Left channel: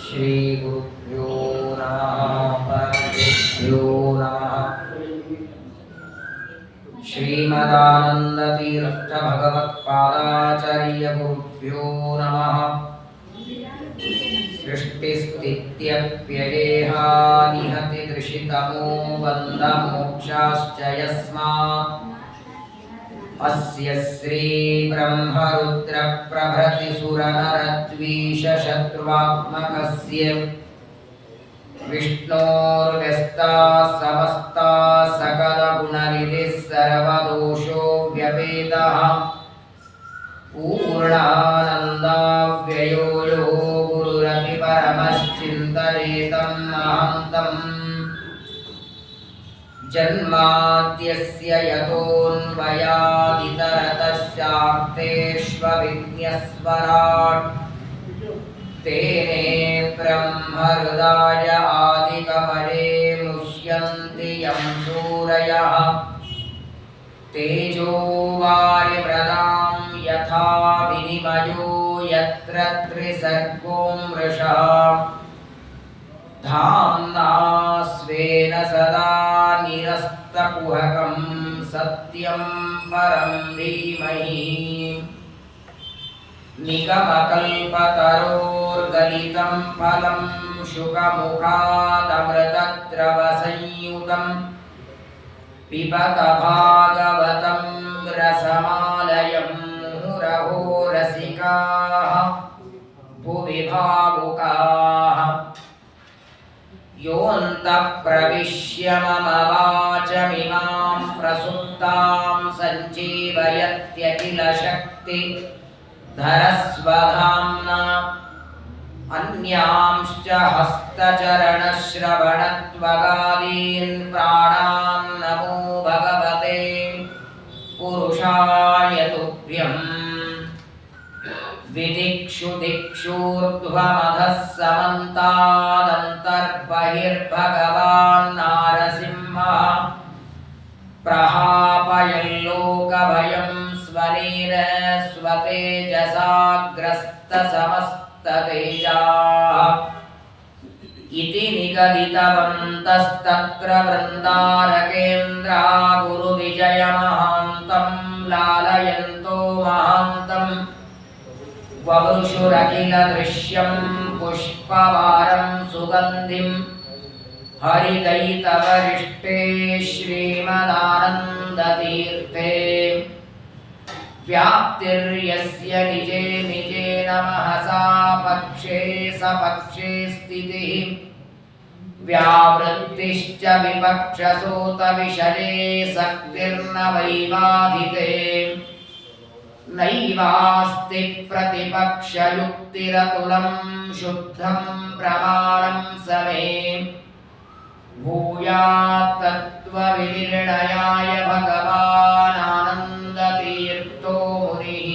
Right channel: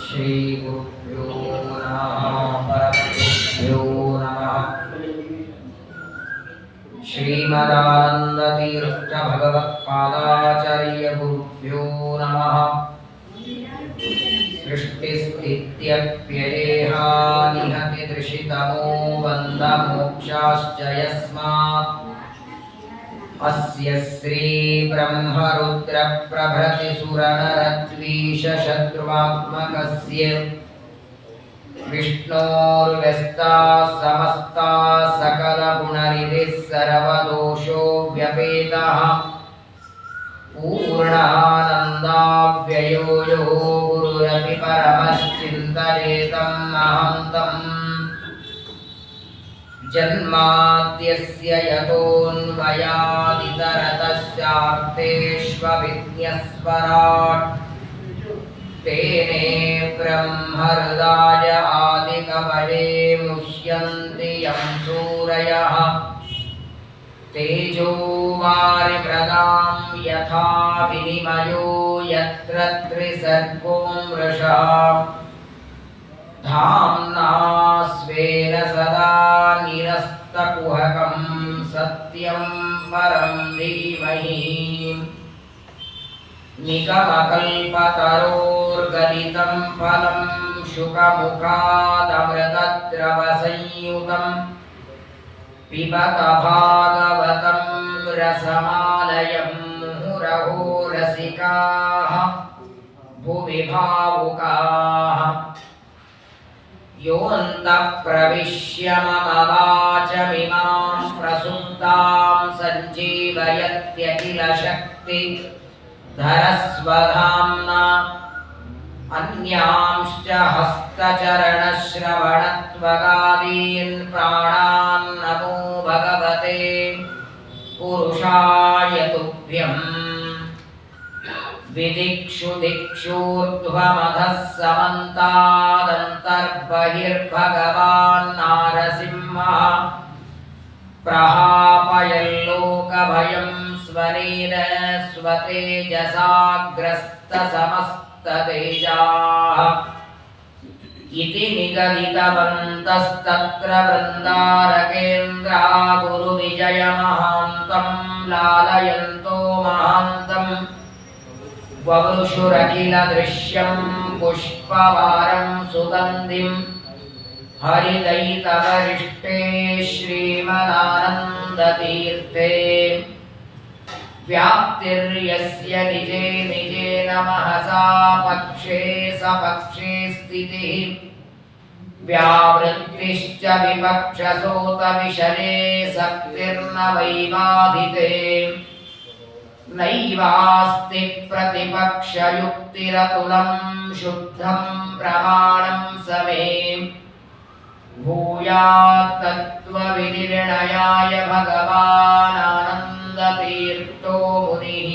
श्री गुरुभ्यो नमः परमगुरुभ्यो नमः। श्रीमदानंदतीर्थ भगवत्पादाचार्य गुरुभ्यो नमः। सृष्टिस्थित्यप्ययेहानिहति दृशितमो बन्धमोक्षाश्च यस्मात् अस्य श्री ब्रह्मरुद्र प्रभृति सुरनरद्वीष शत्रुवात्मकस्य विष्णोर्व्यस्ताः समस्ताः सकलगुणनिधिः सर्वदोषो व्यपेतः पूर्णानन्दाव्ययो यो गुरुरपि परमश्चिन्तयेतं महन्तम् जन्माद्यस्य यतोऽन्वयादितरतश्चार्थेष्वभिज्ञस्वराट् तेने ब्रह्महृदाय आदिकवये मुह्यन्ति यं सूरयः तेजो वारिमृदां यथा विनिमयो यत्र त्रिसर्गो मृषा धाम्ना स्वेन सदा निरस्तकुहकं सत्यं परं धीमहि निगमकल्पतरोर्गलितं फलं शुकमुखादमृतद्रवसंयुतं पिबत भागवतं रसमालयं मुहुरहो रसिकाः भुवि भावुकाः योऽन्तः प्रविश्य मम वाचमिमां प्रसुप्तां सञ्जीवयत्यखिलशक्तिधरस्वधाम्ना अन्यांश्च हस्तचरणश्रवणत्वगादीन् प्राणान् नमो भगवते पुरुषाय तुभ्यम् विदिक्षु दिक्षूर्ध्वमधः समन्तादन्तर्बहिर्भगवान् नारसिंहः प्रहापयल्लोकभयं स्वनेन स्वतेजसाग्रस्तसमस्ततेजाः इति निगदितवन्तस्तत्र वृन्दारकेन्द्रा गुरुविजयमहान्तं लालयन्तो महान्तम् ववृषुरखिल दृश्यं पुष्पवारं सुगन्धिं हरिदयितवरिष्ठे श्रीमदानन्दतीर्थे व्याप्तिर्यस्य निजे निजेन महसा पक्षे सपक्षे स्थितिः व्यावृत्तिश्च विपक्षसोतविषये शक्तिर्न वैबाधिते नैवास्ति प्रतिपक्षयुक्तिरतुलं शुद्धं प्रमाणं समे भूयात् तत्त्वविनिर्णयाय भगवानानन्दतीर्थो मुनिः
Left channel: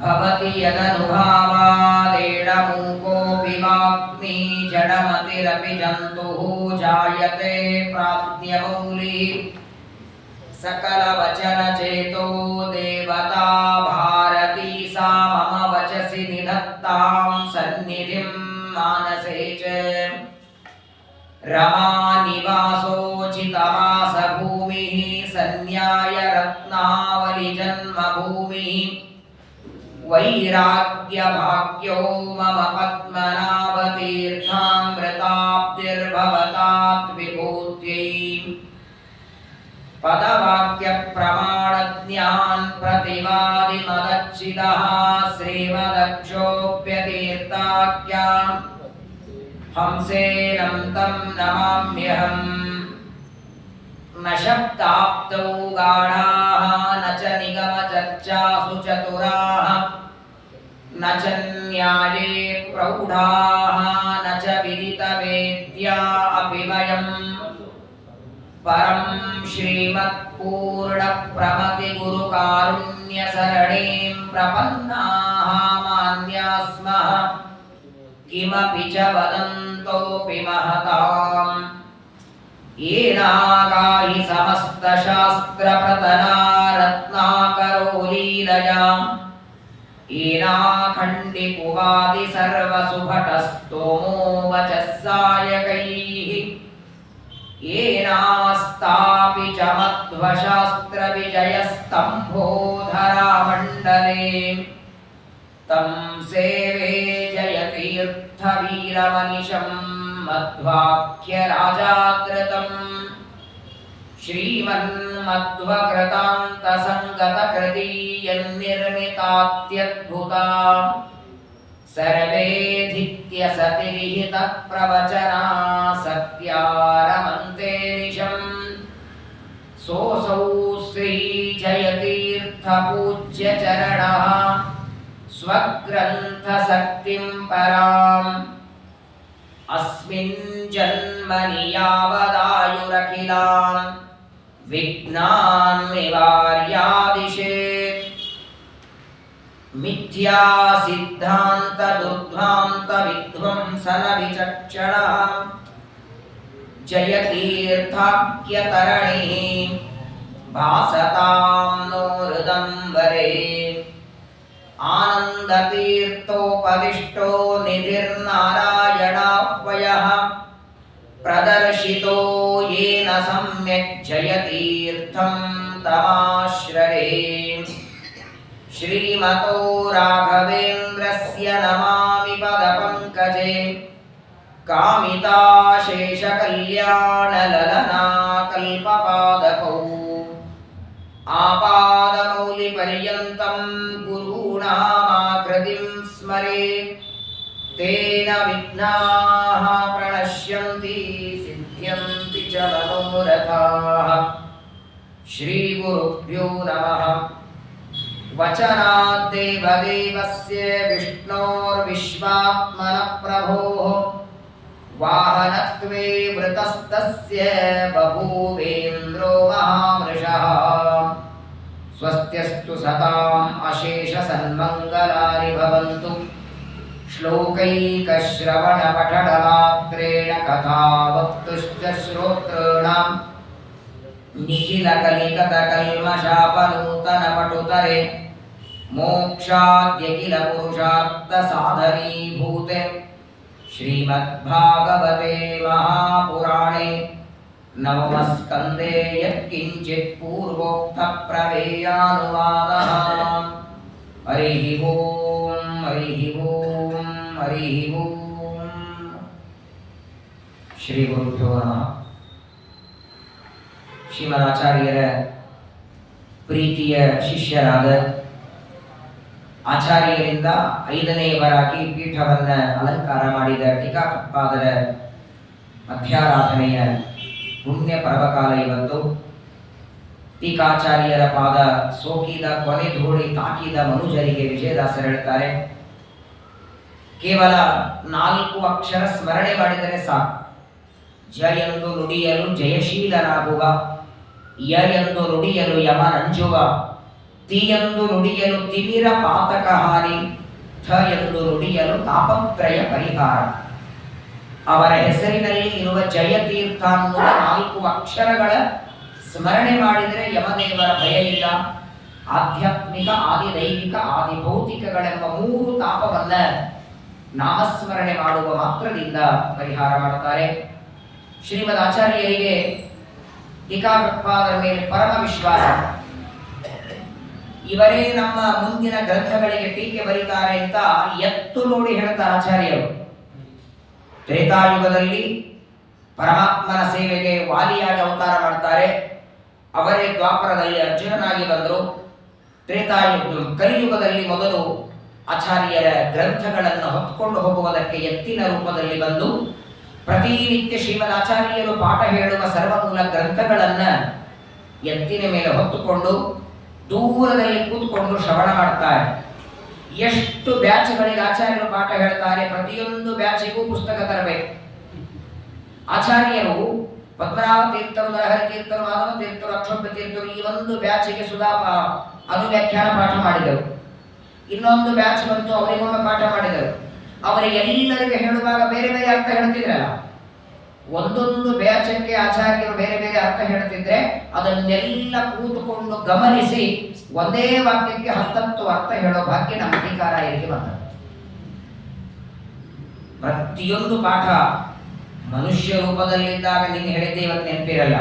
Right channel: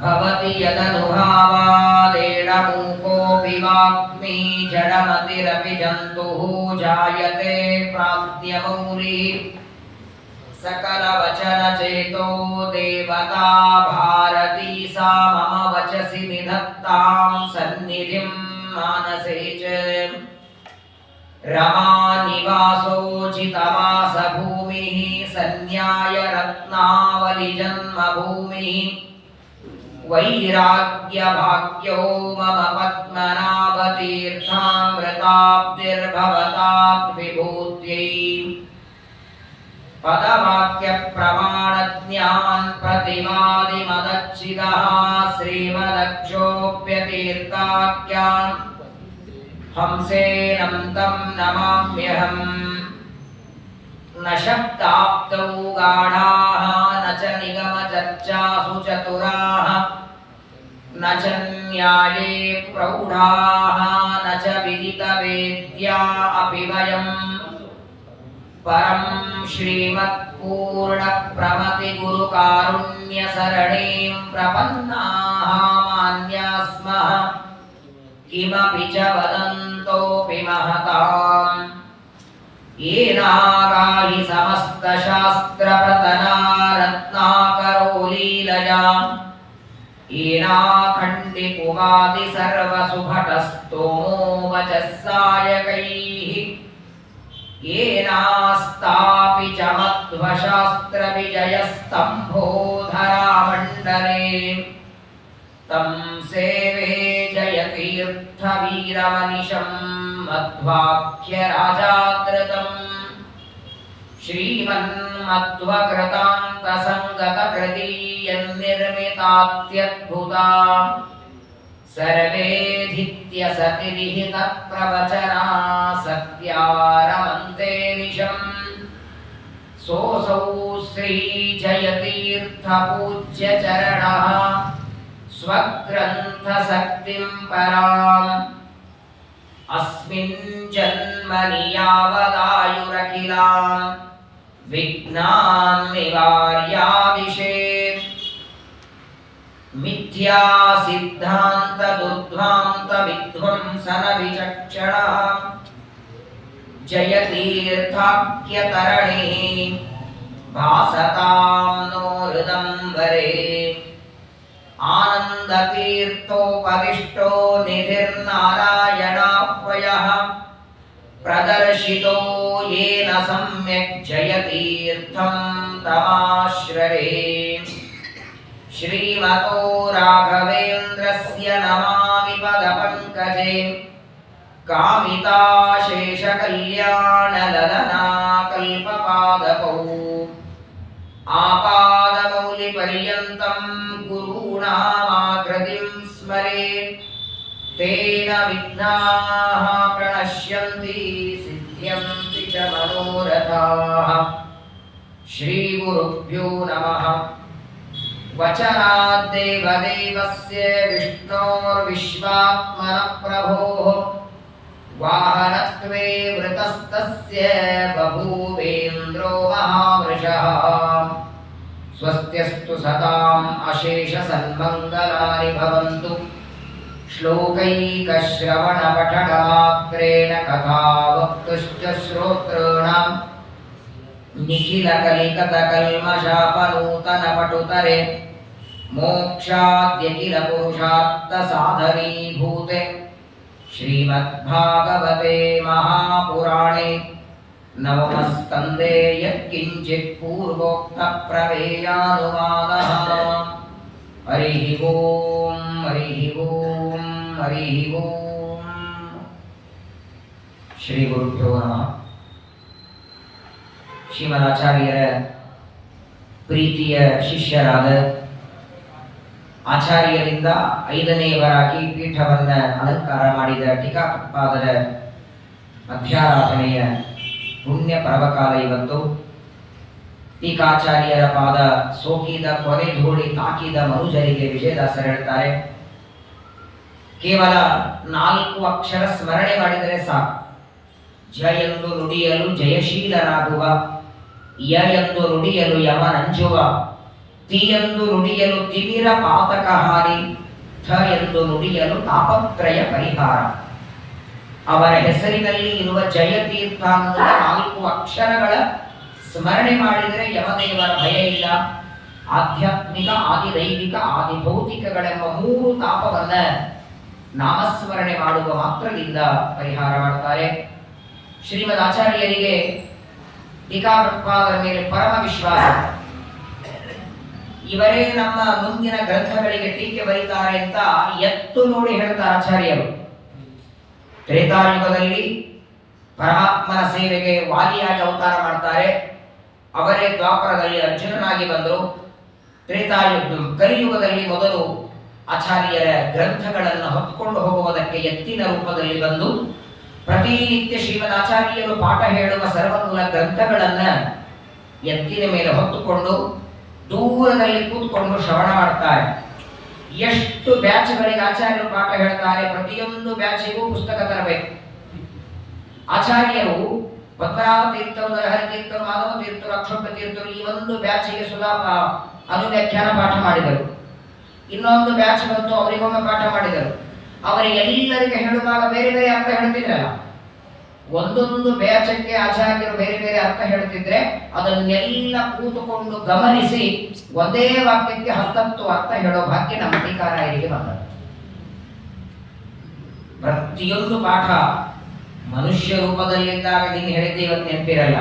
भवति यदनुभावादेडमूकोऽपि वाग्मी जडमतिरपि जन्तुः जायते प्राज्ञमौली सकलवचनचेतो देवता भारती सा मम वचसि निधत्तां सन्निधिं मानसे च रमानिवासोचितवासभूमिः सन्न्यायरत्नावलिजन्मभूमिः वैराग्यभाग्यो मम पद्मनाभतीर्थामृताब्धिर्भवतात् विभूत्यै पदवाक्यप्रमाणज्ञान् प्रतिवादिमदच्चिदः श्रीमदक्षोभ्यतीर्थाख्यान् हंसेनं तं नमाम्यहम् न शब्दाब्दौ गाढाः न च निगमचर्चासु चतुराः न च न्याये प्रौढाः न च विदितवेद्या अपि वयम् परं श्रीमत्पूर्णप्रमतिगुरुकारुण्यसरणीं प्रपन्नाः मान्या स्मः किमपि च वदन्तोऽपि महताम् येनागाहि समस्तशास्त्रप्रतना रत्नाकरो लीलया येनाखण्डिपुवादि सर्वसुभटस्तोमो वचः सायकैः येनास्तापि च मध्वशास्त्रविजयस्तम्भोधरामण्डले तं सेवे जयतीर्थवीरमनिशं मध्वाख्यराजादृतम् श्रीमन्मध्वकृतान्तसङ्गतकृतीयन्निर्मितात्यद्भुता सर्वेधित्यसतिरिहितप्रवचना सत्यारमन्ते निशम् सोऽसौ श्रीजयतीर्थपूज्यचरणः स्वग्रन्थशक्तिं पराम् अस्मिन् जन्मनि यावदायुरखिलान् विघ्नान् निवार्यादिशेत् मिथ्या सिद्धान्त दुर्ध्वान्त विध्वंसन विचक्षणः जयतीर्थाख्यतरणिः भासतां नो हृदम्बरे आनन्दतीर्थोपदिष्टो निधिर्नारायणाह्वयः प्रदर्शितो येन सम्यक् जयतीर्थं तमाश्रये श्रीमतो राघवेन्द्रस्य नमामि पदपङ्कजे कामिताशेषकल्याणललना कल्पपादपौ आपादमौलिपर्यन्तं गुरूणामाकृतिं स्मरेत् तेन विघ्नाः प्रणश्यन्ति सिद्ध्यन्ति च मनोरथाः श्रीगुरुभ्यो नमः वचनाद्देवदेवस्य विष्णोर्विश्वात्मनः प्रभोः वाहनत्वे वृतस्तस्य बभूवेन्द्रो महावृषः स्वस्त्यस्तु सताम् अशेषसन्मङ्गलानि भवन्तु श्लोकैकश्रवणपठनमात्रेण कथावक्तुश्च श्रोतॄणां निखिलकलिकतकल्मषापनूतनपटुतरे मोक्षाद्यखिलपुरुषार्थसाधनीभूते श्रीमद्भागवते महापुराणे नवमस्कन्धे यत्किञ्चित् पूर्वोक्तप्रमेयानुवादः हरिः ओं हरिः ओं हरिः ओं श्रीगुरुभ्यो नमः ಶ್ರೀಮದಾಚಾರ್ಯರ ಪ್ರೀತಿಯ ಶಿಷ್ಯರಾದ ಆಚಾರ್ಯರಿಂದ 5ನೇಯವರಾಗಿ ಪೀಠವನ್ನು ಅಲಂಕಾರ ಮಾಡಿದ ಟೀಕಾಕೃತ್ಪಾದರ ಮಧ್ಯಾರಾಧನೆಯ ಪುಣ್ಯ ಪರ್ವಕಾಲ ಇವತ್ತು. ಟೀಕಾಚಾರ್ಯರ ಪಾದ ಸೋಕಿದ ಕೊನೆ ಧೂಳಿ ತಾಕಿದ ಮನುಜರಿಗೆ ವಿಜಯದಾಸರು ಹೇಳ್ತಾರೆ, ಕೇವಲ 4 ಅಕ್ಷರ ಸ್ಮರಣೆ ಮಾಡಿದರೆ ಸಾಕು. ಜ ಎಂದು ನುಡಿಯಲು ಜಯಶೀಲನಾಗುವ, ಯ ಎಂದು ನುಡಿಯಲು ಯಮನಂಜುವ, ತಿ ಎಂದು ನುಡಿಯಲು ತಿಮಿರ ಪಾತಕ ಹಾನಿ, ಥ ಎಂದು ನುಡಿಯಲು ತಾಪತ್ರಯ ಪರಿಹಾರ. ಅವರ ಹೆಸರಿನಲ್ಲಿ ಇರುವ ಜಯತೀರ್ಥ ಅನ್ನುವ 4 ಅಕ್ಷರಗಳ ಸ್ಮರಣೆ ಮಾಡಿದರೆ ಯಮದೇವರ ಭಯ ಇಲ್ಲ. ಆಧ್ಯಾತ್ಮಿಕ, ಆದಿದೈವಿಕ, ಆದಿಭೌತಿಕಗಳೆಂಬ 3 ತಾಪವನ್ನ ನಾಮಸ್ಮರಣೆ ಮಾಡುವ ಮಾತ್ರದಿಂದ ಪರಿಹಾರ ಮಾಡ್ತಾರೆ. ಶ್ರೀಮದ್ ಆಚಾರ್ಯರಿಗೆ ಟೀಕಾಕೃತ್ಪಾದರ ಮೇಲೆ ಪರಮ ವಿಶ್ವಾಸ. ಇವರೇ ನಮ್ಮ ಮುಂದಿನ ಗ್ರಂಥಗಳಿಗೆ ಟೀಕೆ ಬರೀತಾರೆ ಅಂತ ಎತ್ತು ನೋಡಿ ಹೇಳ್ತಾರೆ ಆಚಾರ್ಯರು. ತ್ರೇತಾಯುಗದಲ್ಲಿ ಪರಮಾತ್ಮನ ಸೇವೆಗೆ ವಾಲಿಯಾಗಿ ಅವತಾರ ಮಾಡ್ತಾರೆ. ಅವರೇ ದ್ವಾಪರದಲ್ಲಿ ಅರ್ಜುನನಾಗಿ ಬಂದರು. ಕಲಿಯುಗದಲ್ಲಿ ಮೊದಲು ಆಚಾರ್ಯರ ಗ್ರಂಥಗಳನ್ನು ಹೊತ್ತುಕೊಂಡು ಹೋಗುವುದಕ್ಕೆ ಎತ್ತಿನ ರೂಪದಲ್ಲಿ ಬಂದು ಪ್ರತಿನಿತ್ಯ ಶ್ರೀಮದಾಚಾರ್ಯರು ಪಾಠ ಹೇಳುವ ಸರ್ವಮೂಲ ಗ್ರಂಥಗಳನ್ನು ಎತ್ತಿನ ಮೇಲೆ ಹೊತ್ತುಕೊಂಡು ದೂರದಲ್ಲಿ ಕೂತ್ಕೊಂಡು ಶ್ರವಣ ಮಾಡ್ತಾರೆ. ಎಷ್ಟು ಬ್ಯಾಚ್ಗಳಿಗೆ ಆಚಾರ್ಯರು ಪಾಠ ಹೇಳ್ತಾರೆ, ಪ್ರತಿಯೊಂದು ಬ್ಯಾಚಿಗೂ ಪುಸ್ತಕ ತರಬೇಕು. ಆಚಾರ್ಯರು ಪದ್ಮನಾಭ ತೀರ್ಥರು, ನರಹರಿ ತೀರ್ಥರು, ಮಾಧವ ತೀರ್ಥರು, ಅಕ್ಷೋಭ್ಯ ತೀರ್ಥರು ಈ ಒಂದು ಬ್ಯಾಚಿಗೆ ಸುಧಾ ಅನುವ್ಯಾಖ್ಯಾನ ಪಾಠ ಮಾಡಿದರು. ಇನ್ನೊಂದು ಬ್ಯಾಚ್ ಬಂತು, ಅವರಿಗೊಮ್ಮೆ ಪಾಠ ಮಾಡಿದರು. ಅವರಿಗೆಲ್ಲರಿಗೆ ಹೇಳುವಾಗ ಬೇರೆ ಬೇರೆ ಅರ್ಥ ಹೇಳ್ತಿದ್ರಲ್ಲ. ಒಂದೊಂದು ಬ್ಯಾಚಕ್ಕೆ ಆಚಾರ್ಯರು ಬೇರೆ ಬೇರೆ ಅರ್ಥ ಹೇಳ್ತಿದ್ರೆ ಅದನ್ನೆಲ್ಲ ಕೂತುಕೊಂಡು ಗಮನಿಸಿ ಒಂದೇ ವಾಕ್ಯಕ್ಕೆ 10 ಅರ್ಥ ಹೇಳೋ ಭಾಗ್ಯ ನಮ್ಮ ಟೀಕಾರಾಯರಿಗೆ ಬಂದದ್ದು. ಪ್ರತಿಯೊಂದು ಪಾಠ ಮನುಷ್ಯ ರೂಪದಲ್ಲಿದ್ದಾಗ ನೀನು ಹೇಳಿದ್ದೆ ಇವತ್ತು ನೆನಪಿರಲ್ಲ.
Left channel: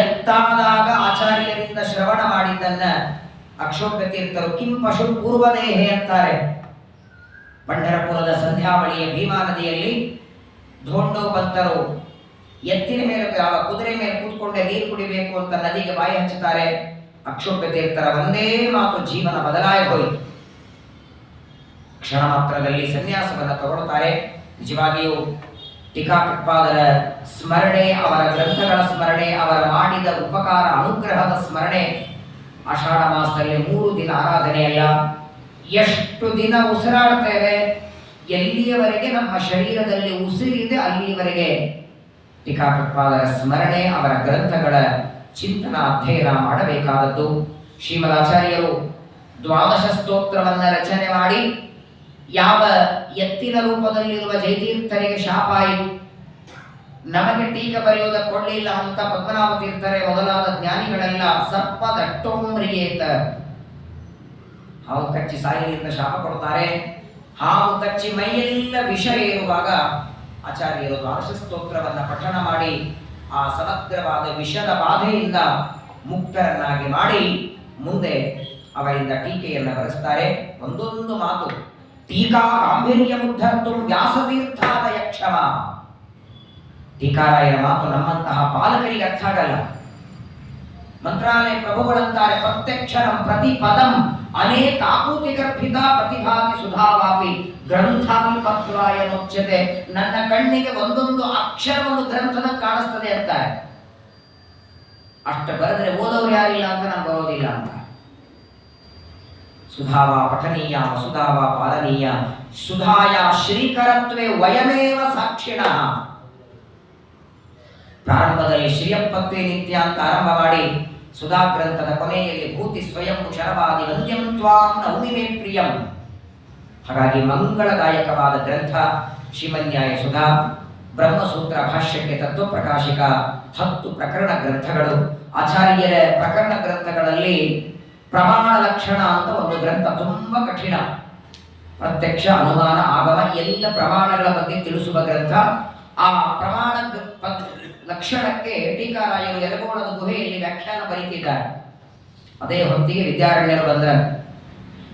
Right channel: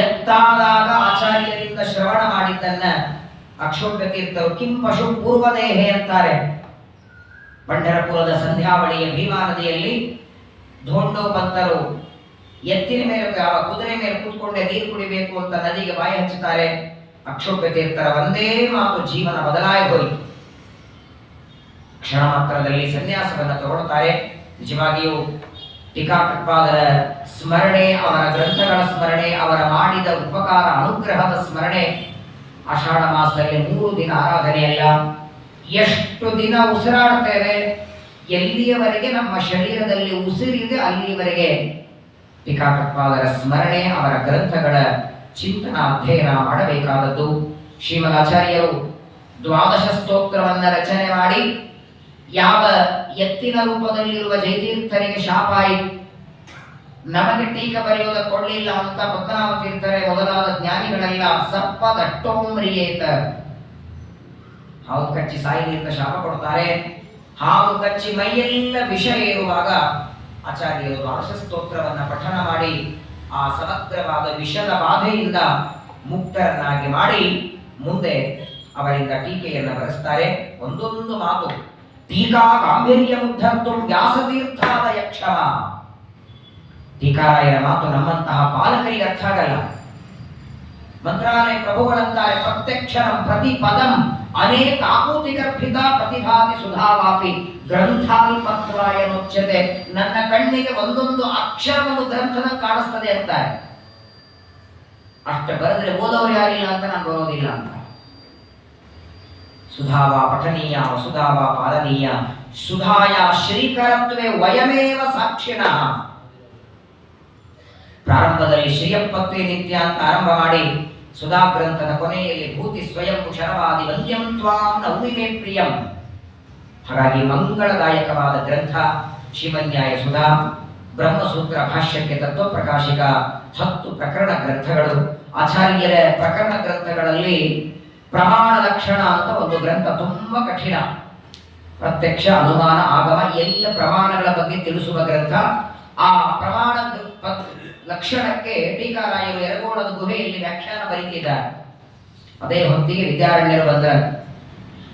ಎತ್ತಾದಾಗ ಆಚಾರ್ಯರಿಂದ ಶ್ರವಣ ಮಾಡಿದ್ದನ್ನ ಅಕ್ಷೋಭ್ಯ ತೀರ್ಥರು ಕಿಂ ಪಶು ಪೂರ್ವದೇಹೆ ಅಂತಾರೆ. ಪಂಢರಪುರದ ಸಂಧ್ಯಾವಳಿಯ ಭೀಮಾ ನದಿಯಲ್ಲಿ ಧೋಂಡೋಪಂತರು ಎತ್ತಿನ ಮೇಲೆ ಕುದುರೆ ಮೇಲೆ ಕೂತ್ಕೊಂಡೆ ನೀರು ಕುಡಿಬೇಕು ಅಂತ ನದಿಗೆ ಬಾಯಿ ಹಚ್ಚುತ್ತಾರೆ. ಅಕ್ಷೋಭ್ಯ ತೀರ್ಥರ ಒಂದೇ ಮಾತು ಜೀವನ ಬದಲಾಗಿ ಹೋಯಿತು. ಕ್ಷಣ ಮಾತ್ರದಲ್ಲಿ ಸನ್ಯಾಸವನ್ನು ತಗೊಳ್ತಾರೆ. ನಿಜವಾಗಿಯೂ ಟೀಕಾಕೃತ್ಪಾದರ ಸ್ಮರಣೆ, ಅವರ ಗ್ರಂಥಗಳ ಸ್ಮರಣೆ, ಅವರ ಮಾಡಿದ ಉಪಕಾರ ಅನುಗ್ರಹದ ಸ್ಮರಣೆ ಆಷಾಢ ಮಾಸದಲ್ಲಿ 3 ದಿನ ಆರಾಧನೆಯಲ್ಲ, ಎಷ್ಟು ದಿನ ಉಸಿರಾಡ್ತೇವೆ, ಎಲ್ಲಿಯವರೆಗೆ ನಮ್ಮ ಶರೀರದಲ್ಲಿ ಉಸಿರಿದೆ ಅಲ್ಲಿಯವರೆಗೆ ಟೀಕಾಕೃತ್ಪಾದರ ಸ್ಮರಣೆ, ಅವರ ಗ್ರಂಥಗಳ ಚಿಂತನ ಅಧ್ಯಯನ ಮಾಡಬೇಕಾದದ್ದು. ಶ್ರೀಮದಾಚಾರ್ಯರು 12 ಸ್ತೋತ್ರವನ್ನು ರಚನೆ ಮಾಡಿ ಯಾವ ಎತ್ತಿನ ರೂಪದಲ್ಲಿರುವ ಜಯತೀರ್ಥರಿಗೆ ಶಾಪ ಆಯಿತು, ನಮಗೆ ಟೀಕ ಬರೆಯೋದ ಕೊಡಲಿಲ್ಲ ಅಂತ ಪದ್ಮನಾಭ ತೀರ್ಥರೇ ಮೊದಲಾದ ಜ್ಞಾನಿಗಳೆಲ್ಲ ಸರ್ಪದಟ್ಟೋಮ್ರಿಯೇತ, ಹಾವು ಕಚ್ಚಿ ಸಾಯಿಲಿ ಅಂತ ಶಾಪ ಕೊಡ್ತಾರೆ. ಹಾವು ಕಚ್ಚಿ ಮೈಯೆಲ್ಲ ವಿಷ ಏರುವಾಗ ಆಚಾರ್ಯರು 12 ಸ್ತೋತ್ರವನ್ನು ಪಠಣ ಮಾಡಿ ಆ ಸಮಗ್ರವಾದ ವಿಷದ ಬಾಧೆಯಿಂದ ಮುಕ್ತರನ್ನಾಗಿ ಮಾಡಿ ಮುಂದೆ ಅವರಿಂದ ಟೀಕೆಯನ್ನು ಬರೆಸ್ತಾರೆ. ಒಂದೊಂದು ಮಾತು ಟೀಕಾ ಗಾಂಭೀರ್ಯ ಮುಗ್ಧರ್ತು ವ್ಯಾಸತೀರ್ಥಾದಯ ಕ್ಷಮ. ಟೀಕಾರಾಯರ ಮಾತು ನಮ್ಮಂತಹ ಪಾಲಕರಿಗೆ ಅರ್ಥ ಆಗಲ್ಲ. ಮಂತ್ರಾಲಯ ಪ್ರಭುಗಳಂತಾರೆ ಪ್ರತ್ಯಕ್ಷರಂ ಪ್ರತಿ ಪದಂ ಅನೇಕ ಆಕೂತಿ ಗರ್ಭಿತ ಪ್ರತಿಭಾತಿ ಸುಧಾವಾಪಿ ಗ್ರಂಥಾವಿ ಪತ್ರಾಯ ಮುಚ್ಯತೆ. ನನ್ನ ಕಣ್ಣಿಗೆ ಒಂದೊಂದು ಅಕ್ಷರವನ್ನು ಗ್ರಂಥದ ಕಾಣಿಸ್ತದೆ ಅಂತಾರೆ. ಅಷ್ಟ ಬರೆದ್ರೆ ಓದೋರು ಯಾರಿಲ್ಲ ಅಂತ ನಾನು ಬರೋದಿಲ್ಲ ಅಂತ. ಸುಧಾವ ಪಠನೀಯ ವಸುಧಾವ ಪಾಲನೀಯ ಸುಧಾಯ ಶ್ರೀಕರತ್ವೇ ವಯಮೇವ ಸಾಕ್ಷಿಣಃ. ಪ್ರಾರಂಭದಲ್ಲಿ ಶ್ರೀಯಪ್ಪತ್ವೇ ನಿತ್ಯ ಅಂತ ಆರಂಭ ಮಾಡಿ ಸುಧಾ ಗ್ರಂಥದ ಕೊನೆಯಲ್ಲಿ ಭೂತಿ ಸ್ವಯಂ ಶರವಾದಿ ವಂದ್ಯಂ ತ್ವಾಂ ನೌಮಿ ಮೇ ಪ್ರಿಯಂ. ಹಾಗಾಗಿ ಮಂಗಳದಾಯಕವಾದ ಗ್ರಂಥ ಶ್ರೀಮನ್ಯಾಯ ಸುಧಾ. ಬ್ರಹ್ಮಸೂತ್ರ ಭಾಷ್ಯಕ್ಕೆ ತತ್ವಪ್ರಕಾಶಿಕ 10 ಪ್ರಕರಣ ಗ್ರಂಥಗಳು. ಆಚಾರ್ಯರ ಪ್ರಕರಣ ಗ್ರಂಥಗಳಲ್ಲಿ ಪ್ರಮಾಣ ಲಕ್ಷಣ ಅಂತ ಒಂದು ಗ್ರಂಥ ತುಂಬ ಕಠಿಣ. ಪ್ರತ್ಯಕ್ಷ ಅನುಮಾನ ಆಗಮ ಎಲ್ಲ ಪ್ರಮಾಣಗಳ ಬಗ್ಗೆ ತಿಳಿಸುವ ಗ್ರಂಥ. ಆ ಪ್ರಮಾಣ ಲಕ್ಷಣಕ್ಕೆ ಟೀಕಾರಾಯರು ಯರಗೋಳದ ಗುಹೆಯಲ್ಲಿ ವ್ಯಾಖ್ಯಾನ ಬರೀತಿದ್ದಾರೆ. ಅದೇ ಹೊತ್ತಿಗೆ ವಿದ್ಯಾರಣ್ಯರು ಬಂದರು.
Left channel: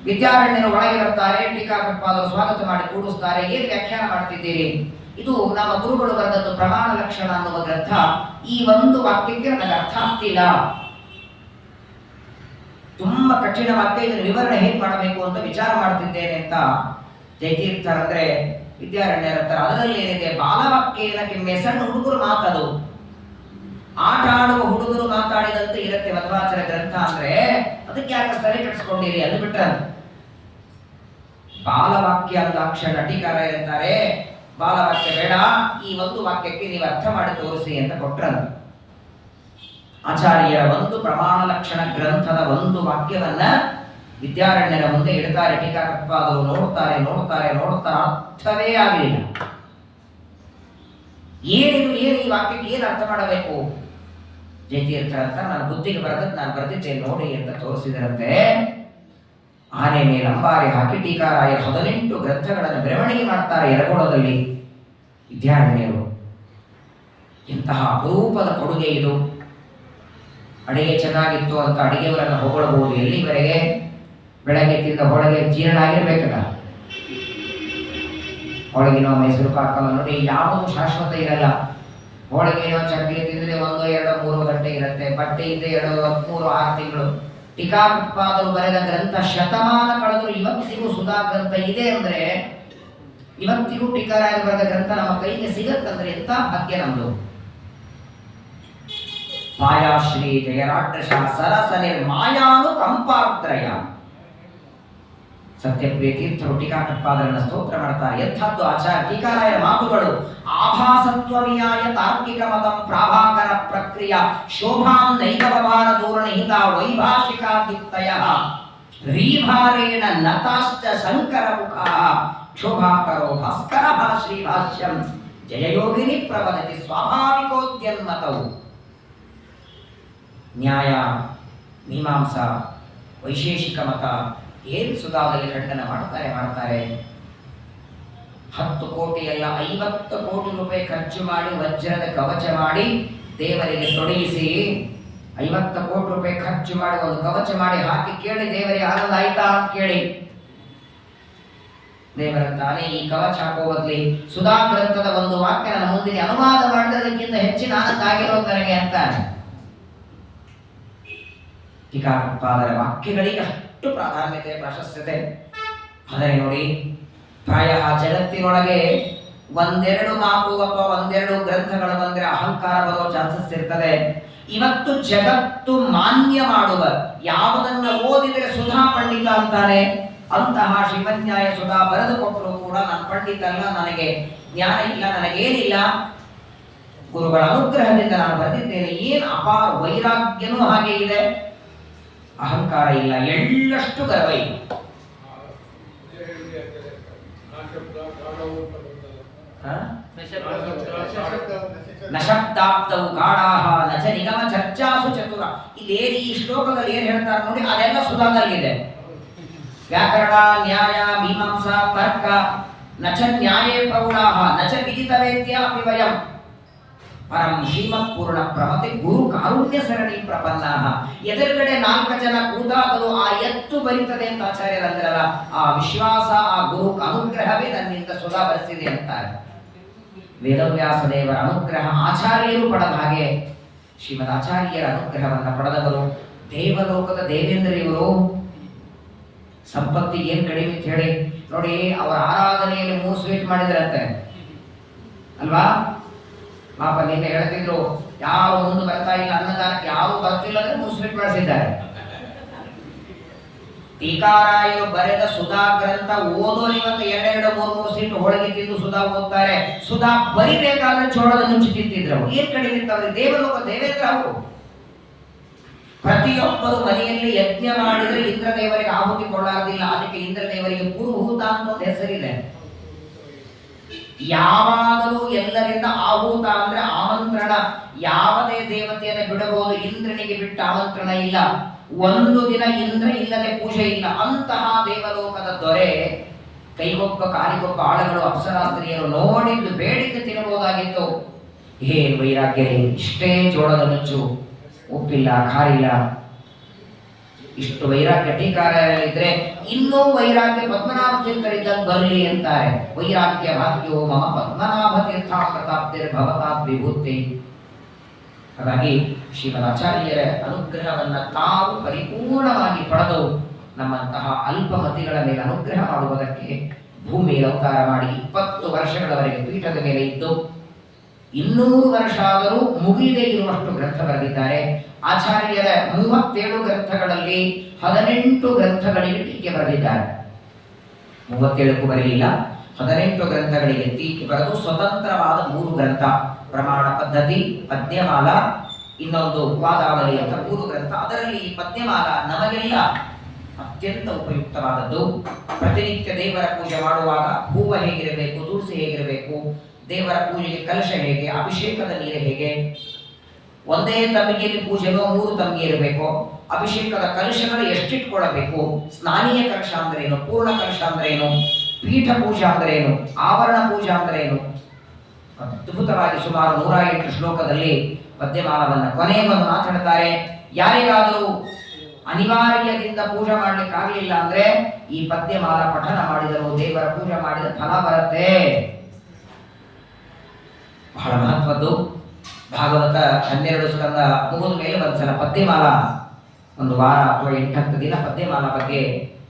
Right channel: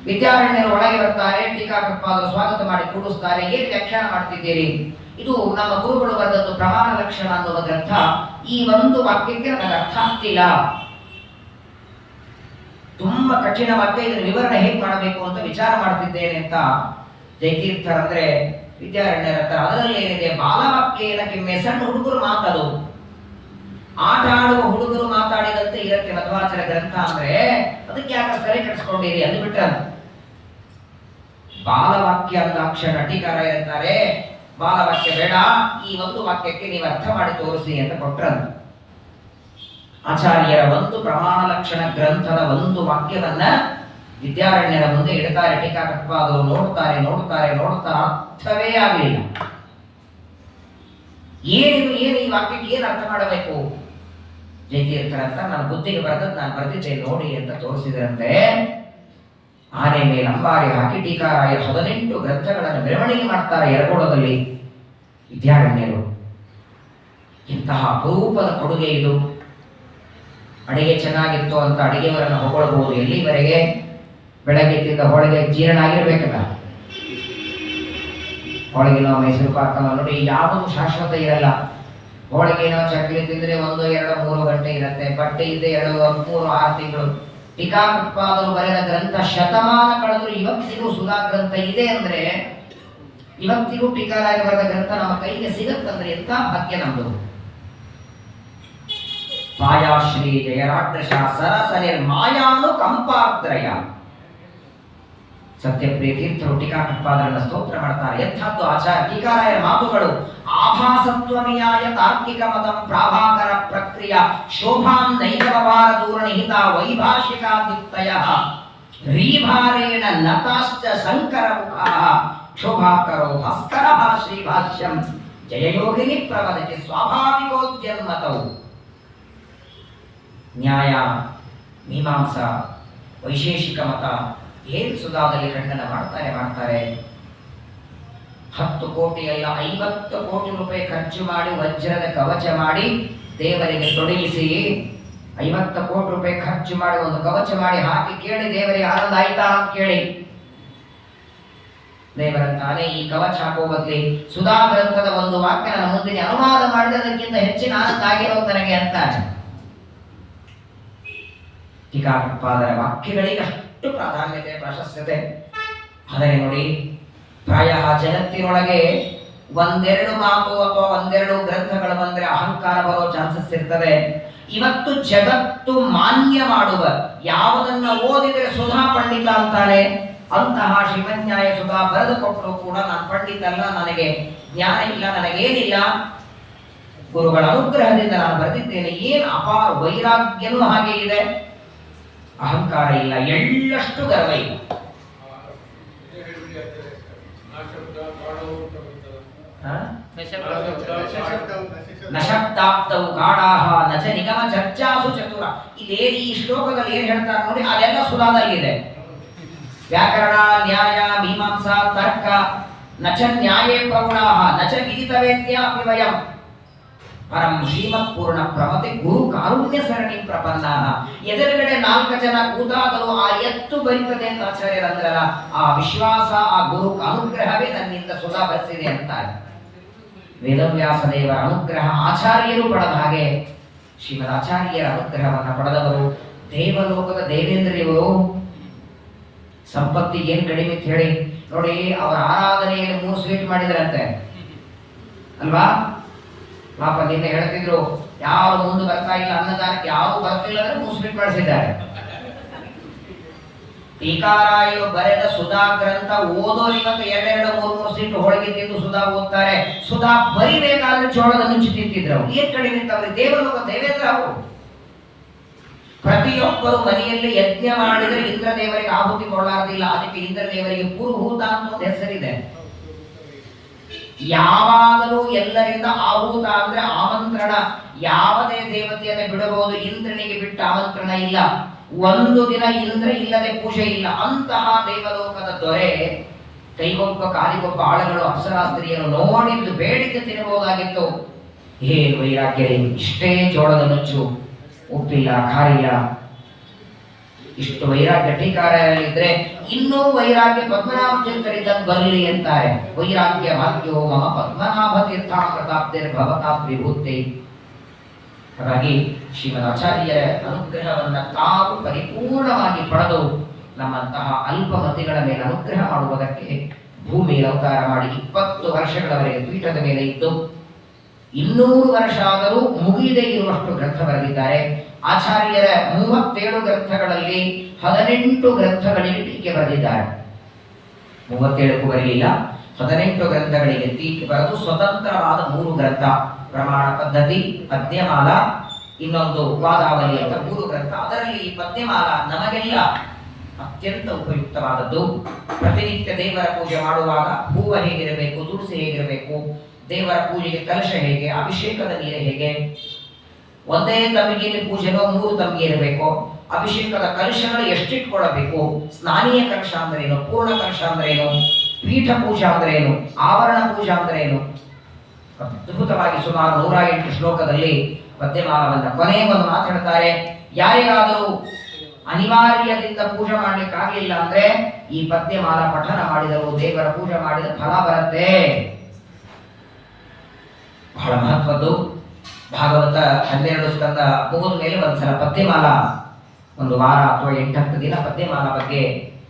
ವಿದ್ಯಾರಣ್ಯರು ಒಳಗೆ ಬರ್ತಾರೆ. ಟೀಕಾಕೃತ್ಪಾದರು ಸ್ವಾಗತ ಮಾಡಿ ಕೂಡಿಸ್ತಾರೆ. ಏನು ವ್ಯಾಖ್ಯಾನ ಮಾಡ್ತಿದ್ದೀರಿ? ಇದು ನಮ್ಮ ಗುರುಗಳು ಬರೆದದ್ದು ಪ್ರಮಾಣ ಲಕ್ಷಣ ಅನ್ನುವ ಗ್ರಂಥ. ಈ ಒಂದು ವಾಕ್ಯಕ್ಕೆ ನನಗೆ ಅರ್ಥ ಆಗ್ತಿಲ್ಲ, ತುಂಬಾ ಕಠಿಣ ವಾಕ್ಯ, ಇದನ್ನು ವಿವರಣೆ ಹೇಗೆ ಮಾಡಬೇಕು ಅಂತ ವಿಚಾರ ಮಾಡ್ತಿದ್ದೇನೆ ಅಂತ ಜಯತೀರ್ಥರಂದ್ರೆ ವಿದ್ಯಾರಣ್ಯರ ಹತ್ರ. ಅದರಲ್ಲಿ ಏನಿದೆ, ಬಾಲವಾಕ್ಯ ಏನಕ್ಕೆ ಸಣ್ಣ ಹುಡುಗರು ಮಾತದು, ಆಟ ಆಡುವ ಹುಡುಗರು ಮಾತಾಡಿದಂತೆ ಇರಕ್ಕೆ ಮಧ್ವಾಚಾರ್ಯ ಗ್ರಂಥ ಅಂದ್ರೆ ಅದಕ್ಕೆ ಯಾಕೆ ತಲೆ ಕೆಡಿಸ್ಕೊಂಡಿರಿ ಅಂದು ಬಿಟ್ರಂತ. ಬಾಲವಾಕ್ಯ ಅಂದಾಕ್ಷರ ಟೀಕಾರಾಯರು ಅಂತಾರೆ ಬಾಲವಾಕ್ಯ ಬೇಡ, ಈ ಒಂದು ವಾಕ್ಯಕ್ಕೆ ನೀವು ಅರ್ಥ ಮಾಡಿ ತೋರಿಸಿ ಅಂತ ಕೊಟ್ರಂತ. ಆಚಾರ್ಯರ ಒಂದು ಪ್ರಮಾಣ ಲಕ್ಷಣ ಗ್ರಂಥದ ಒಂದು ವಾಕ್ಯವನ್ನ ವಿದ್ಯಾರಣ್ಯರ ಮುಂದೆ ಇಡ್ತಾರೆ. ಟೀಕಾಕೃತ್ಪಾದರು ನೋಡ್ತಾರೆ ನೋಡ್ತಾರೆ ನೋಡ್ತಾರೆ, ಅರ್ಥವೇ ಆಗಲಿಲ್ಲ. ಏನು ಈ ವಾಕ್ಯಕ್ಕೆ ಏನು ಅರ್ಥ ಮಾಡಬೇಕು? ಜಯತೀರ್ಥರ ಅಂತ ನಾನು ಬುದ್ಧಿಗೆ ಬರೆದದ್ದು ನಾನು ಬರೆದಿದ್ದೇನೆ ನೋಡಿ ಅಂತ ತೋರಿಸಿದರಂತೆ. ಆನೆ ಮೇಲೆ ಅಂಬಾರಿ ಹಾಕಿ ಟೀಕಾರಾಯರು 18 ಗ್ರಂಥಗಳನ್ನು ಬೆರವಣಿಗೆ ಮಾಡ್ತಾರೆ ಯರಗೋಳದಲ್ಲಿ ವಿದ್ಯಾರಣ್ಯರು. ಇಂತಹ ಅಪರೂಪದ ಕೊಡುಗೆ ಇದು. ಅಡಿಗೆ ಚೆನ್ನಾಗಿತ್ತು ಅಂತ ಅಡಿಗೆಯವರನ್ನು ಹೊಗಳಬಹುದು. ಎಲ್ಲಿವರೆಗೆ? ಬೆಳಗ್ಗೆ ತಿಂದ ಹೋಳಿಗೆ ಜೀರ್ಣ ಆಗಿರ್ಬೇಕಲ್ಲ. ಹೋಳಿಗೆನೋ ಮೈಸೂರು ಪಾಕನೋ ನೋಡಿ, ಯಾವುದು ಶಾಶ್ವತ ಇರಲ್ಲ. ಹೋಳಿಗೆನೋ ಚಕ್ಲಿ ತಿಂದ್ರೆ 1, 2, 3 ಗಂಟೆ ಇರುತ್ತೆ. ಬಟ್ಟೆ ಇದ್ದೆ 2, 3, 6 ತಿಂಗಳು. ಟೀಕಾಕೃತ್ಪಾದರು ಬರೆದ ಗ್ರಂಥ ಶತಮಾನ ಕಳೆದ್ರು ಇವತ್ತಿಗೂ ಸುಧಾ ಗ್ರಂಥ ಇದೆ ಅಂದ್ರೆ, ಇವತ್ತಿಗೂ ಟೀಕಾರಾಯ ಬರೆದ ಗ್ರಂಥ ನಮ್ಮ ಕೈಗೆ ಸಿಗತ್ತಂದ್ರೆ ಎಂತ ಭಾಗ್ಯ ನಮ್ದು. ಮಾಯಾಶ್ರೀ ಜಯರಾಡ್ರಶ ಸರಸ ನಿರ್ಮಾಯಾನು ಕಂಪಾರ್ದ್ರಯ. ಸತ್ಯಪ್ರಿಯ ತೀರ್ಥರು ಟೀಕಾಕೃತ್ಪಾದರನ್ನ ಸ್ತೋತ್ರ ಮಾಡ್ತಾರೆ. ಎಂಥದ್ದು ಆಚಾರ್ಯ ಟೀಕಾರಾಯರ ಮಾತುಗಳು. ಆಭಾಸತ್ವಮಿಯಾಯ ತಾರ್ಕಿಕ ಮತಂ ಪ್ರಾಭಾಕರ ಪ್ರಕ್ರಿಯ ಶೋಭಾಂ ನೈಕವಭಾರ ದೂರನಿಹಿತ ವೈಭಾಷಿಕಾದಿತ್ತಯಃ ರೀಭಾರೇಣ ನತಾಶ್ಚ ಶಂಕರ ಮುಖಃ ಶೋಭಾಕರೋ ಭಾಸ್ಕರಃ ಶ್ರೀಭಾಷ್ಯಂ ಜಯಯೋಗಿನಿ ಪ್ರವದತಿ ಸ್ವಾಭಾವಿಕೋದ್ಯನ್ಮತವು. ನ್ಯಾಯ, ಮೀಮಾಂಸಾ, ವೈಶೇಷಿಕ ಮತ ಏನು ಸುಧಾದಲ್ಲಿ ಖಂಡನ ಮಾಡ್ತಾರೆ. 10 ಕೋಟಿ ಅಲ್ಲ 50 ಕೋಟಿ ರೂಪಾಯಿ ಖರ್ಚು ಮಾಡಿ ವಜ್ರದ ಕವಚ ಮಾಡಿ ದೇವರಿಗೆ ತೊಡಗಿಸಿ, 50 ಕೋಟಿ ರೂಪಾಯಿ ಖರ್ಚು ಮಾಡಿ ಒಂದು ಕವಚ ಮಾಡಿ ಹಾಕಿ ಕೇಳಿ ದೇವರಿಗೆ ಆನಂದ ಆಯ್ತಾ ಅಂತ ಕೇಳಿ, ದೇವರಂತಾನೆ ಈ ಕವಚ ಹಾಕೋ ಬದಲಿ ಸುಧಾ ಗ್ರಂಥದ ಒಂದು ವಾಕ್ಯ ನನ್ನ ಮುಂದಿನ ಅನುವಾದ ಮಾಡಿದದಕ್ಕಿಂತ ಹೆಚ್ಚಿನ ಆನಂದ ಆಗಿರೋದು ನನಗೆ ಅಂತಾನೆ. ಟೀಕಾಕೃತ್ಪಾದರ ವಾಕ್ಯಗಳಿಗೆ ಅಷ್ಟು ಪ್ರಾಧಾನ್ಯತೆ ಪ್ರಾಶಸ್ತ್ಯತೆ. ಆದರೆ ನೋಡಿ, ಪ್ರಾಯ ಜಗತ್ತಿನೊಳಗೆ ಒಂದೆರಡು ಮಾತು ಅಥವಾ ಒಂದೆರಡು ಗ್ರಂಥಗಳು ಬಂದ್ರೆ ಅಹಂಕಾರ ಬರೋ ಚಾನ್ಸಸ್ ಇರ್ತದೆ. ಇವತ್ತು ಜಗತ್ತು ಮಾನ್ಯ ಮಾಡುವ ಯಾವುದನ್ನ ಓದಿದರೆ ಸುಧಾ ಪಂಡಿತ ಅಂತಾನೆ, ಅಂತಹ ಶ್ರೀಮನ್ಯಾಯ ಸುಧಾ ಬರೆದು ಕೊಟ್ಟರು ಕೂಡ ನಾನು ಪಂಡಿತ ಅಲ್ಲ, ನನಗೆ ಜ್ಞಾನ ಇಲ್ಲ, ನನಗೇನಿಲ್ಲ, ಗುರುಗಳ ಅನುಗ್ರಹದಿಂದ ನಾನು ಬರೆದಿದ್ದೇನೆ. ಏನು ಅಪಾರ ವೈರಾಗ್ಯನೂ ಹಾಗೆ ಇದೆ, ಅಹಂಕಾರ ಇಲ್ಲ, ಎಳ್ಳಷ್ಟು ಗರ್ವ ಇಲ್ಲ. ನಶಬ್ದಾಬ್ದವು ಗಾಢಾಹ ನಚ ನಿಗಮ ಚರ್ಚಾಸು ಚತುರ. ಇಲ್ಲಿ ಈ ಶ್ಲೋಕದಲ್ಲಿ ಏನ್ ಹೇಳ್ತಾರೆ ನೋಡಿ, ಅದೆಲ್ಲ ಸುಧಾದಲ್ಲಿದೆ. ವ್ಯಾಕರಣ, ನ್ಯಾಯ, ಮೀಮಾಂಸಾ, ತರ್ಕ, ನಚ ನ್ಯಾಯೇ ಪ್ರೌಢಾಹ ನಚ ವಿದಿತವೇದ್ಯಾಪಿ ವಯಂ ಪರಂ ಶ್ರೀಮತ್ ಪೂರ್ಣ ಪ್ರಮತೆ ಗುರು ಕಾರುಣ್ಯ ಸರಣಿ ಪ್ರಪನ್ನಾಹ. ಎದುರುಗಡೆ 4 ಜನ ಕೂತಾಗಲು ಆ ಎತ್ತು ಬರಿತದೆ ಅಂತ ಆಚಾರ್ಯರಂದ್ರಲ್ಲ, ಆ ವಿಶ್ವಾಸ, ಆ ಗುರು ಅನುಗ್ರಹವೇ ನನ್ನಿಂದ ಸುಧಾ ಬರೆಸಿದೆ ಅಂತಾರೆ. ವೇದವ್ಯಾಸ ದೇವರ ಅನುಗ್ರಹ ಆಚಾರ್ಯರು ಪಡೆದ ಹಾಗೆ ಶ್ರೀಮದ್ ಆಚಾರ್ಯರ ಅನುಗ್ರಹವನ್ನು ಪಡೆದವರು ದೇವಲೋಕದ ದೇವೇಂದ್ರಿಯವರು. ಸಂಪತ್ತಿಗೆ ಏನು ಕಡಿಮೆ ಅಂತ ಹೇಳಿ ನೋಡಿ, ಅವರ ಆರಾಧನೆಯಲ್ಲಿ 3 ಸ್ವೀಟ್ ಮಾಡಿದ್ರಂತೆ ಅಲ್ವಾ. ಪಾಪ ನಿನ್ನೆ ಹೇಳ್ತಿದ್ರು, ಯಾರು ಮುಂದೆ ಬರ್ತಾ ಇಲ್ಲ ಅನ್ನದಾನಕ್ಕೆ, ಯಾರು ಬರ್ತಿಲ್ಲ ಅಂದ್ರೆ 3 ಸ್ವೀಟ್ ಮಾಡಿಸಿದ್ದಾರೆ. ಟೀಕಾರಾಯರು ಬರೆದ ಸುಧಾ ಗ್ರಂಥ ಓದೋರು ಇವತ್ತು 2-3 ಸ್ವೀಟ್ ಹೋಳಿಗೆ ತಿಂದು ಸುಧಾ ಓದ್ತಾರೆ. ಸುಧಾ ಬರಿಬೇಕಾದ್ರೆ ಚೋಳದ ನುಂಚಿ ತಿಂತಿದ್ರು. ಏನ್ ಕಡಿಮೆ ಇತ್ತವ್ರಿಗೆ? ದೇವಲೋಕ ದೇವೇಂದ್ರ ಅವರು. ಪ್ರತಿಯೊಬ್ಬರು ಮನೆಯಲ್ಲಿ ಯಜ್ಞ ಮಾಡಿದ್ರೆ ಇಂದ್ರ ದೇವರಿಗೆ ಆಹುತಿ ಕೊಳ್ಳಾರ್ದಿಲ್ಲ. ಅದಕ್ಕೆ ಇಂದ್ರ ದೇವರಿಗೆ ಪುರುಹೂತ ಅಂತ ಒಂದು ಹೆಸರಿದೆ. ಯಾವಾಗಲೂ ಎಲ್ಲರಿಂದ ಆಹುತ ಅಂದ್ರೆ ಆಮಂತ್ರಣ. ಯಾವುದೇ ದೇವತೆಯನ್ನು ಬಿಡಬಹುದು, ಇಂದ್ರನಿಗೆ ಬಿಟ್ಟ ಆಮಂತ್ರಣ ಇಲ್ಲ. ಒಂದು ದಿನ ಇಂದ್ರ ಇಲ್ಲದೆ ಪೂಜೆ ಇಲ್ಲ. ಅಂತಹ ದೇವಲೋಕದ ದೊರೆ ಕೈಗೊಬ್ಬ ಕಾಲಿಗೊಬ್ಬ ಆಳುಗಳು ಅಪ್ಸರಾಸ್ತ್ರೀಯರು ನೋಡಿದ್ದು ಬೇಡಿದ್ದು ತಿನ್ನಬಹುದಾಗಿತ್ತು. ಏನು ವೈರಾಗ್ಯ! ಇಷ್ಟೇ ಜೋಳದ ನುಚ್ಚು, ಉಪ್ಪಿಲ್ಲ, ಖಾರಿಲ್ಲ, ಇಷ್ಟು ವೈರಾಗ್ಯ ಟೀಕಾರಲ್ಲಿದ್ರೆ ಇನ್ನೂ ವೈರಾಗ್ಯ ಪದ್ಮನಾಭ ತೀರ್ಥರಿದ್ದಂಗೆ ಬರಲಿ ಅಂತಾರೆ. ವೈರಾಗ್ಯ ಭಾಗ್ಯೋ ಮಮ ಪದ್ಮನಾಭ ತೀರ್ಥ ಪ್ರತಾಪ್ತಿರ್ ಭವತಾತ್ ವಿಭೂತಿ. ಹಾಗಾಗಿ ಶ್ರೀಮದ್ ಆಚಾರ್ಯರ ಅನುಗ್ರಹವನ್ನ ತಾವು ಪರಿಪೂರ್ಣವಾಗಿ ಪಡೆದು ನಮ್ಮಂತಹ ಅಲ್ಪಮತಿಗಳ ಮೇಲೆ ಅನುಗ್ರಹ ಮಾಡುವುದಕ್ಕೆ ಭೂಮಿಯಲ್ಲಿ ಅವತಾರ ಮಾಡಿ 20 ವರ್ಷಗಳವರೆಗೆ ಪೀಠದ ಮೇಲೆ ಇದ್ದು 200 ವರ್ಷ ಆದರೂ ಮುಗಿದೇ ಇರುವಷ್ಟು ಗ್ರಂಥ ಬರೆದಿದ್ದಾರೆ. ಆಚಾರ್ಯರ 37 ಗ್ರಂಥಗಳಲ್ಲಿ 18 ಗ್ರಂಥಗಳಿಗೆ ಟೀಕೆ ಬರೆದಿದ್ದಾರೆ. 37ಕ್ಕೂ ಬರಲಿಲ್ಲ, 18 ಗ್ರಂಥಗಳಿಗೆ ಟೀಕೆ ಬರೆದು ಸ್ವತಂತ್ರವಾದ 3 ಗ್ರಂಥ, ಪ್ರಮಾಣ ಪದ್ಧತಿ, ಪದ್ಯಮಾಲ, ಇನ್ನೊಂದು ವಾದಾವಲಿ ಅಂತ 3 ಗ್ರಂಥ. ಅದರಲ್ಲಿ ಈ ಪದ್ಯಮಾಲ ನಮಗೆಲ್ಲ ಅತ್ಯಂತ ಉಪಯುಕ್ತವಾದದ್ದು. ಪ್ರತಿನಿತ್ಯ ದೇವರ ಪೂಜೆ ಮಾಡುವಾಗ ಹೂವು ಹೇಗಿರಬೇಕು, ತುಳಸಿ ಹೇಗಿರಬೇಕು, ದೇವರ ಪೂಜೆಗೆ ಕಲಶ ಹೇಗೆ, ಅಭಿಷೇಕದ ನೀರು ಹೇಗೆ, ಒಂದೇ ತಮ್ಮಿಗೆಯಲ್ಲಿ ಪೂಜೆನೋ 3 ತಮ್ಮಿಗೆ ಇರಬೇಕು, ಅಭಿಷೇಕದ ಕಲಶಗಳು ಎಷ್ಟಿಟ್ಕೊಳ್ಳಬೇಕು, ಸ್ನಾನೀಯ ಕಲಶ ಅಂದ್ರೇನು, ಪೂರ್ಣ ಕಲಶ ಅಂದ್ರೇನು, ಪೀಠ ಪೂಜಾ ಅಂದ್ರೇನು, ಆವರಣ ಪೂಜಾ ಅಂದ್ರೇನು, ಅದ್ಭುತವಾಗಿ ಸುಮಾರು 108 ಶ್ಲೋಕದಲ್ಲಿ ಪದ್ಯಮಾಲವನ್ನು ಕೊನೆಗೊಂದು ಮಾತಾಡ್ತಾರೆ. ಯಾರಿಗಾದರೂ ಅನಿವಾರ್ಯದಿಂದ ಪೂಜೆ ಮಾಡ್ಲಿಕ್ಕಾಗಲಿಲ್ಲ ಅಂದ್ರೆ ಈ ಪದ್ಯಮಾಲ ಪಠನ ಮಾಡಿದರು ದೇವರ ಪೂಜೆ ಮಾಡಿದ ಫಲ ಬರುತ್ತೆ. ಬಹಳ ಮಹತ್ವದ್ದು. ಭಾಗವತ 12 ಸ್ಕಂದ ಮುಗಿದ ಮೇಲೆ ಒಂದ್ಸಲ ಪದ್ಯಮಾಲ, ಒಂದು ವಾರ ಅಥವಾ 8-10 ದಿನ ಪದ್ಯಮಾಲ ಬಗ್ಗೆ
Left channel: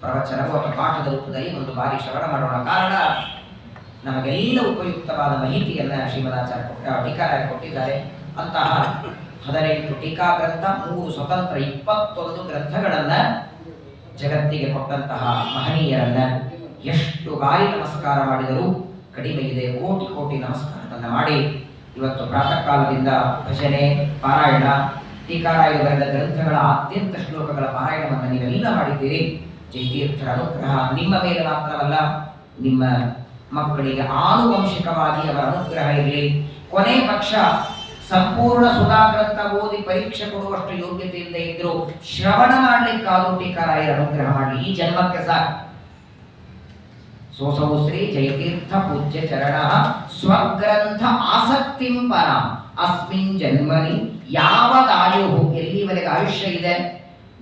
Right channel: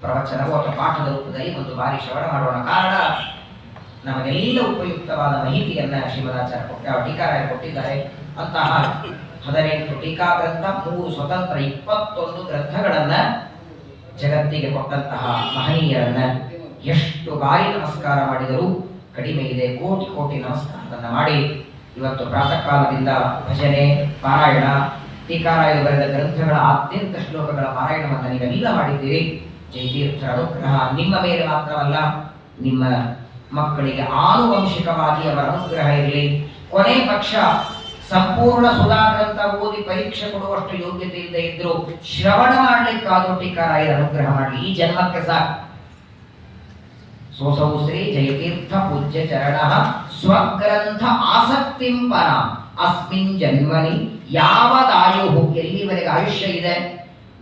ಪ್ರವಚನವು ಅಥವಾ ಪಾಠದ ರೂಪದಲ್ಲಿ ಒಂದು ಬಾರಿ ಶ್ರವಣ ಮಾಡೋಣ. ಕಾರಣ ನಮಗೆಲ್ಲ ಉಪಯುಕ್ತವಾದ ಮಾಹಿತಿಯನ್ನ ಶ್ರೀಮದಾಚಾರ್ಯ ಟೀಕಾರಾಯ ಕೊಟ್ಟಿದ್ದಾರೆ. ಅಂತಹ 18 ಟೀಕಾ ಗ್ರಂಥ, 3 ಸ್ವತಂತ್ರ 21 ಗ್ರಂಥಗಳನ್ನ ಜಗತ್ತಿಗೆ ಕೊಟ್ಟಂತಹ ಮಹನೀಯರನ್ನ ಎಷ್ಟು ಬಾರಿ ನಮಸ್ಕಾರ ಮಾಡಿದರೂ ಕಡಿಮೆ ಇದೆ. ಕೋಟಿ ಕೋಟಿ ನಮಸ್ಕಾರವನ್ನು ಮಾಡಿ ಇವತ್ತು ಪ್ರಾತಃ ಕಾಲದಿಂದ ಭಜನೆ, ಪಾರಾಯಣ, ಟೀಕಾರಾಯರು ಬರೆದ ಗ್ರಂಥಗಳ ಅತ್ಯಂತ ಶ್ಲೋಕಗಳ ಪಾರಾಯಣವನ್ನು ನೀವೆಲ್ಲ ಮಾಡಿದ್ದೀರಿ. ಜಯತೀರ್ಥರ ಅನುಗ್ರಹ ನಿಮ್ಮ ಮೇಲೆ ಮಾತ್ರವಲ್ಲ, ನಿಮ್ಮ ಮಕ್ಕಳಿಗೆ ಆನುವಂಶಿಕವಾಗಿ ಅವರ ಅನುಗ್ರಹ ಇರಲಿ. ಕೊನೆ ಪಕ್ಷ ಸಂಪೂರ್ಣ ಸುಧಾಗ್ರಂಥ ಓದಿ ಪರೀಕ್ಷೆ ಕೊಡುವಷ್ಟು ಯೋಗ್ಯತೆ ಇಲ್ಲದೆ ಇದ್ರು ಶ್ರವಣ ಮಾಡ್ಲಿಕ್ಕಾದ್ರೂ ಟೀಕಾರಾಯರ ಅನುಗ್ರಹ ಮಾಡಲಿ. ಈ ಜನ್ಮಕ್ಕೆ ಸಾಕು. ಸೋಸೌ ಶ್ರೀ ಜಯತೀರ್ಥ ಪೂಜ್ಯ ಚರಣ ಸ್ವಗ್ರಂಥ ಆಸಕ್ತಿಂ ಪರ ಅಸ್ಮಿನ್ ಜನ್ಮನಿ ಯಾವದಾಯು, ಎಲ್ಲಿವರೆಗೆ ಆಯುಷ್ಯ ಇದೆ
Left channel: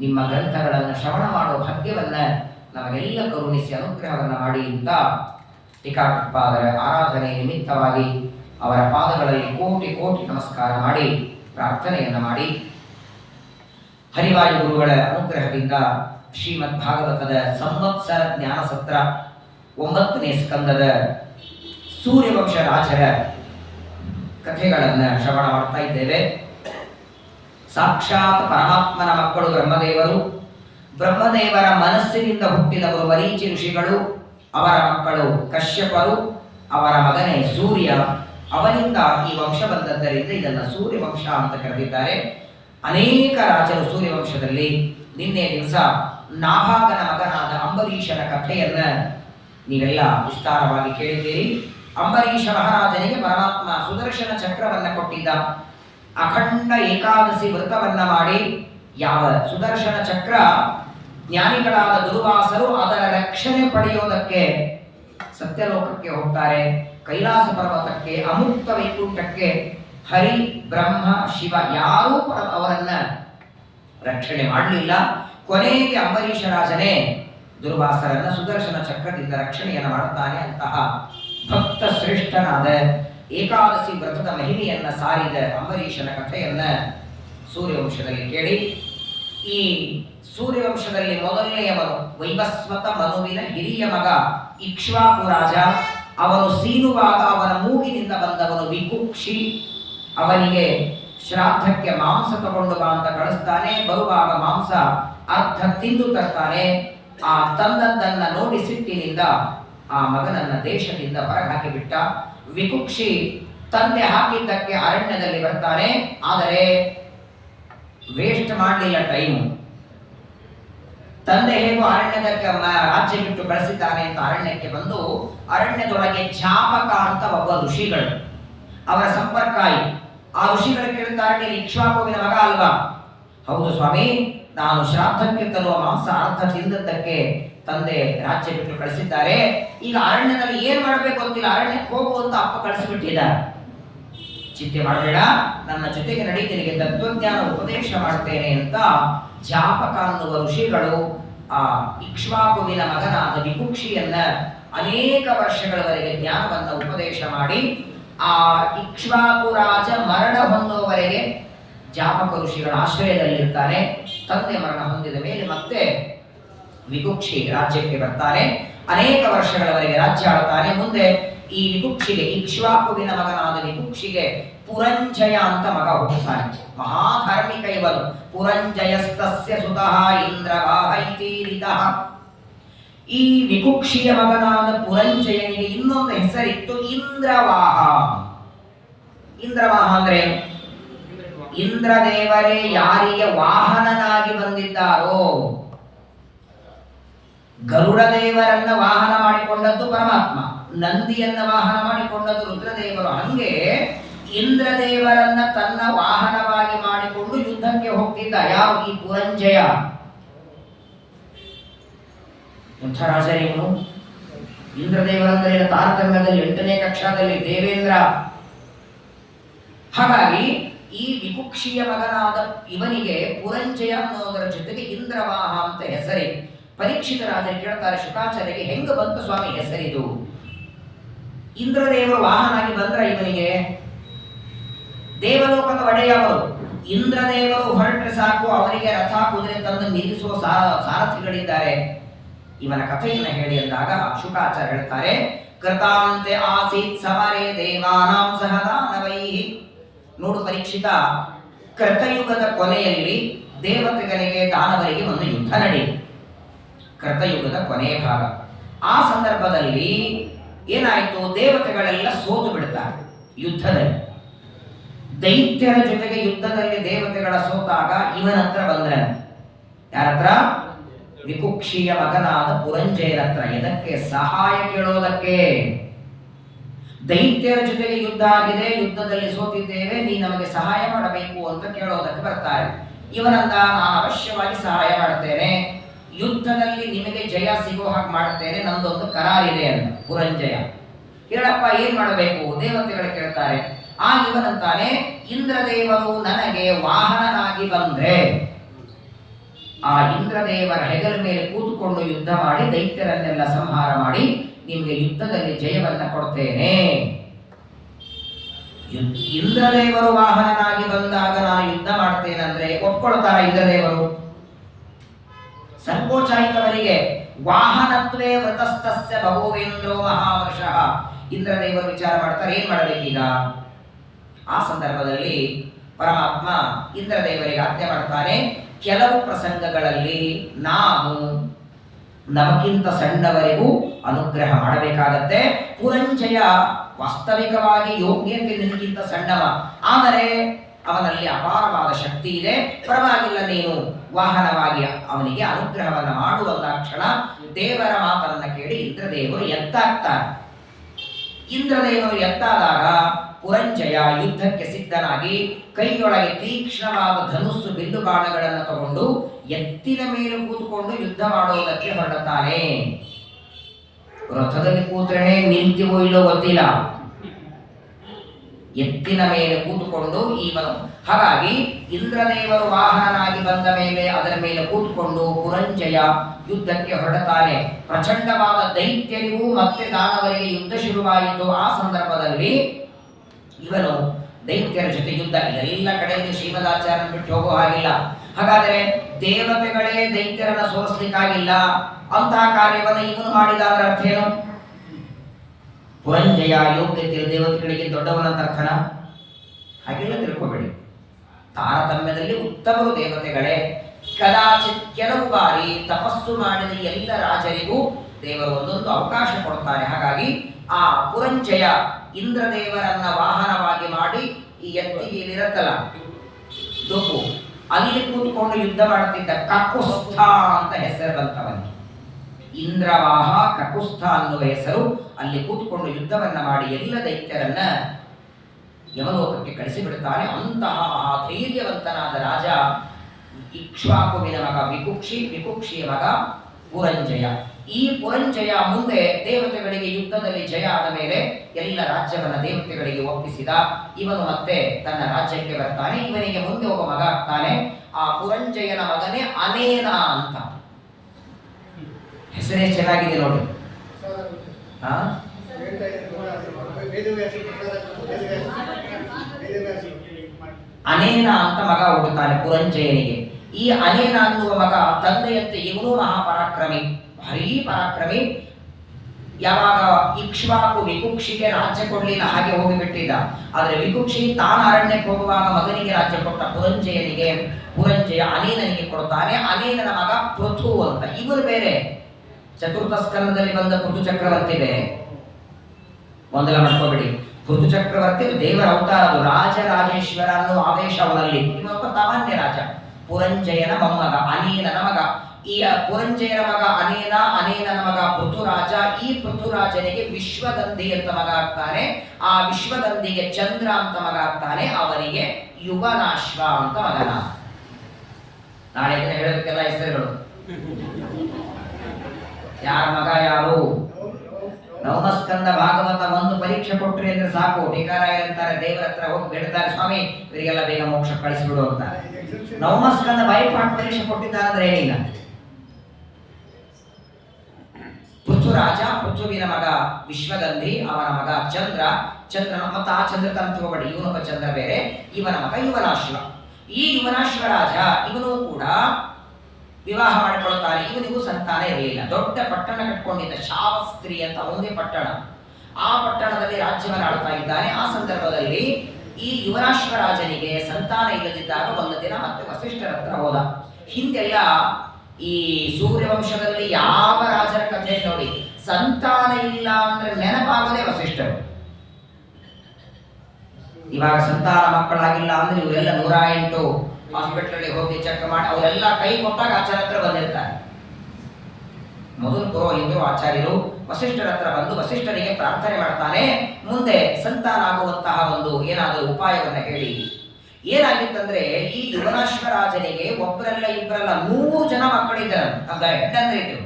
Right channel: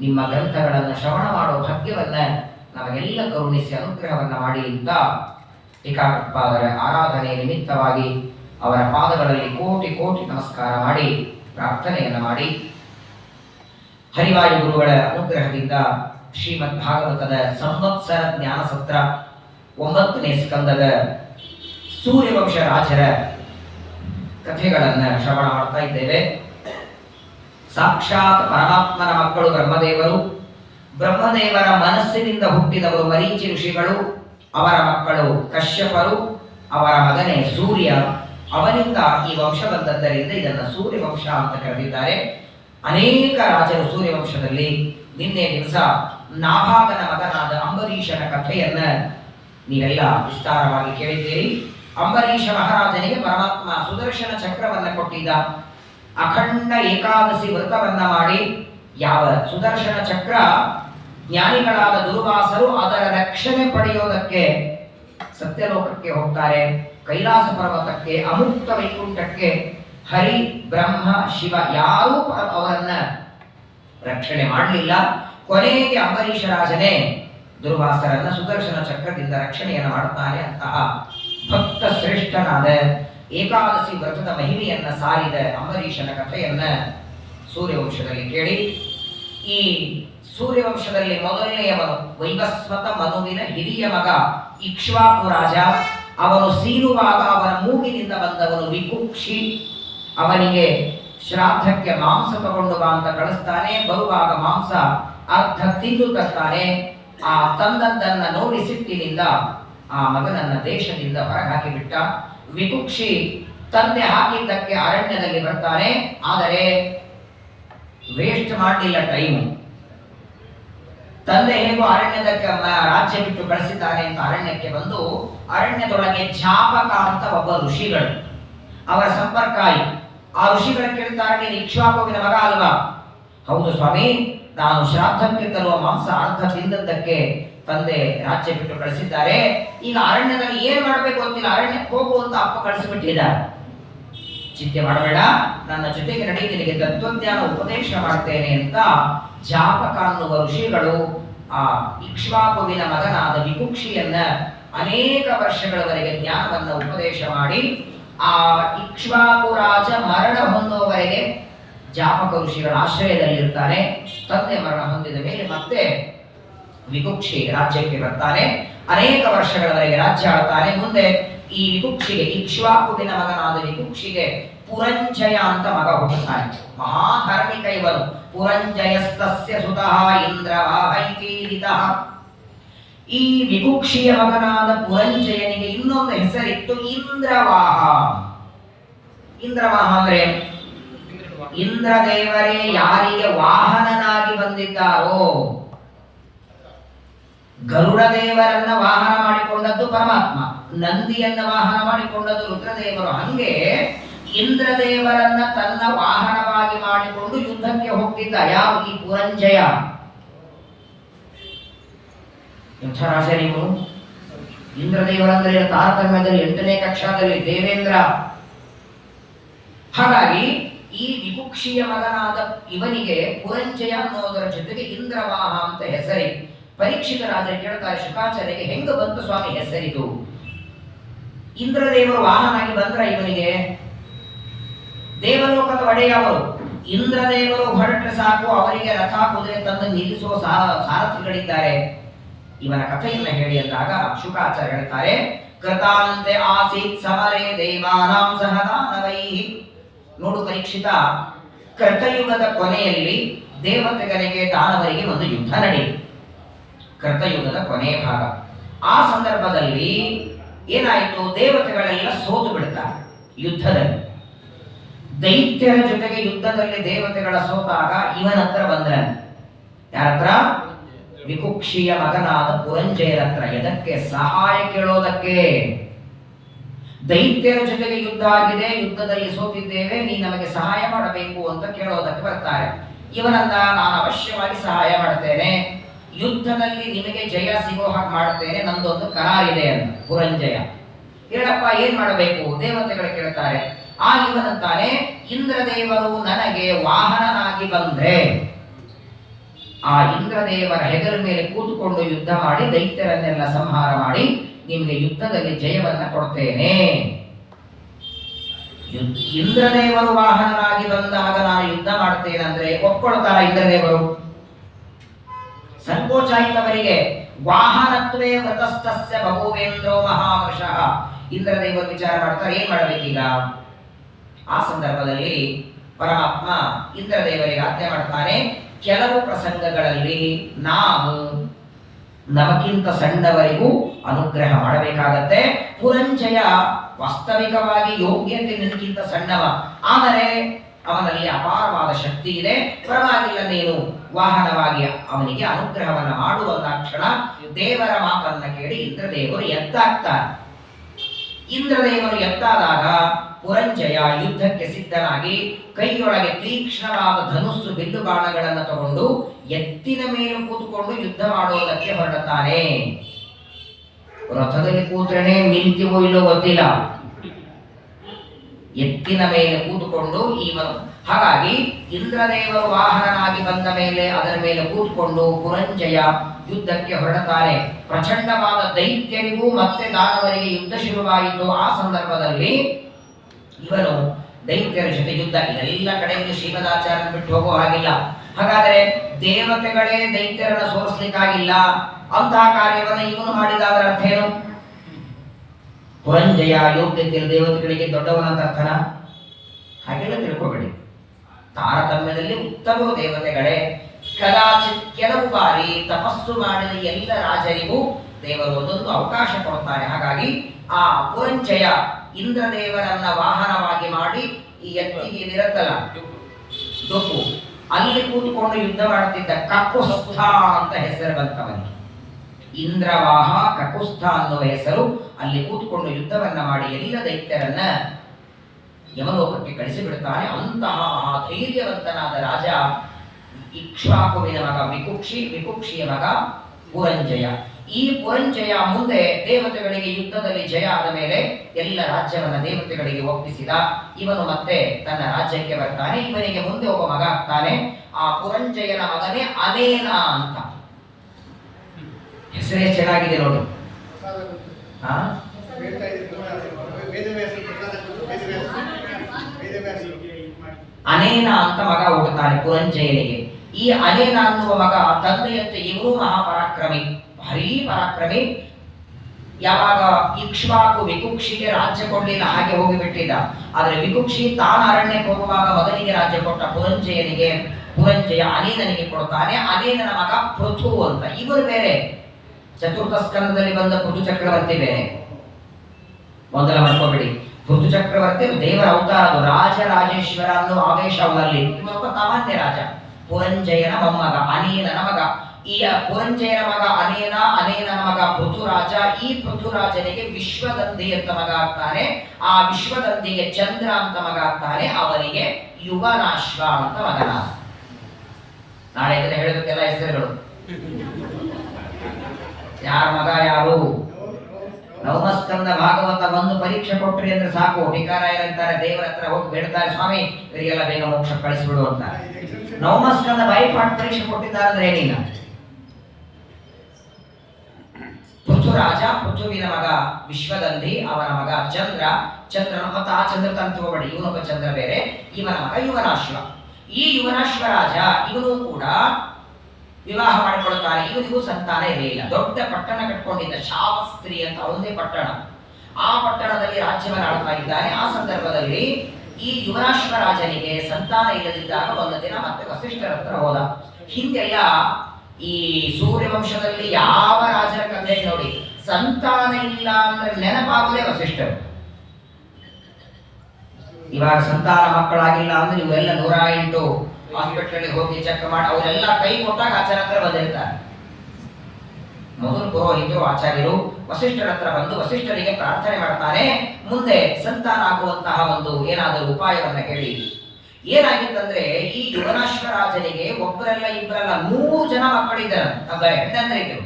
ನಿಮ್ಮ ಗ್ರಂಥಗಳನ್ನು ಶ್ರವಣ ಮಾಡೋ ಭಾಗ್ಯವನ್ನ ನಮಗೆಲ್ಲ ಕರುಣಿಸಿ ಅನುಗ್ರಹವನ್ನ ಮಾಡಿ ಅಂತ ಟೀಕಾಕೃತ್ಪಾದರ ಆರಾಧನೆ ನಿಮಿತ್ತವಾಗಿ ಅವರ ಪಾದಗಳಲ್ಲಿ ಕೋಟಿ ಕೋಟಿ ನಮಸ್ಕಾರ ಮಾಡಿ ಪ್ರಾರ್ಥನೆಯನ್ನು ಮಾಡಿ, ಹರಿವಾಯು ಗುರುಗಳ ಅನುಗ್ರಹದಿಂದ ಶ್ರೀಮದ್ ಭಾಗವತದ ಸಂವತ್ಸರ ಜ್ಞಾನ ಸತ್ರ 9ನೇ ಸ್ಕಂದದ ಸೂರ್ಯವಂಶ ರಾಜರ ಕಥೆಗಳನ್ನು ಶ್ರವಣ ಮಾಡ್ತಾ ಇದ್ದೇವೆ. ಸಾಕ್ಷಾತ್ ಪರಮಾತ್ಮನ ಮಕ್ಕಳು ಬ್ರಹ್ಮದೇವರು, ಬ್ರಹ್ಮದೇವರ ಮನಸ್ಸಿನಿಂದ ಹುಟ್ಟಿದವರು ಮರೀಚಿ ಋಷಿಗಳು, ಅವರ ಮಕ್ಕಳು ಕಶ್ಯಪರು, ಅವರ ಮಗನೇ ಸೂರ್ಯ, ಅವನಿಂದ ಈ ವಂಶ ಬಂದದ್ದರಿಂದ ಇದನ್ನು ಸೂರ್ಯವಂಶ ಅಂತ ಕರೆದಿದ್ದಾರೆ. ಅನೇಕ ರಾಜರು ಸೂರ್ಯವಂಶದಲ್ಲಿ. ನಿನ್ನೆ ದಿವಸ ನಾಭಾಗನ ಮಗನಾದ ಅಂಬರೀಷನ ಕಥೆಯನ್ನ ನೀವೆಲ್ಲ ವಿಸ್ತಾರವಾಗಿ ಕೇಳಿದ್ದೀರಿ. ಅಂಬರೀಷ ಮಹಾರಾಜನಿಗೆ ಪರಮಾತ್ಮ ಸುದರ್ಶನ ಚಕ್ರವನ್ನ ಕೊಟ್ಟಿದ್ದ. ಅಖಂಡ ಏಕಾದಶಿ ವ್ರತವನ್ನ ಮಾಡಿ ಯಾವ ಸುದರ್ಶನ ಚಕ್ರ ಜ್ಞಾನಿಗಳಾದ ದುರ್ವಾಸರು ಅದರ ರಕ್ಷಣೆ ಪಡೆಯೋದಕ್ಕೆ ಸತ್ಯಲೋಕಕ್ಕೆ ಹೋಗ್ತಾರೆ, ಕೈಲಾಸ ಪರ್ವತಕ್ಕೆ, ಅಮುಕ್ತ ವೈಕುಂಠಕ್ಕೆ. ಹರಿ ಬ್ರಹ್ಮ ಶಿವ ಯಾರೂ ಅವರನ್ನ ರಕ್ಷಣೆ ಮಾಡಲಿಲ್ಲ. ಕೊನೆಗೆ ಅಂಬರೀಷ ರಾಜನೇ ದುರ್ವಾಸರನ್ನ ಸುದರ್ಶನ ಚಕ್ರದಿಂದ ರಕ್ಷಣೆಯನ್ನು ಮಾಡುತ್ತಾನೆ. ಅಂತಹ ಭಕ್ತ ಶ್ರೇಷ್ಠನಾದ ಏಕಾದಶಿ ವ್ರತದ ಮಹಿಮೆಯನ್ನ ಸಾರಿದ ಅಂಬರೀಷನ ಕಥೆಯನ್ನ ಸೂರ್ಯವಂಶದಲ್ಲಿ ಕೇಳಿ. ಈ ಸೂರ್ಯವಂಶದಲ್ಲಿ ಮೊದಲನೆಯವನು ವೈವಸ್ವತ ಮನುವಿನ ಹಿರಿಯ ಮಗ ಇಕ್ಷ್ವಾಕು ರಾಜ. ಅವನು ಸೀನುವಾಗ ಅವನ ಮೂಗಿನಿಂದ ಬಂದವನು ವಿಕುಕ್ಷಿ. ಅವನಿಗೆ ಶ್ರಾದ್ದಕ್ಕೆ ಮಾಂಸ ತಗೊಂಡು ಬಾ ಅಂತ ಕಳಿಸ್ತಾನೆ. ಬರುವಾಗ ಮಾಂಸ ಅರ್ಧ ತಿಂದು ತರ್ತಾನೆ. ಆ ತಂದದ್ದನ್ನ ನೋಡಿ ಸಿಟ್ಟಿನಿಂದ ಆ ಮಗನನ್ನ ದೇಶದಿಂದ ಹೊರಗೆ ಹಾಕಿಬಿಟ್ಟ. ವಿಕುಕ್ಷಿ ತಂದೆ ಹಾಕಿದ್ದಕ್ಕೆ ಅರಣ್ಯದಲ್ಲಿ ಬರ್ತಾನೆ. ಆದರೆ ವೇಸ್ಟ್ ಮಾಡಲಿಲ್ಲ ಟೈಮು. ತಂದೆ ಹೇಗೂ ಅರಣ್ಯದಕ್ಕೆ ರಾಜ್ಯ ಬಿಟ್ಟು ಕಳಿಸಿದ್ದಾನೆ ಅಂತ ಅರಣ್ಯಕ್ಕೆ ಬಂದು ಅರಣ್ಯದೊಳಗೆ ಝಾಪಕ ಅಂತ ಒಬ್ಬ ಋಷಿಗಳು ಅವರ ಸಂಪರ್ಕ ಆಯಿತು. ಆ ಋಷಿಗಳು ಕೇಳ್ತಾರೆ, ನೀನು ಇಕ್ಷ್ವಾಕುವಿನ ಮಗ ಅಲ್ವಾ? ಹೌದು ಸ್ವಾಮಿ, ನಾನು ಶ್ರಾದ್ದಕ್ಕೆ ತರುವ ಮಾಂಸ ಅರ್ಧ ತಿಂದದ್ದಕ್ಕೆ ತಂದೆ ರಾಜ್ಯ ಬಿಟ್ಟು ಕಳಿಸಿದ್ದಾರೆ. ಈಗ ಅರಣ್ಯದಲ್ಲಿ ಏನ್ ಮಾಡಬೇಕು ಅಂತಿಲ್ಲ, ಅರಣ್ಯಕ್ಕೆ ಹೋಗು ಅಂತ ಅಪ್ಪ ಕಳಿಸಿಬಿಟ್ಟಿದ್ದಾರೆ. ಚಿಂತೆ ಮಾಡಬೇಡ, ನನ್ನ ಜೊತೆಗೆ ನಡಿ, ನಿನಗೆ ತತ್ವಜ್ಞಾನ ಉಪದೇಶ ಮಾಡ್ತೇನೆ ಅಂತ ಜಾಪಕ ಅನ್ನುವ ಋಷಿಗಳು ಆ ಇಕ್ಷ್ವಾಕುವಿನ ಮಗನಾದ ವಿಕುಕ್ಷಿಯನ್ನ ಅನೇಕ ವರ್ಷಗಳವರೆಗೆ ಜ್ಞಾನವನ್ನ ಉಪದೇಶ ಮಾಡಿ ಆ ಇಕ್ಷ್ವಾಕು ರಾಜ ಮರಣ ಹೊಂದುವವರೆಗೆ ಜಾಪಕ ಋಷಿಗಳ ಆಶ್ರಯದಲ್ಲಿರ್ತಾನೆ. ತಂದೆ ಮರಣ ಹೊಂದಿದ ಮೇಲೆ ಮತ್ತೆ ವಿಕುಕ್ಷಿ ರಾಜ್ಯಕ್ಕೆ ಬರ್ತಾನೆ. ಅನೇಕ ವರ್ಷಗಳವರೆಗೆ ರಾಜ್ಯ ಆಳ್ತಾನೆ. ಮುಂದೆ ಈ ವಿಕುಕ್ಷಿಗೆ, ಇಕ್ಷ್ವಾಕುವಿನ ಮಗನಾದ ವಿಕುಕ್ಷಿಗೆ ಪುರಂಜಯ ಅಂತ ಮಗ ಹುಟ್ಟುತ್ತಾನೆ. ಮಹಾಧಾರ್ಮಿಕ ಇವನು. ಪುರಂಜಯಸ್ತಸ್ಯ ಸುತಃ ಇಂದ್ರವಾಹೈತೀರಿತಃ. ಈ ವಿಕುಕ್ಷಿಯ ಮಗನಾದ ಪುರಂಜಯನಿಗೆ ಇನ್ನೊಂದು ಹೆಸರಿತ್ತು, ಇಂದ್ರವಾಹ. ಇಂದ್ರವಾಹ ಅಂದ್ರೆ ಇಂದ್ರದೇವರೇ ಯಾರಿಗೆ ವಾಹನನಾಗಿ ಬಂದಿದ್ದಾರೋ, ಗರುಡ ದೇವರನ್ನ ವಾಹನ ಮಾಡಿಕೊಂಡದ್ದು ಪರಮಾತ್ಮ, ನಂದಿಯನ್ನ ವಾಹನ ಮಾಡಿಕೊಂಡದ್ದು ರುದ್ರದೇವರು. ಹಂಗೆ ಇಂದ್ರದೇವರನ್ನ ತನ್ನ ವಾಹನವಾಗಿ ಮಾಡಿಕೊಂಡು ಯುದ್ಧಕ್ಕೆ ಹೋಗ್ತಿದ್ದ ಯಾರು? ಈ ಪುರಂಜಯ. ಎಂಥ ರಾಜರೇನು! ಇಂದ್ರದೇವರಂದ್ರೆ ತಾರತಮ್ಯದಲ್ಲಿ 8ನೇ ಕಕ್ಷಾದಲ್ಲಿ ದೇವೇಂದ್ರ. ಹಾಗಾಗಿ ಈ ವಿಕುಕ್ಷಿಯ ಮಗನಾದ ಇವನಿಗೆ ಪುರಂಜಯ ಅನ್ನೋದರ ಜೊತೆಗೆ ಇಂದ್ರವಾಹ ಅಂತ ಹೆಸರಿ. ಪರೀಕ್ಷಿತ ರಾಜರು ಕೇಳ್ತಾರೆ ಶುಕಾಚಾರ್ಯರಿಗೆ, ಹೆಂಗ ಬಂತು ಸ್ವಾಮಿ ಹೆಸರಿದು? ಇಂದ್ರದೇವರು ವಾಹನಾಗಿ ಬಂದ್ರ ಇವನಿಗೆ? ದೇವಲೋಕದ ಒಡೆಯವರು. ಇಂದ್ರದೇವರು ಹೊರಟ್ರೆ ಸಾಕು, ಅವರಿಗೆ ರಥ ಕುದುರೆ ತಂದು ನಿಲ್ಲಿಸುವ ಸಾರಥಿಗಳಿದ್ದಾರೆ. ಇವನ ಕಥೆಯನ್ನು ಹೇಳಿ ಅಂದಾಗ ಶುಕಾಚಾರ್ಯ ಹೇಳ್ತಾರೆ, ಕೃತಾಂತೆ ಆಸೀತ್ ಸಮರೇ ದೇವಾನಾಂ ಸಹ ದಾನವೈಹಿ. ನೋಡು ಪರೀಕ್ಷಿತ, ಕೃತಯುಗದ ಕೊನೆಯಲ್ಲಿ ದೇವತೆಗಳಿಗೆ ದಾನವರಿಗೆ ಒಂದು ಯುದ್ಧ ನಡೆಯಿತು. ಕೃತಯುಗದ ಕೊನೆಯ ಭಾಗ. ಆ ಸಂದರ್ಭದಲ್ಲಿ ಏನಾಯಿತು? ದೇವತೆಗಳೆಲ್ಲ ಸೋತು ಬಿಡ್ತಾರೆ ಯುದ್ಧದಲ್ಲಿ. ದೈತ್ಯರ ಜೊತೆಗೆ ಯುದ್ಧದಲ್ಲಿ ದೇವತೆಗಳ ಸೋತಾಗ ಇವನ ಹತ್ರ ಬಂದ್ರ. ಯಾರತ್ರ? ವಿಕುಕ್ಷಿಯ ಮಗನಾದ ಪುರಂಜಯನ ಹತ್ರ. ಎದಕ್ಕೆ? ಸಹಾಯ ಕೇಳೋದಕ್ಕೆ. ದೈತ್ಯರ ಜೊತೆಗೆ ಯುದ್ಧ ಆಗಿದೆ, ಯುದ್ಧದಲ್ಲಿ ಸೋತಿದ್ದೇವೆ, ನೀ ನಮಗೆ ಸಹಾಯ ಮಾಡಬೇಕು ಅಂತ ಕೇಳೋದಕ್ಕೆ ಬರ್ತಾರೆ. ಇವನಂದ, ನಾನು ಅವಶ್ಯವಾಗಿ ಸಹಾಯ ಮಾಡ್ತೇನೆ, ಯುದ್ಧದಲ್ಲಿ ನಿಮಗೆ ಜಯ ಸಿಗೋ ಹಾಗೆ ಮಾಡ್ತೇನೆ, ನಮ್ದೊಂದು ಕರಾರಿದೆ ಅಂತ. ಪುರಂಜಯ ಹೇಳಪ್ಪ ಏನ್ ಮಾಡಬೇಕು? ದೇವತೆಗಳು ಕೇಳ್ತಾರೆ. ಇವನಂತಾನೆ, ಇಂದ್ರದೇವರು ನನಗೆ ವಾಹನನಾಗಿ ಬಂದ್ರೆ ಆ ಇಂದ್ರದೇವರ ಹೆಗಲ ಮೇಲೆ ಕೂತುಕೊಂಡು ಯುದ್ಧ ಮಾಡಿ ದೈತ್ಯರನ್ನೆಲ್ಲ ಸಂಹಾರ ಮಾಡಿ ನಿಮಗೆ ಯುದ್ಧದಲ್ಲಿ ಜಯವನ್ನ ಕೊಡ್ತೇನೆ. ಇಂದ್ರದೇವರು ವಾಹನನಾಗಿ ಬಂದಾಗ ನಾನು ಯುದ್ಧ ಮಾಡ್ತೇನಂದ್ರೆ ಒಪ್ಕೊಳ್ತಾರ ಇಂದ್ರದೇವರು? ಸಂಕೋಚ ಆಯ್ತವರಿಗೆ. ವಾಹನತ್ವೇ ವ್ರತಸ್ಥಸ್ಯ ಬಭೂವೇಂದ್ರೋ ಮಹಾವರ್ಷಃ. ಇಂದ್ರದೇವರು ವಿಚಾರ ಮಾಡ್ತಾರೆ, ಏನ್ ಮಾಡಬೇಕೀಗ? ಆ ಸಂದರ್ಭದಲ್ಲಿ ಪರಮಾತ್ಮ ಇಂದ್ರದೇವರಿಗೆ ಆಜ್ಞೆ ಮಾಡ್ತಾನೆ, ಕೆಲವು ಪ್ರಸಂಗಗಳಲ್ಲಿ ನಾವು ನಮಗಿಂತ ಸಣ್ಣವರಿಗೂ ಅನುಗ್ರಹ ಮಾಡಬೇಕಾಗತ್ತೆ. ಪುರಂಜಯ ವಾಸ್ತವಿಕವಾಗಿ ಯೋಗ್ಯತೆ ನಿನಗಿಂತ ಸಣ್ಣವ, ಆದರೆ ಅವನಲ್ಲಿ ಅಪಾರವಾದ ಶಕ್ತಿ ಇದೆ, ಪರವಾಗಿಲ್ಲ, ನೀನು ವಾಹನವಾಗಿ ಅವನಿಗೆ ಅನುಗ್ರಹವನ್ನು ಮಾಡುವಂದಾಕ್ಷಣ ದೇವರ ಮಾತನ್ನ ಕೇಳಿ ಇಂದ್ರದೇವರು ಎತ್ತಾಗ್ತಾರೆ. ಇಂದ್ರದೇವರು ಎತ್ತಾದಾಗ ಪುರಂಜಯ ಯುದ್ಧಕ್ಕೆ ಸಿದ್ಧನಾಗಿ ಕೈಯೊಳಗೆ ತೀಕ್ಷ್ಣವಾದ ಧನುಸ್ಸು ಬಿಲ್ಲು ಬಾಣಗಳನ್ನು ತಗೊಂಡು ಎತ್ತಿನ ಮೇಲೆ ಕೂತ್ಕೊಂಡು ಯುದ್ಧ ಮಾಡೋದಕ್ಕೆ ಹೊರಡುತ್ತಾನೆ. ರಥದಲ್ಲಿ ಕೂತ್ರೇನೆ ನಿಲ್ತೀವೋ ಇಲ್ಲೋ ಗೊತ್ತಿಲ್ಲ, ಎತ್ತಿನ ಮೇಲೆ ಕೂತುಕೊಂಡು ಇವನು. ಹಾಗಾಗಿ ಇಂದ್ರದೇವರು ವಾಹನನಾಗಿ ಬಂದ ಮೇಲೆ ಅದರ ಮೇಲೆ ಕೂತ್ಕೊಂಡು ಪುರಂಜಯ ಯುದ್ಧಕ್ಕೆ ಹೊರಡುತ್ತಾನೆ. ಪ್ರಚಂಡವಾದ ದೈತ್ಯರಿಗೂ ಮತ್ತೆ ದಾನವರಿಗೆ ಯುದ್ಧ ಶುರುವಾಯಿತು. ಆ ಸಂದರ್ಭದಲ್ಲಿ ಇವನು ದೈತ್ಯರ ಜೊತೆ ಯುದ್ಧ. ಇದೆಲ್ಲ ಕಡೆಯಿಂದ ಶ್ರೀಮದಾಚಾರ್ಯನ ಬಿಟ್ಟು ಹೋಗೋ ಹಾಗಿಲ್ಲ. ಹಾಗಾದರೆ ದೇವತೆಗಳೇ ದೈತ್ಯರನ್ನ ಸೋಲಿಸ್ಲಿಕ್ಕಾಗಿಲ್ಲ, ಅಂತಹ ಕಾರ್ಯವನ್ನು ಇವನು ಮಾಡಿದಾದ್ರ ಅರ್ಥ ಏನು? ಪುರಂಜಯ ಯೋಗ್ಯತೆ ದೇವತೆಗಳಿಗೆ ದೊಡ್ಡವನಂತ ಅರ್ಥನ? ಹಾಗೆಲ್ಲ ತಿಳ್ಕೊಬೇಡಿ. ತಾರತಮ್ಯದಲ್ಲಿ ಉತ್ತಮರು ದೇವತೆಗಳೇ. ಕದಾಚಿತ್ ಕೆಲವು ಬಾರಿ ತಪಸ್ಸು ಮಾಡಿದ ಎಲ್ಲ ರಾಜರಿಗೂ ದೇವರು ಒಂದೊಂದು ಅವಕಾಶ ಕೊಡ್ತಾರೆ. ಹಾಗಾಗಿ ಆ ಪುರಂಜಯ ಇಂದ್ರದೇವರನ್ನ ವಾಹನವಾಗಿ ಮಾಡಿ ಈ ಎತ್ತಿಗೆ ನಿರತಲ ದುಪ್ಪು ಅಲ್ಲಿ ಕೂತ್ಕೊಂಡು ಯುದ್ಧ ಮಾಡುತ್ತಿದ್ದ ಕಕುಸ್ಥ ಅಂತ ಹೆಸರು ಬಂತವನಿಗೆ. ಇಂದ್ರವಾಹ ಕಕುಸ್ಥ ಅನ್ನುವ ಹೆಸರು. ಅಲ್ಲಿ ಕೂತ್ಕೊಂಡು ಯುದ್ಧವನ್ನ ಮಾಡಿ ಎಲ್ಲ ದೈತ್ಯರನ್ನ ಯಮಲೋಕಕ್ಕೆ ಕಳಿಸಿಬಿಡುತ್ತಾನೆ. ಅಂತಹ ಧೈರ್ಯವಂತನಾದ ರಾಜ ಇಕ್ಷ್ವಾಕುವಿನ ಮಗ ವಿಕುಕ್ಷಿ, ವಿಕುಕ್ಷಿಯ ಮಗ ಪುರಂಜಯ. ಈ ಪುರಂಜಯ ಮುಂದೆ ದೇವತೆಗಳಿಗೆ ಯುದ್ಧದಲ್ಲಿ ಜಯ ಆದ ಮೇಲೆ ಎಲ್ಲ ರಾಜ್ಯವನ್ನ ದೇವತೆಗಳಿಗೆ ಒಪ್ಪಿಸಿದ. ಇವನು ಮತ್ತೆ ತನ್ನ ರಾಜ್ಯಕ್ಕೆ ಬರ್ತಾನೆ. ಇವನಿಗೆ ಮುಂದೆ ಒಬ್ಬ ಮಗ ಆಗ್ತಾನೆ. ಆ ಪುರಂಜಯನ ಮಗನೇ ಅನೇನ ಅಂತ. ಹೆಸರೇ ಚೆನ್ನಾಗಿದೆ ನೋಡಿ. ಅನೇನ ಅಂತ ಮಗ ಹುಟ್ಟುತ್ತಾನೆ ಪುರಂಜಯನಿಗೆ. ಈ ಅನೇನ ಅನ್ನುವ ಮಗ ತಂದೆಯಂತೆ ಇವನು ಮಹಾಪರಾಕ್ರಮಿ, ಭಾರೀ ಪರಾಕ್ರಮಿ. ಯಾವಾಗ ಇಕ್ಷ್ವಾಕು ವಿಕುಕ್ಷಿಗೆ ರಾಜ್ಯ ಕೊಡ್ಲಿಲ್ಲ, ಹಾಗೆ ಹೋಗಿಬಿಟ್ಟಿದ್ದ. ಆದ್ರೆ ವಿಕುಕ್ಷಿ ತಾನು ಅರಣ್ಯಕ್ಕೆ ಹೋಗುವಾಗ ಮಗನಿಗೆ ರಾಜ್ಯ ಕೊಟ್ಟ ಪುರಂಜಯನಿಗೆ. ಪುರಂಜಯ ಅನೇನನಿಗೆ ಕೊಡ್ತಾನೆ. ಅನೇನನ ಮಗ ಪೃಥು ಅಂತ. ಇವರು ಬೇರೆ. ಚತುರ್ಥ ಸ್ಕಂದದಲ್ಲಿ ಬಂದ ಪೃಥು ಚಕ್ರವರ್ತಿ ಬೇರೆ, ಮೊದಲ ಮಾಡ್ಕೋಬೇಡಿ. ಪೃಥು ಚಕ್ರವರ್ತಿ ದೇವರ ಅವತಾರ, ಅದು ರಾಜರಾಜೇಶ್ವರ ಅನ್ನುವ ಆವೇಶ ಅವನಲ್ಲಿ. ಇವನೊಬ್ಬ ಸಾಮಾನ್ಯ ರಾಜ. ಪುರಂಜಯನ ಮೊಮ್ಮಗ, ಅನೇನನ ಮಗ. ಈ ಪುರಂಜಯನ ಮಗ ಅನೇನ, ಅನೇನನ ಮಗ ಪೃಥುರಾಜ. ಈ ಪೃಥುರಾಜನಿಗೆ ವಿಶ್ವಗಂಧಿ ಅಂತ ಮಗ ಆಗ್ತಾನೆ. ಆ ವಿಶ್ವಗಂಧಿಗೆ ಚಂದ್ರ ಅಂತ ಮಗ ಆಗ್ತಾನೆ. ಅವರಿಗೆ ಯುವನಾಶ್ವ ಅಂತ ಮಗನ. ನಾಳೆ ಇದನ್ನ ಹೇಳೋದಕ್ಕೆಲ್ಲ ಹೆಸರುಗಳು. ಯಾರ ಮಗ ಯಾರು? ನವಮಸ್ಕಂದ ಭಾಗವತ ಒಂದು ಪರೀಕ್ಷೆ ಕೊಟ್ರಿ ಅಂದ್ರೆ ಸಾಕು. ಟೀಕಾರಾಯರಂತಾರೆ, ದೇವರ ಹತ್ರ ಹೋಗಿ ಬೇಡ್ತಾರೆ, ಸ್ವಾಮಿ ಇವರಿಗೆಲ್ಲ ಬೇಗ ಮೋಕ್ಷ ಕಳಿಸ್ಬಿಡು ಅಂತ. ನವಮಸ್ಕಂದ ಬೈಪಾಟ್ ಪರೀಕ್ಷೆ ಕೊಟ್ಟಿದ್ದಾರಂದ್ರೆ ಏನಿಲ್ಲ. ಪೃಥುರಾಜ, ಪೃಥುವಿನ ಮಗ ವಿಶ್ವಗಂಧಿ, ಅವನ ಮಗ ಚಂದ್ರ. ಚಂದ್ರನ ಮತ್ತು ಆ ಚಂದ್ರ ತಾನು ತಗೋಬೇಡಿ, ಇವನೊಬ್ಬ ಚಂದ್ರ ಬೇರೆ. ಇವನ ಮಗ ಯುವನಾಶ್ವ. ಈ ಯುವನಾಶ್ವ ರಾಜ ಇವನು ಕೂಡ ವಿವಾಹ ಮಾಡಿಕೊಳ್ಳುತ್ತಾನೆ. ಇವನಿಗೂ ಸಂತಾನ ಇರಲಿಲ್ಲ. ದೊಡ್ಡ ಪಟ್ಟಣ ಕಟ್ಕೊಂಡಿದ್ದ, ಶಾವಸ್ತ್ರಿ ಅಂತ ಒಂದೇ ಪಟ್ಟಣ. ಆ ಪಟ್ಟಣದಲ್ಲಿ ರಾಜ್ಯವನ್ನು ಆಳ್ತಾ ಇದ್ದಾನೆ. ಆ ಸಂದರ್ಭದಲ್ಲಿ ಈ ಯುವನಾಶ್ವ ರಾಜನಿಗೆ ಸಂತಾನ ಇಲ್ಲದಿದ್ದಾಗ ಒಂದು ದಿನ ಮತ್ತೆ ವಸಿಷ್ಠರ ಹತ್ರ ಹೋದ. ಹಿಂದೆಲ್ಲ ಈ ಸೂರ್ಯವಂಶದಲ್ಲಿ ಯಾವ ರಾಜರ ಕಥೆ ನೋಡಿ, ಸಂತಾನ ಇಲ್ಲ ಅಂದ್ರೆ ನೆನಪಾಗೋದೇ ವಸಿಷ್ಠರು. ಇವಾಗ ಸಂತಾನ ಮಕ್ಕಳಾಗಿಲ್ಲ ಅಂದ್ರೆ ಇವರೆಲ್ಲ 108 ಹಾಸ್ಪಿಟಲ್ ಹೋಗಿ ಚೆಕ್ ಮಾಡಿ ಅವರೆಲ್ಲ ಕೈ ಕೊಟ್ಟಾಗ ಆಚಾರ ಹತ್ರ ಬಂದಿರ್ತಾರೆ. ಮೊದಲು ಪುರೋಹಿತರು ಆಚಾರ್ಯರು ವಸಿಷ್ಠರ ಹತ್ರ ಬಂದು ವಸಿಷ್ಠರಿಗೆ ಪ್ರಾರ್ಥನೆ ಮಾಡ್ತಾನೆ, ಮುಂದೆ ಸಂತಾನ ಆಗುವಂತಹ ಒಂದು ಏನಾದರೂ ಉಪಾಯವನ್ನು ಹೇಳಿ. ಏನಾಗಿತ್ತಂದ್ರೆ ಈ ಯುವನಾಶ್ವರಾಜನಿಗೆ ಒಬ್ಬರಲ್ಲ ಇಬ್ಬರಲ್ಲ 100 ಜನ ಮಕ್ಕಳಿದ್ದಾರೆ. ಹೆಂಡಂದ್ರಿದ್ರು.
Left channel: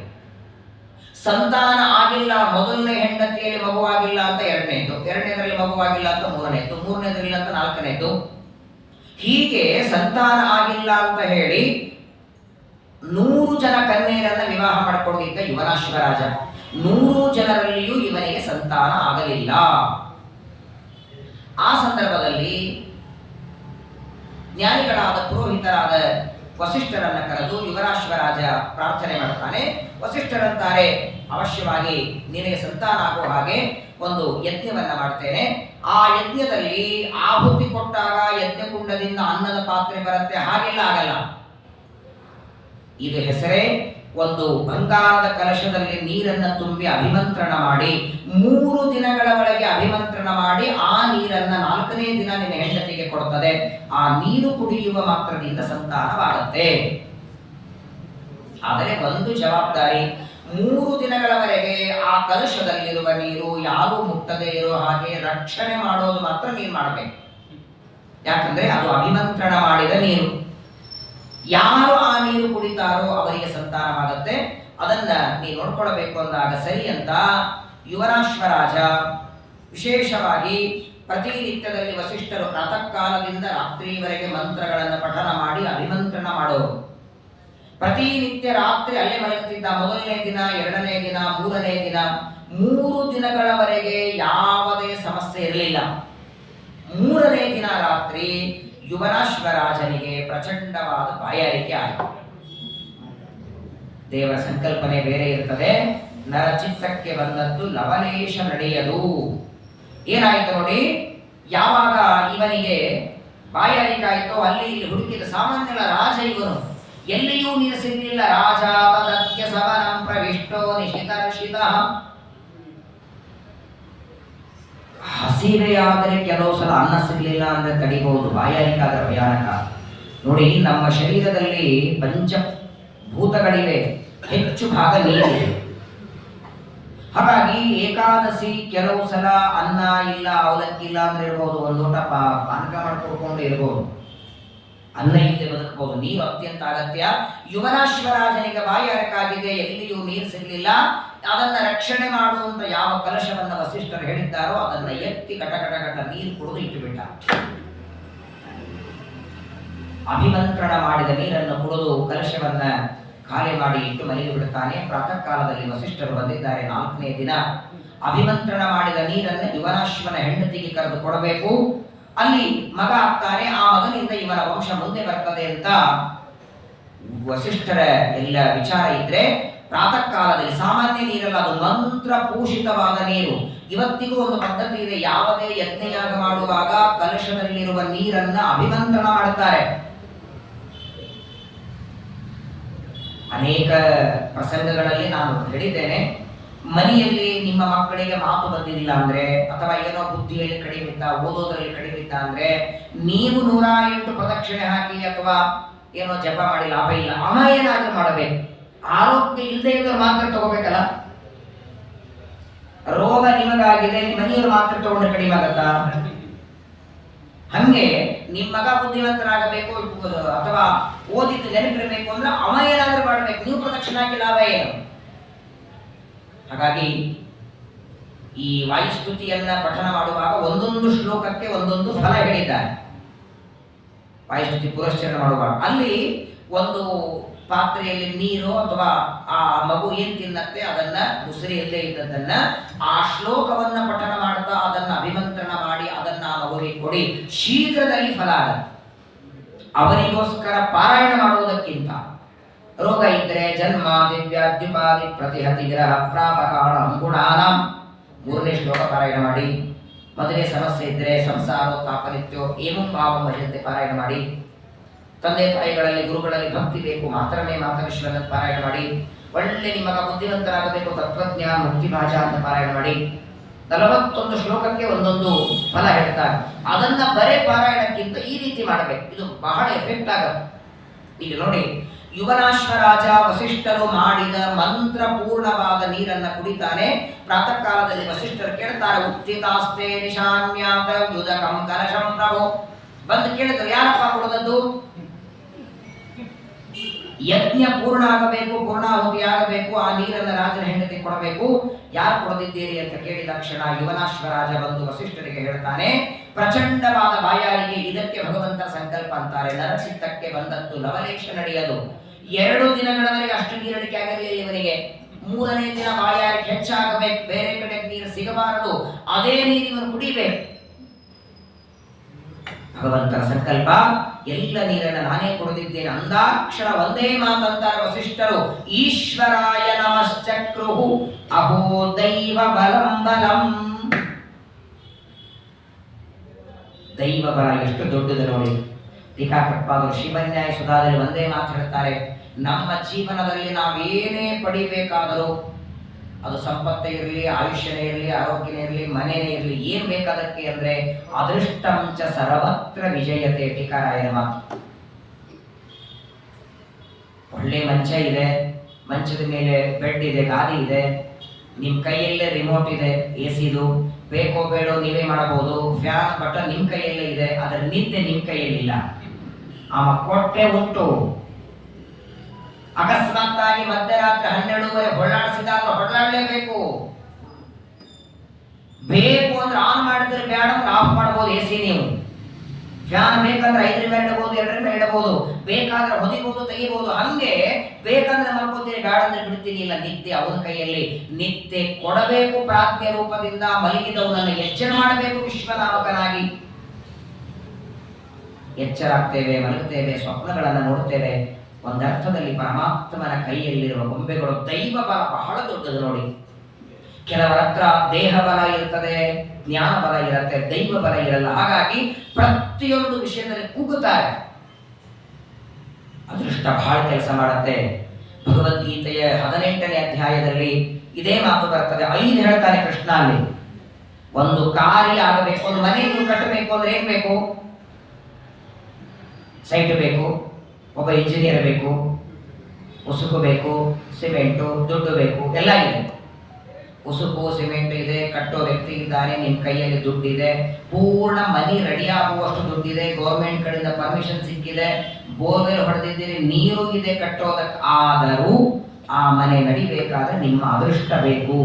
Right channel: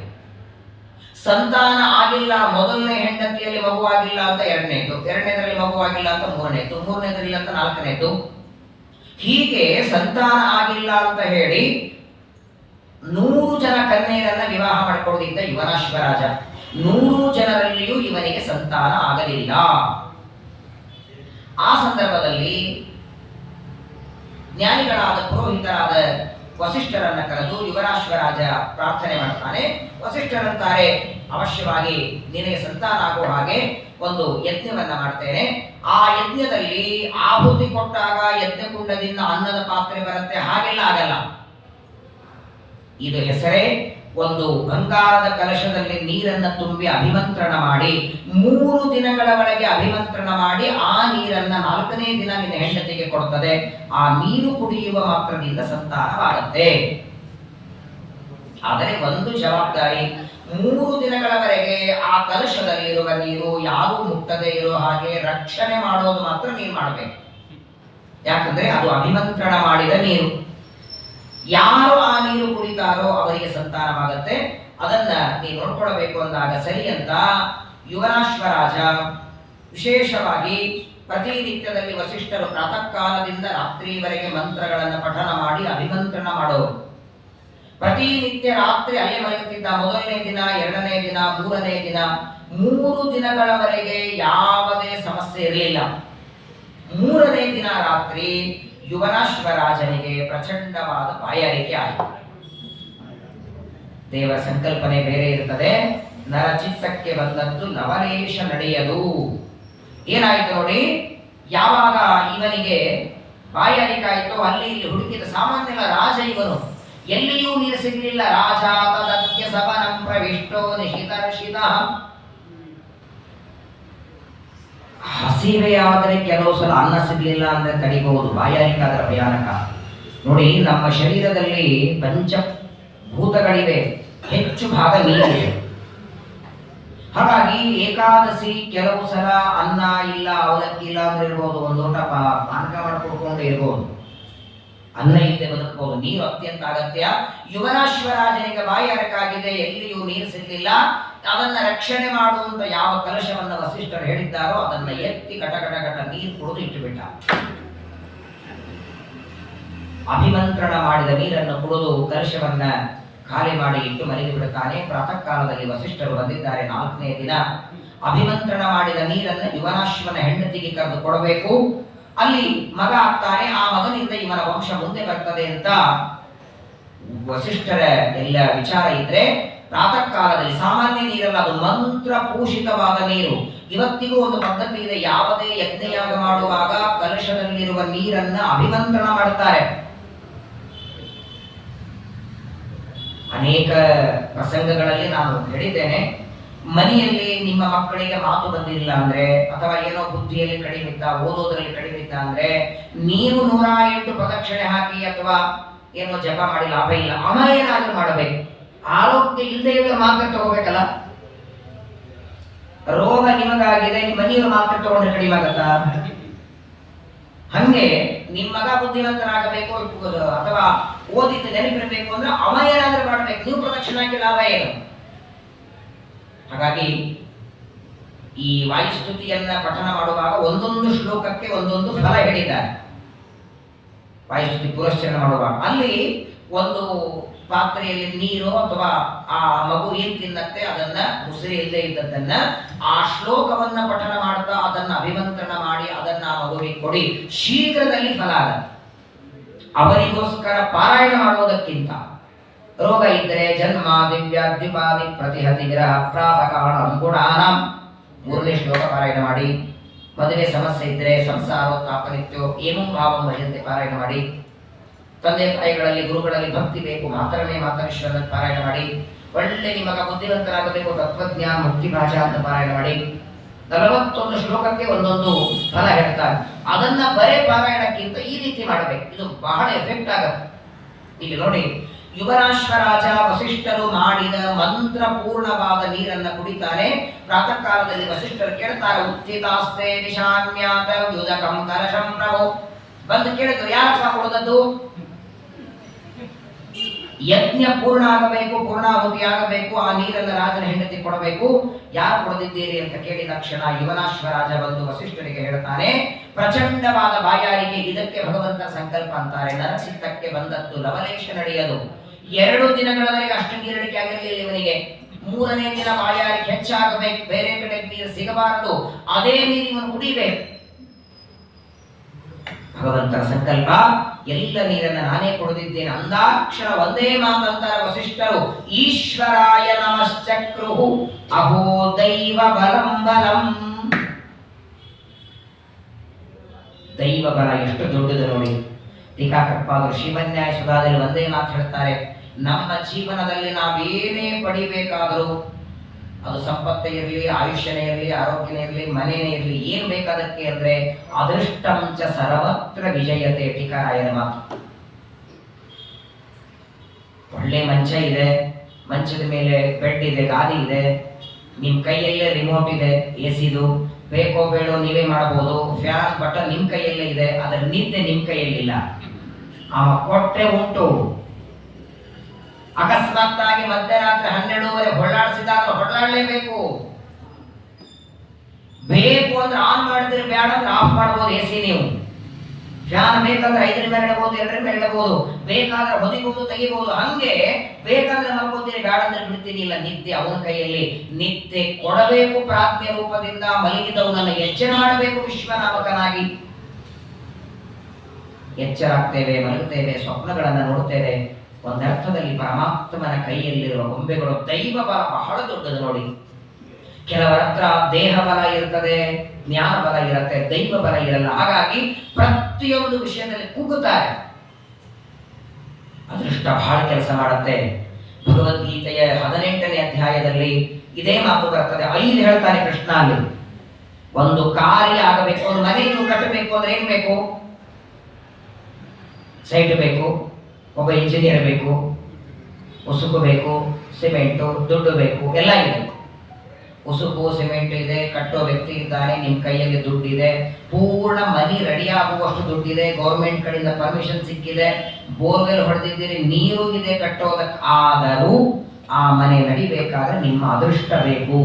ಸಂತಾನ ಆಗಿಲ್ಲ, ಮೊದಲನೇ ಹೆಂಡತಿಯಲ್ಲಿ ಮಗುವಾಗಿಲ್ಲ ಅಂತ ಎರಡನೇದು, ಎರಡನೇದರಲ್ಲಿ ಮಗುವಾಗಿಲ್ಲ ಅಂತ ಮೂರನೇದು, ಮೂರನೇದರಲ್ಲಿ ಅಂತ ನಾಲ್ಕನೇದು, ಹೀಗೆ ಸಂತಾನ ಆಗಿಲ್ಲ ಅಂತ ಹೇಳಿ 100 ಜನ ಕನ್ಯೆಯರನ್ನ ವಿವಾಹ ಮಾಡಿಕೊಂಡಿದ್ದ ಯುವನಾಶ್ವರಾಜ. 100 ಜನರಲ್ಲಿಯೂ ಇವನಿಗೆ ಸಂತಾನ ಆಗಲಿಲ್ಲ. ಆ ಸಂದರ್ಭದಲ್ಲಿ ಜ್ಞಾನಿಗಳಾದ ಪುರೋಹಿತರಾದ ವಸಿಷ್ಠರನ್ನ ಕರೆದು ಯುವನಾಶ್ವರಾಜ ಪ್ರಾರ್ಥನೆ ಮಾಡ್ತಾನೆ. ವಸಿಷ್ಠರಂತಾರೆ, ಅವಶ್ಯವಾಗಿ ನಿನಗೆ ಸಂತಾನ ಆಗುವ ಹಾಗೆ ಒಂದು ಯಜ್ಞವನ್ನ ಮಾಡ್ತೇನೆ. ಆ ಯಜ್ಞದಲ್ಲಿ ಆಹುತಿ ಕೊಟ್ಟಾಗ ಯಜ್ಞಕುಂಡದಿಂದ ಅನ್ನದ ಪಾತ್ರೆ ಬರುತ್ತೆ, ಹಾಗೆಲ್ಲ ಆಗಲ್ಲ. ಇದು ಹೆಸರೇ ಒಂದು ಬಂಗಾರದ ಕಲಶದಲ್ಲಿ ನೀರನ್ನು ತುಂಬಿ ಅಭಿಮಂತ್ರಣ ಮಾಡಿ 3 ದಿನಗಳ ಒಳಗೆ ಅಭಿಮಂತ್ರಣ ಮಾಡಿ ಆ ನೀರನ್ನ 4ನೇ ದಿನ ನಿನ್ನ ಹೆಂಡತಿಗೆ ಕೊಡುತ್ತದೆ. ಆ ನೀರು ಕುಡಿಯುವ ಮಾತ್ರದಿಂದ ಸಂತಾನವಾಗುತ್ತೆ. ಆದರೆ ಒಂದು ಜವಾಬ್ದಾರಿ, 3 ದಿನಗಳವರೆಗೆ ಆ ಕಲಶದಲ್ಲಿರುವ ನೀರು ಯಾರು ಮುಟ್ಟದೇ ಇರೋ ಹಾಗೆ ರಕ್ಷಣೆ ಮಾಡೋದು ಮಾತ್ರ ನೀರು ಮಾಡಬೇಕು. ಯಾಕಂದ್ರೆ ಅದು ಅಭಿಮಂತ್ರಣ ಮಾಡಿದ ನೀರು. ಯಾರು ಆ ನೀರು ಕುಡಿತಾರೋ ಅವರಿಗೆ ಸಂತಾನವಾಗುತ್ತೆ. ಅದನ್ನ ನೀವು ನೋಡ್ಕೊಳ್ಬೇಕು ಅಂದಾಗ ಸರಿ ಅಂತ ಯುವನಾಶ್ವರಾಜ ವಿಶೇಷವಾಗಿ ಪ್ರತಿನಿತ್ಯದಲ್ಲಿ ವಸಿಷ್ಠರು ಪ್ರಾತಃ ಕಾಲದಿಂದ ರಾತ್ರಿವರೆಗೆ ಮಂತ್ರಗಳನ್ನು ಪಠನ ಮಾಡಿ ಅಭಿಮಂತ್ರಣ ಮಾಡೋರು. ಪ್ರತಿನಿತ್ಯ ರಾತ್ರಿ ಅಲ್ಲೇ ಮಲಗುತ್ತಿದ್ದ. ಮೊದಲನೇ ದಿನ, 2ನೇ ದಿನ, 3ನೇ ದಿನ, 3 ದಿನಗಳವರೆಗೆ ಯಾವುದೇ ಸಮಸ್ಯೆ ಇರಲಿಲ್ಲ. 3ನೇ ದಿನ ರಾತ್ರಿ ಯುವನಾಶ್ವರಾಜನಿಗೆ ಪ್ರಚಂಡವಾದ ಬಾಯಾರಿಕೆ ಆಯಿತು. ದೇವರ ಸಂಕಲ್ಪನೆ ಬೇರೆ ಇರುತ್ತದೆ. ನರಚಿತ್ತಕ್ಕೆ ಬಂದದ್ದು ಲವಲೇಶ ನಡೆಯದು. ಏನಾಯಿತು ನೋಡಿ, ಯಾವಾಗ ಇವನಿಗೆ ಬಾಯಾರಿಕೆ ಆಯಿತು ಅಲ್ಲಿ ಇಲ್ಲಿ ಹುಡುಕಿದ. ಸಾಮಾನ್ಯಲ ರಾಜ ಇವನು, ಎಲ್ಲಿಯೂ ನೀರು ಸಿಗಲಿಲ್ಲ. ರಾಜ ತದತ್ಯ ಸವನಂ ಪ್ರವಿಷ್ಟೋ ನಿಶಿತರ್ಷಿತ. ಹಸಿವೆಯಾದರೆ ಕೆಲವು ಸಲ ಅನ್ನ ಸಿಗಲಿಲ್ಲ ಅಂದ್ರೆ ತಡಿಬಹುದು, ಬಾಯಾರಿಕೆ ಆದ್ರೆ ಭಯಾನಕ. ನೋಡಿ, ನಮ್ಮ ಶರೀರದಲ್ಲಿ ಪಂಚಭೂತಗಳಿವೆ, ಹೆಚ್ಚು ಭಾಗ ನೀರಿದೆ. ಹಾಗಾಗಿ ಏಕಾದಶಿ ಕೆಲವು ಸಲ ಅನ್ನ ಇಲ್ಲ, ಅವಲಕ್ಕಿ ಇಲ್ಲ ಅಂದ್ರೆ ಇರ್ಬೋದು, ಒಂದು ಊಟ ಪಾನಕ ಮಾಡ್ಕೊಡ್ಕೊಂಡು ಇರ್ಬೋದು, ಅನ್ನ ಇಲ್ಲದೆ ಬದುಕಬಹುದು. ನೀರು ಅತ್ಯಂತ ಅಗತ್ಯ. ಯುವನಾಶ್ವರಾಜನಿಗೆ ಬಾಯಾರಿಕಾಗಿದೆ, ಎಲ್ಲಿಯೂ ನೀರು ಸಿಗಲಿಲ್ಲ. ಅದನ್ನ ರಕ್ಷಣೆ ಮಾಡುವಂತ ಯಾವ ಕಲಶವನ್ನ ವಸಿಷ್ಠರು ಹೇಳಿದ್ದಾರೋ ಅದನ್ನ ಎತ್ತಿ ಘಟ ನೀರು ಕುಡಿದು ಇಟ್ಟುಬಿಟ್ಟ. ಅಭಿಮಂತ್ರಣ ಮಾಡಿದ ನೀರನ್ನು ಕುಡಿದು ಕಲಶವನ್ನ ಖಾಲಿ ಮಾಡಿ ಇಟ್ಟು ಮಲಗಿ ಬಿಡುತ್ತಾನೆ. ಪ್ರಾತಃ ಕಾಲದಲ್ಲಿ ವಸಿಷ್ಠರು ಬಂದಿದ್ದಾರೆ. 4ನೇ ದಿನ ಅಭಿಮಂತ್ರಣ ಮಾಡಿದ ನೀರನ್ನು ಯುವನಾಶ್ವನ ಹೆಂಡತಿಗೆ ಕರೆದು ಕೊಡಬೇಕು. ಅಲ್ಲಿ ಮಗ ಆಗ್ತಾನೆ. ಆ ಮಗನಿಂದ ಇವನ ವಂಶ ಮುಂದೆ ಬರ್ತದೆ ಅಂತ ವಸಿಷ್ಠರ ಎಲ್ಲ ವಿಚಾರ ಇದ್ರೆ, ಪ್ರಾತಃ ಕಾಲದಲ್ಲಿ ಸಾಮಾನ್ಯ ನೀರಲ್ಲ, ಅದು ಮಂತ್ರ ಪೂಷಿತವಾದ ನೀರು. ಇವತ್ತಿಗೂ ಒಂದು ಪದ್ಧತಿ ಇದೆ. ಯಾವುದೇ ಯಜ್ಞಯಾಗ ಮಾಡುವಾಗ ಕಲಶದಲ್ಲಿರುವ ನೀರನ್ನ ಅಭಿಮಂತ್ರಣ ಮಾಡುತ್ತಾರೆ. ಅನೇಕ ಪ್ರಸಂಗಗಳಲ್ಲಿ ನಾನು ಹೇಳಿದ್ದೇನೆ, ಮನೆಯಲ್ಲಿ ನಿಮ್ಮ ಮಕ್ಕಳಿಗೆ ಮಾತು ಬಂದಿಲ್ಲ ಅಂದ್ರೆ, ಅಥವಾ ಏನೋ ಬುದ್ಧಿಯಲ್ಲಿ ಕಡಿಮೆ ಇತ್ತ, ಓದೋದ್ರಲ್ಲಿ ಕಡಿಮೆ ಇತ್ತ ಅಂದ್ರೆ, ನೀವು 108 ಪ್ರದಕ್ಷಿಣೆ ಹಾಕಿ ಅಥವಾ ಏನೋ ಜಪ ಮಾಡಿ ಲಾಭ ಇಲ್ಲ. ಅವ ಏನಾದ್ರೂ ಮಾಡಬೇಕು. ಆರೋಗ್ಯ ಇಲ್ಲದೆ ಇದ್ರೆ ಮಾತ್ರ ತಗೋಬೇಕಲ್ಲ. ರೋಗ ನಿಮಗಾಗಿದೆ, ನಿಮ್ಮ ಮನೆಯವರು ಮಾತ್ರ ತಗೊಂಡ್ರೆ ಕಡಿಮೆ ಆಗತ್ತಾ? ಹಂಗೆ ನಿಮ್ಮ ಮಗ ಬುದ್ಧಿವಂತನಾಗಬೇಕು ಅಥವಾ ಓದಿದ್ದು ನೆನಪಿರಬೇಕು ಅಂದ್ರೆ ಅವ ಏನಾದ್ರೂ ಮಾಡಬೇಕು. ನೀವು ಪ್ರದಕ್ಷಿಣೆ ಹಾಕಿ ಲಾಭ ಏನು? ಹಾಗಾಗಿ ಈ ವಾಯುಸ್ತುತಿಯನ್ನ ಪಠನ ಮಾಡುವಾಗ ಒಂದೊಂದು ಶ್ಲೋಕಕ್ಕೆ ಒಂದೊಂದು ಫಲ ಹೇಳಿದ್ದಾರೆ. ವಾಯುಸ್ತುತಿ ಪುರಸ್ಚರಣ ಮಾಡುವಾಗ ಅಲ್ಲಿ ಒಂದು ಪಾತ್ರೆಯಲ್ಲಿ ನೀರು ಅಥವಾ ಆ ಮಗು ಏನ್ ತಿನ್ನತ್ತೆ ಅದನ್ನ ಮುಸುರಿ ಇಲ್ಲದೆ ಇದ್ದದ್ದನ್ನ ಆ ಶ್ಲೋಕವನ್ನ ಪಠನ ಮಾಡ್ತಾ ಅದನ್ನ ಅಭಿಮಂತ್ರಣ ಮಾಡಿ ಅದನ್ನ ಆ ಮಗುವಿಗೆ ಕೊಡಿ, ಶೀಘ್ರದಲ್ಲಿ ಫಲ ಆಗತ್ತೆ. ಅವರಿಗೋಸ್ಕರ ಪಾರಾಯಣ ಮಾಡುವುದಕ್ಕಿಂತ ರೋಗ ಇದ್ರೆ ಜನ್ಮ ದಿವ್ಯಾದ್ಯುಪಾದಿ ಪ್ರತಿಹತಿ ವಿರಹ ಪ್ರಾಪಕಾಣ ಗುಣಾನಾಂ 3ನೇ ಶ್ಲೋಕ ಪಾರಾಯಣ ಮಾಡಿ. ಮದುವೆ ಸಮಸ್ಯೆ ಇದ್ರೆ ಸಂಸಾರೋತ್ತಾಪನಿತ್ಯೋ ಏಮಂ ಭಾವಂ ಭಜಂತೆ ಪಾರಾಯಣ ಮಾಡಿ. ತಂದೆ ತಾಯಿಗಳಲ್ಲಿ ಗುರುಗಳಲ್ಲಿ ಭಕ್ತಿ ಬೇಕು, ಮಾತರಮೇ ಮಾತರೇಶ್ವರ ಪಾರಾಯಣ ಮಾಡಿ. ಒಳ್ಳೆ ನಿಮಗ ಬುದ್ಧಿವಂತರಾಗಬೇಕು, ತತ್ವಜ್ಞಾನ ಮುಕ್ತಿ ಭಾಷಾ ಅಂತ ಪಾರಾಯಣ ಮಾಡಿ. 41 ಶ್ಲೋಕಕ್ಕೆ ಒಂದೊಂದು ಫಲ ಹೇಳ್ತಾರೆ. ಅದನ್ನ ಬರೇ ಪಾರಾಯಣಕ್ಕಿಂತ ಈ ರೀತಿ ಮಾಡಬೇಕು, ಇದು ಬಹಳ ಎಫೆಕ್ಟ್ ಆಗುತ್ತೆ. ಇಲ್ಲಿ ನೋಡಿ, ಯುವನಾಶ್ವರಾಜ ವಸಿಷ್ಠರು ಮಾಡಿದ ಮಂತ್ರಪೂರ್ಣವಾದ ನೀರನ್ನು ಕುಡಿತಾನೆ. ಪ್ರಾತಃ ಕಾಲದಲ್ಲಿ ವಸಿಷ್ಠರು ಕೇಳ್ತಾರೆ, ಉತ್ಥಿತಾಸ್ತೆ ನಿಶಾನ್ಯಾತ ಯುದಕಂ ಕಲಶಂ ಪ್ರಭೋ. ಬಂದು ಕೇಳಿದ್ರು, ಯಾರಪ್ಪ ಕೊಡದದ್ದು? ಯಜ್ಞ ಪೂರ್ಣ ಆಗಬೇಕು, ಪೂರ್ಣಾಹುತಿ ಆಗಬೇಕು, ಆ ನೀರನ್ನು ರಾಜನ ಹೆಂಡತಿ ಕೊಡಬೇಕು, ಯಾರು ಕೊಡದಿದ್ದೀರಿ ಅಂತ ಕೇಳಿದ ತಕ್ಷಣ ಯುವನಾಶ್ವರಾಜ ಬಂದು ವಸಿಷ್ಠರಿಗೆ ಹೇಳ್ತಾನೆ, ಪ್ರಚಂಡವಾದ ಬಾಯಾರಿಗೆ, ಇದಕ್ಕೆ ಭಗವಂತ ಸಂಕಲ್ಪ ಅಂತಾರೆ. ನರಚಿತ್ತಕ್ಕೆ ಬಂದದ್ದು ಲವಲೇಶ ನಡೆಯದು. 2 ದಿನಗಳವರೆಗೆ ಅಷ್ಟು ನೀರಡಿಕೆ ಆಗಿರಲಿಲ್ಲ ಇವನಿಗೆ. 3ನೇ ದಿನ ಬಾಯಾರಿಗೆ ಹೆಚ್ಚಾಗಬೇಕು, ಬೇರೆ ಕಡೆ ನೀರು ಸಿಗಬಾರದು, ಅದೇ ನೀರು ಇವನು ಕುಡಿಬೇಕು. ಭಗವಂತನ ಸಂಕಲ್ಪ, ಎಲ್ಲ ನೀರನ್ನು ನಾನೇ ಕೊಡದಿದ್ದೇನೆ ಅಂದಾಕ್ಷಣ ಒಂದೇ ಮಾತಂತಾರೆ ವಸಿಷ್ಠರು, ಈಶ್ವರಾಯ ನಮಶ್ಚಕ್ರುಹು ಅಹೋ ದೈವ ಬಲಂ ಬಲಂ. ದೈವ ಬಲ ಎಷ್ಟು ದೊಡ್ಡದು ನೋಡಿ. ಟೀಕಾಕೃತ್ಪಾದರು ಶ್ರೀಮನ್ಯಾಯ ಸುಧಾದಲ್ಲಿ ಒಂದೇ ಮಾತು ಹೇಳ್ತಾರೆ, ನಮ್ಮ ಜೀವನದಲ್ಲಿ ನಾವೇನೇ ಪಡಿಬೇಕಾದರೂ, ಅದು ಸಂಪತ್ತೇ ಇರಲಿ, ಆಯುಷ್ಯನೇ ಇರಲಿ, ಆರೋಗ್ಯನೇ ಇರಲಿ, ಮನೆಯೇ ಇರಲಿ, ಏನು ಬೇಕಾದಕ್ಕೆ ಅಂದರೆ ಅದೃಷ್ಟಂಚ ಸರ್ವತ್ರ ವಿಜಯತೆ. ಟೀಕಾರಾಯನ ಮಾತು. ಒಳ್ಳೆ ಮಂಚ ಇದೆ, ಮಂಚದ ಮೇಲೆ ಬೆಡ್ ಇದೆ, ಗಾದಿ ಇದೆ, ನಿಮ್ಮ ಕೈಯಲ್ಲೇ ರಿಮೋಟ್ ಇದೆ, ಎಸಿದು ಬೇಕೋ ಬೇಡೋ ನೀವೇ ಮಾಡಬಹುದು, ಫ್ಯಾನ್ ಬಟನ್ ನಿಮ್ಮ ಕೈಯಲ್ಲೇ ಇದೆ, ಅದರ ನಿದ್ದೆ ನಿಮ್ಮ ಕೈಯಲ್ಲಿಲ್ಲ. ಆ ಕೊಟ್ಟೆ ಉಂಟು. ಅಕಸ್ಮಾತ್ತಾಗಿ ಮಧ್ಯರಾತ್ರಿ 12:30 ಹೊಳ್ಳಾಡಿಸಿದಾಗ ಹೊಳ್ಳಾಡಲೇಬೇಕು. ಬೇಕು ಅಂದ್ರೆ ಆನ್ ಮಾಡಿದ್ರೆ, ಬೇಡ ಅಂದ್ರೆ ಆಫ್ ಮಾಡಬಹುದು. ಎಸಿ ನೀವು ಫ್ಯಾನ್ ಬೇಕಂದ್ರೆ 5ರ ಮೇಲೆ ಇಡಬಹುದು, 2ರ ಮೇಲೆ ಇಡಬಹುದು, ಬೇಕಾದ್ರೆ ಹೊದಿಬಹುದು, ತೆಗಿಬಹುದು. ಹಂಗೆ ಬೇಕಂದ್ರೆ ಮಲ್ಕೋತೀನಿ, ಬೇಡ ಅಂದ್ರೆ ಬಿಡ್ತೀನಿ. ಇಲ್ಲ, ನಿದ್ದೆ ಅವನ ಕೈಯಲ್ಲಿ. ನಿದ್ದೆ ಕೊಡಬೇಕು ಪ್ರಾಜ್ಞೆ ರೂಪದಿಂದ. ಮಲಗಿದವನನ್ನು ಎಚ್ಚರ ಮಾಡಬೇಕು ವಿಶ್ವನಾಮಕನಾಗಿ. ಎಚ್ಚರಾಗ್ತೇವೆ, ಮಲಗುತ್ತೇವೆ, ಸ್ವಪ್ನಗಳನ್ನು ನೋಡುತ್ತೇವೆ. ಒಂದರ್ಥದಲ್ಲಿ ಪರಮಾತ್ಮನ ಕೈಯಲ್ಲಿರುವ ಗೊಂಬೆಗಳು. ದೈವ ಬಲ ಬಹಳ ದೊಡ್ಡದು ನೋಡಿ. ಕೆಲವರ ಹತ್ರ ದೇಹ ಬಲ ಇರ್ತದೆ, ಜ್ಞಾನ ಬಲ ಇರುತ್ತೆ, ದೈವ ಬಲ ಇರಲ್ಲ. ಹಾಗಾಗಿ ಪ್ರತಿಯೊಂದು ವಿಷಯದಲ್ಲಿ ಕುಗ್ಗುತ್ತಾರೆ. ಅದೃಷ್ಟ ಬಹಳ ಕೆಲಸ ಮಾಡುತ್ತೆ. ಭಗವದ್ಗೀತೆಯ 18ನೇ ಅಧ್ಯಾಯದಲ್ಲಿ ಇದೇ ಮಾತು ಬರ್ತದೆ. 5 ಹೇಳ್ತಾನೆ ಕೃಷ್ಣ ಅಲ್ಲಿ. ಒಂದು ಕಾರ್ಯ ಆಗಬೇಕು, ಒಂದು ಮನೆಯನ್ನು ಕಟ್ಟಬೇಕು ಅಂದ್ರೆ ಏನ್ ಬೇಕು? ಸೈಟ್ ಬೇಕು, ಒಬ್ಬ ಇಂಜಿನಿಯರ್ ಬೇಕು, ಉಸುಕು ಬೇಕು, ಸಿಮೆಂಟು, ದುಡ್ಡು ಬೇಕು, ಎಲ್ಲ ಇದೆ. ಉಸುಕು ಸಿಮೆಂಟ್ ಇದೆ, ಕಟ್ಟೋ ವ್ಯಕ್ತಿ ಇದ್ದಾನೆ, ನಿಮ್ಮ ಕೈಯಲ್ಲಿ ದುಡ್ಡಿದೆ, ಪೂರ್ಣ ಮನಿ ರೆಡಿ ಆಗುವಷ್ಟು ದುಡ್ಡಿದೆ, ಗೌರ್ಮೆಂಟ್ ಕಡೆಯಿಂದ ಪರ್ಮಿಷನ್ ಸಿಕ್ಕಿದೆ, ಬೋರ್ವೆಲ್ ಹೊಡೆದಿದ್ದೀರಿ, ನೀರು ಇದೆ ಕಟ್ಟೋದಕ್ಕೆ. ಆದರೂ ಆ ಮನೆ ನಡಿಬೇಕಾದ್ರೆ ನಿಮ್ಮ ಅದೃಷ್ಟ ಬೇಕು.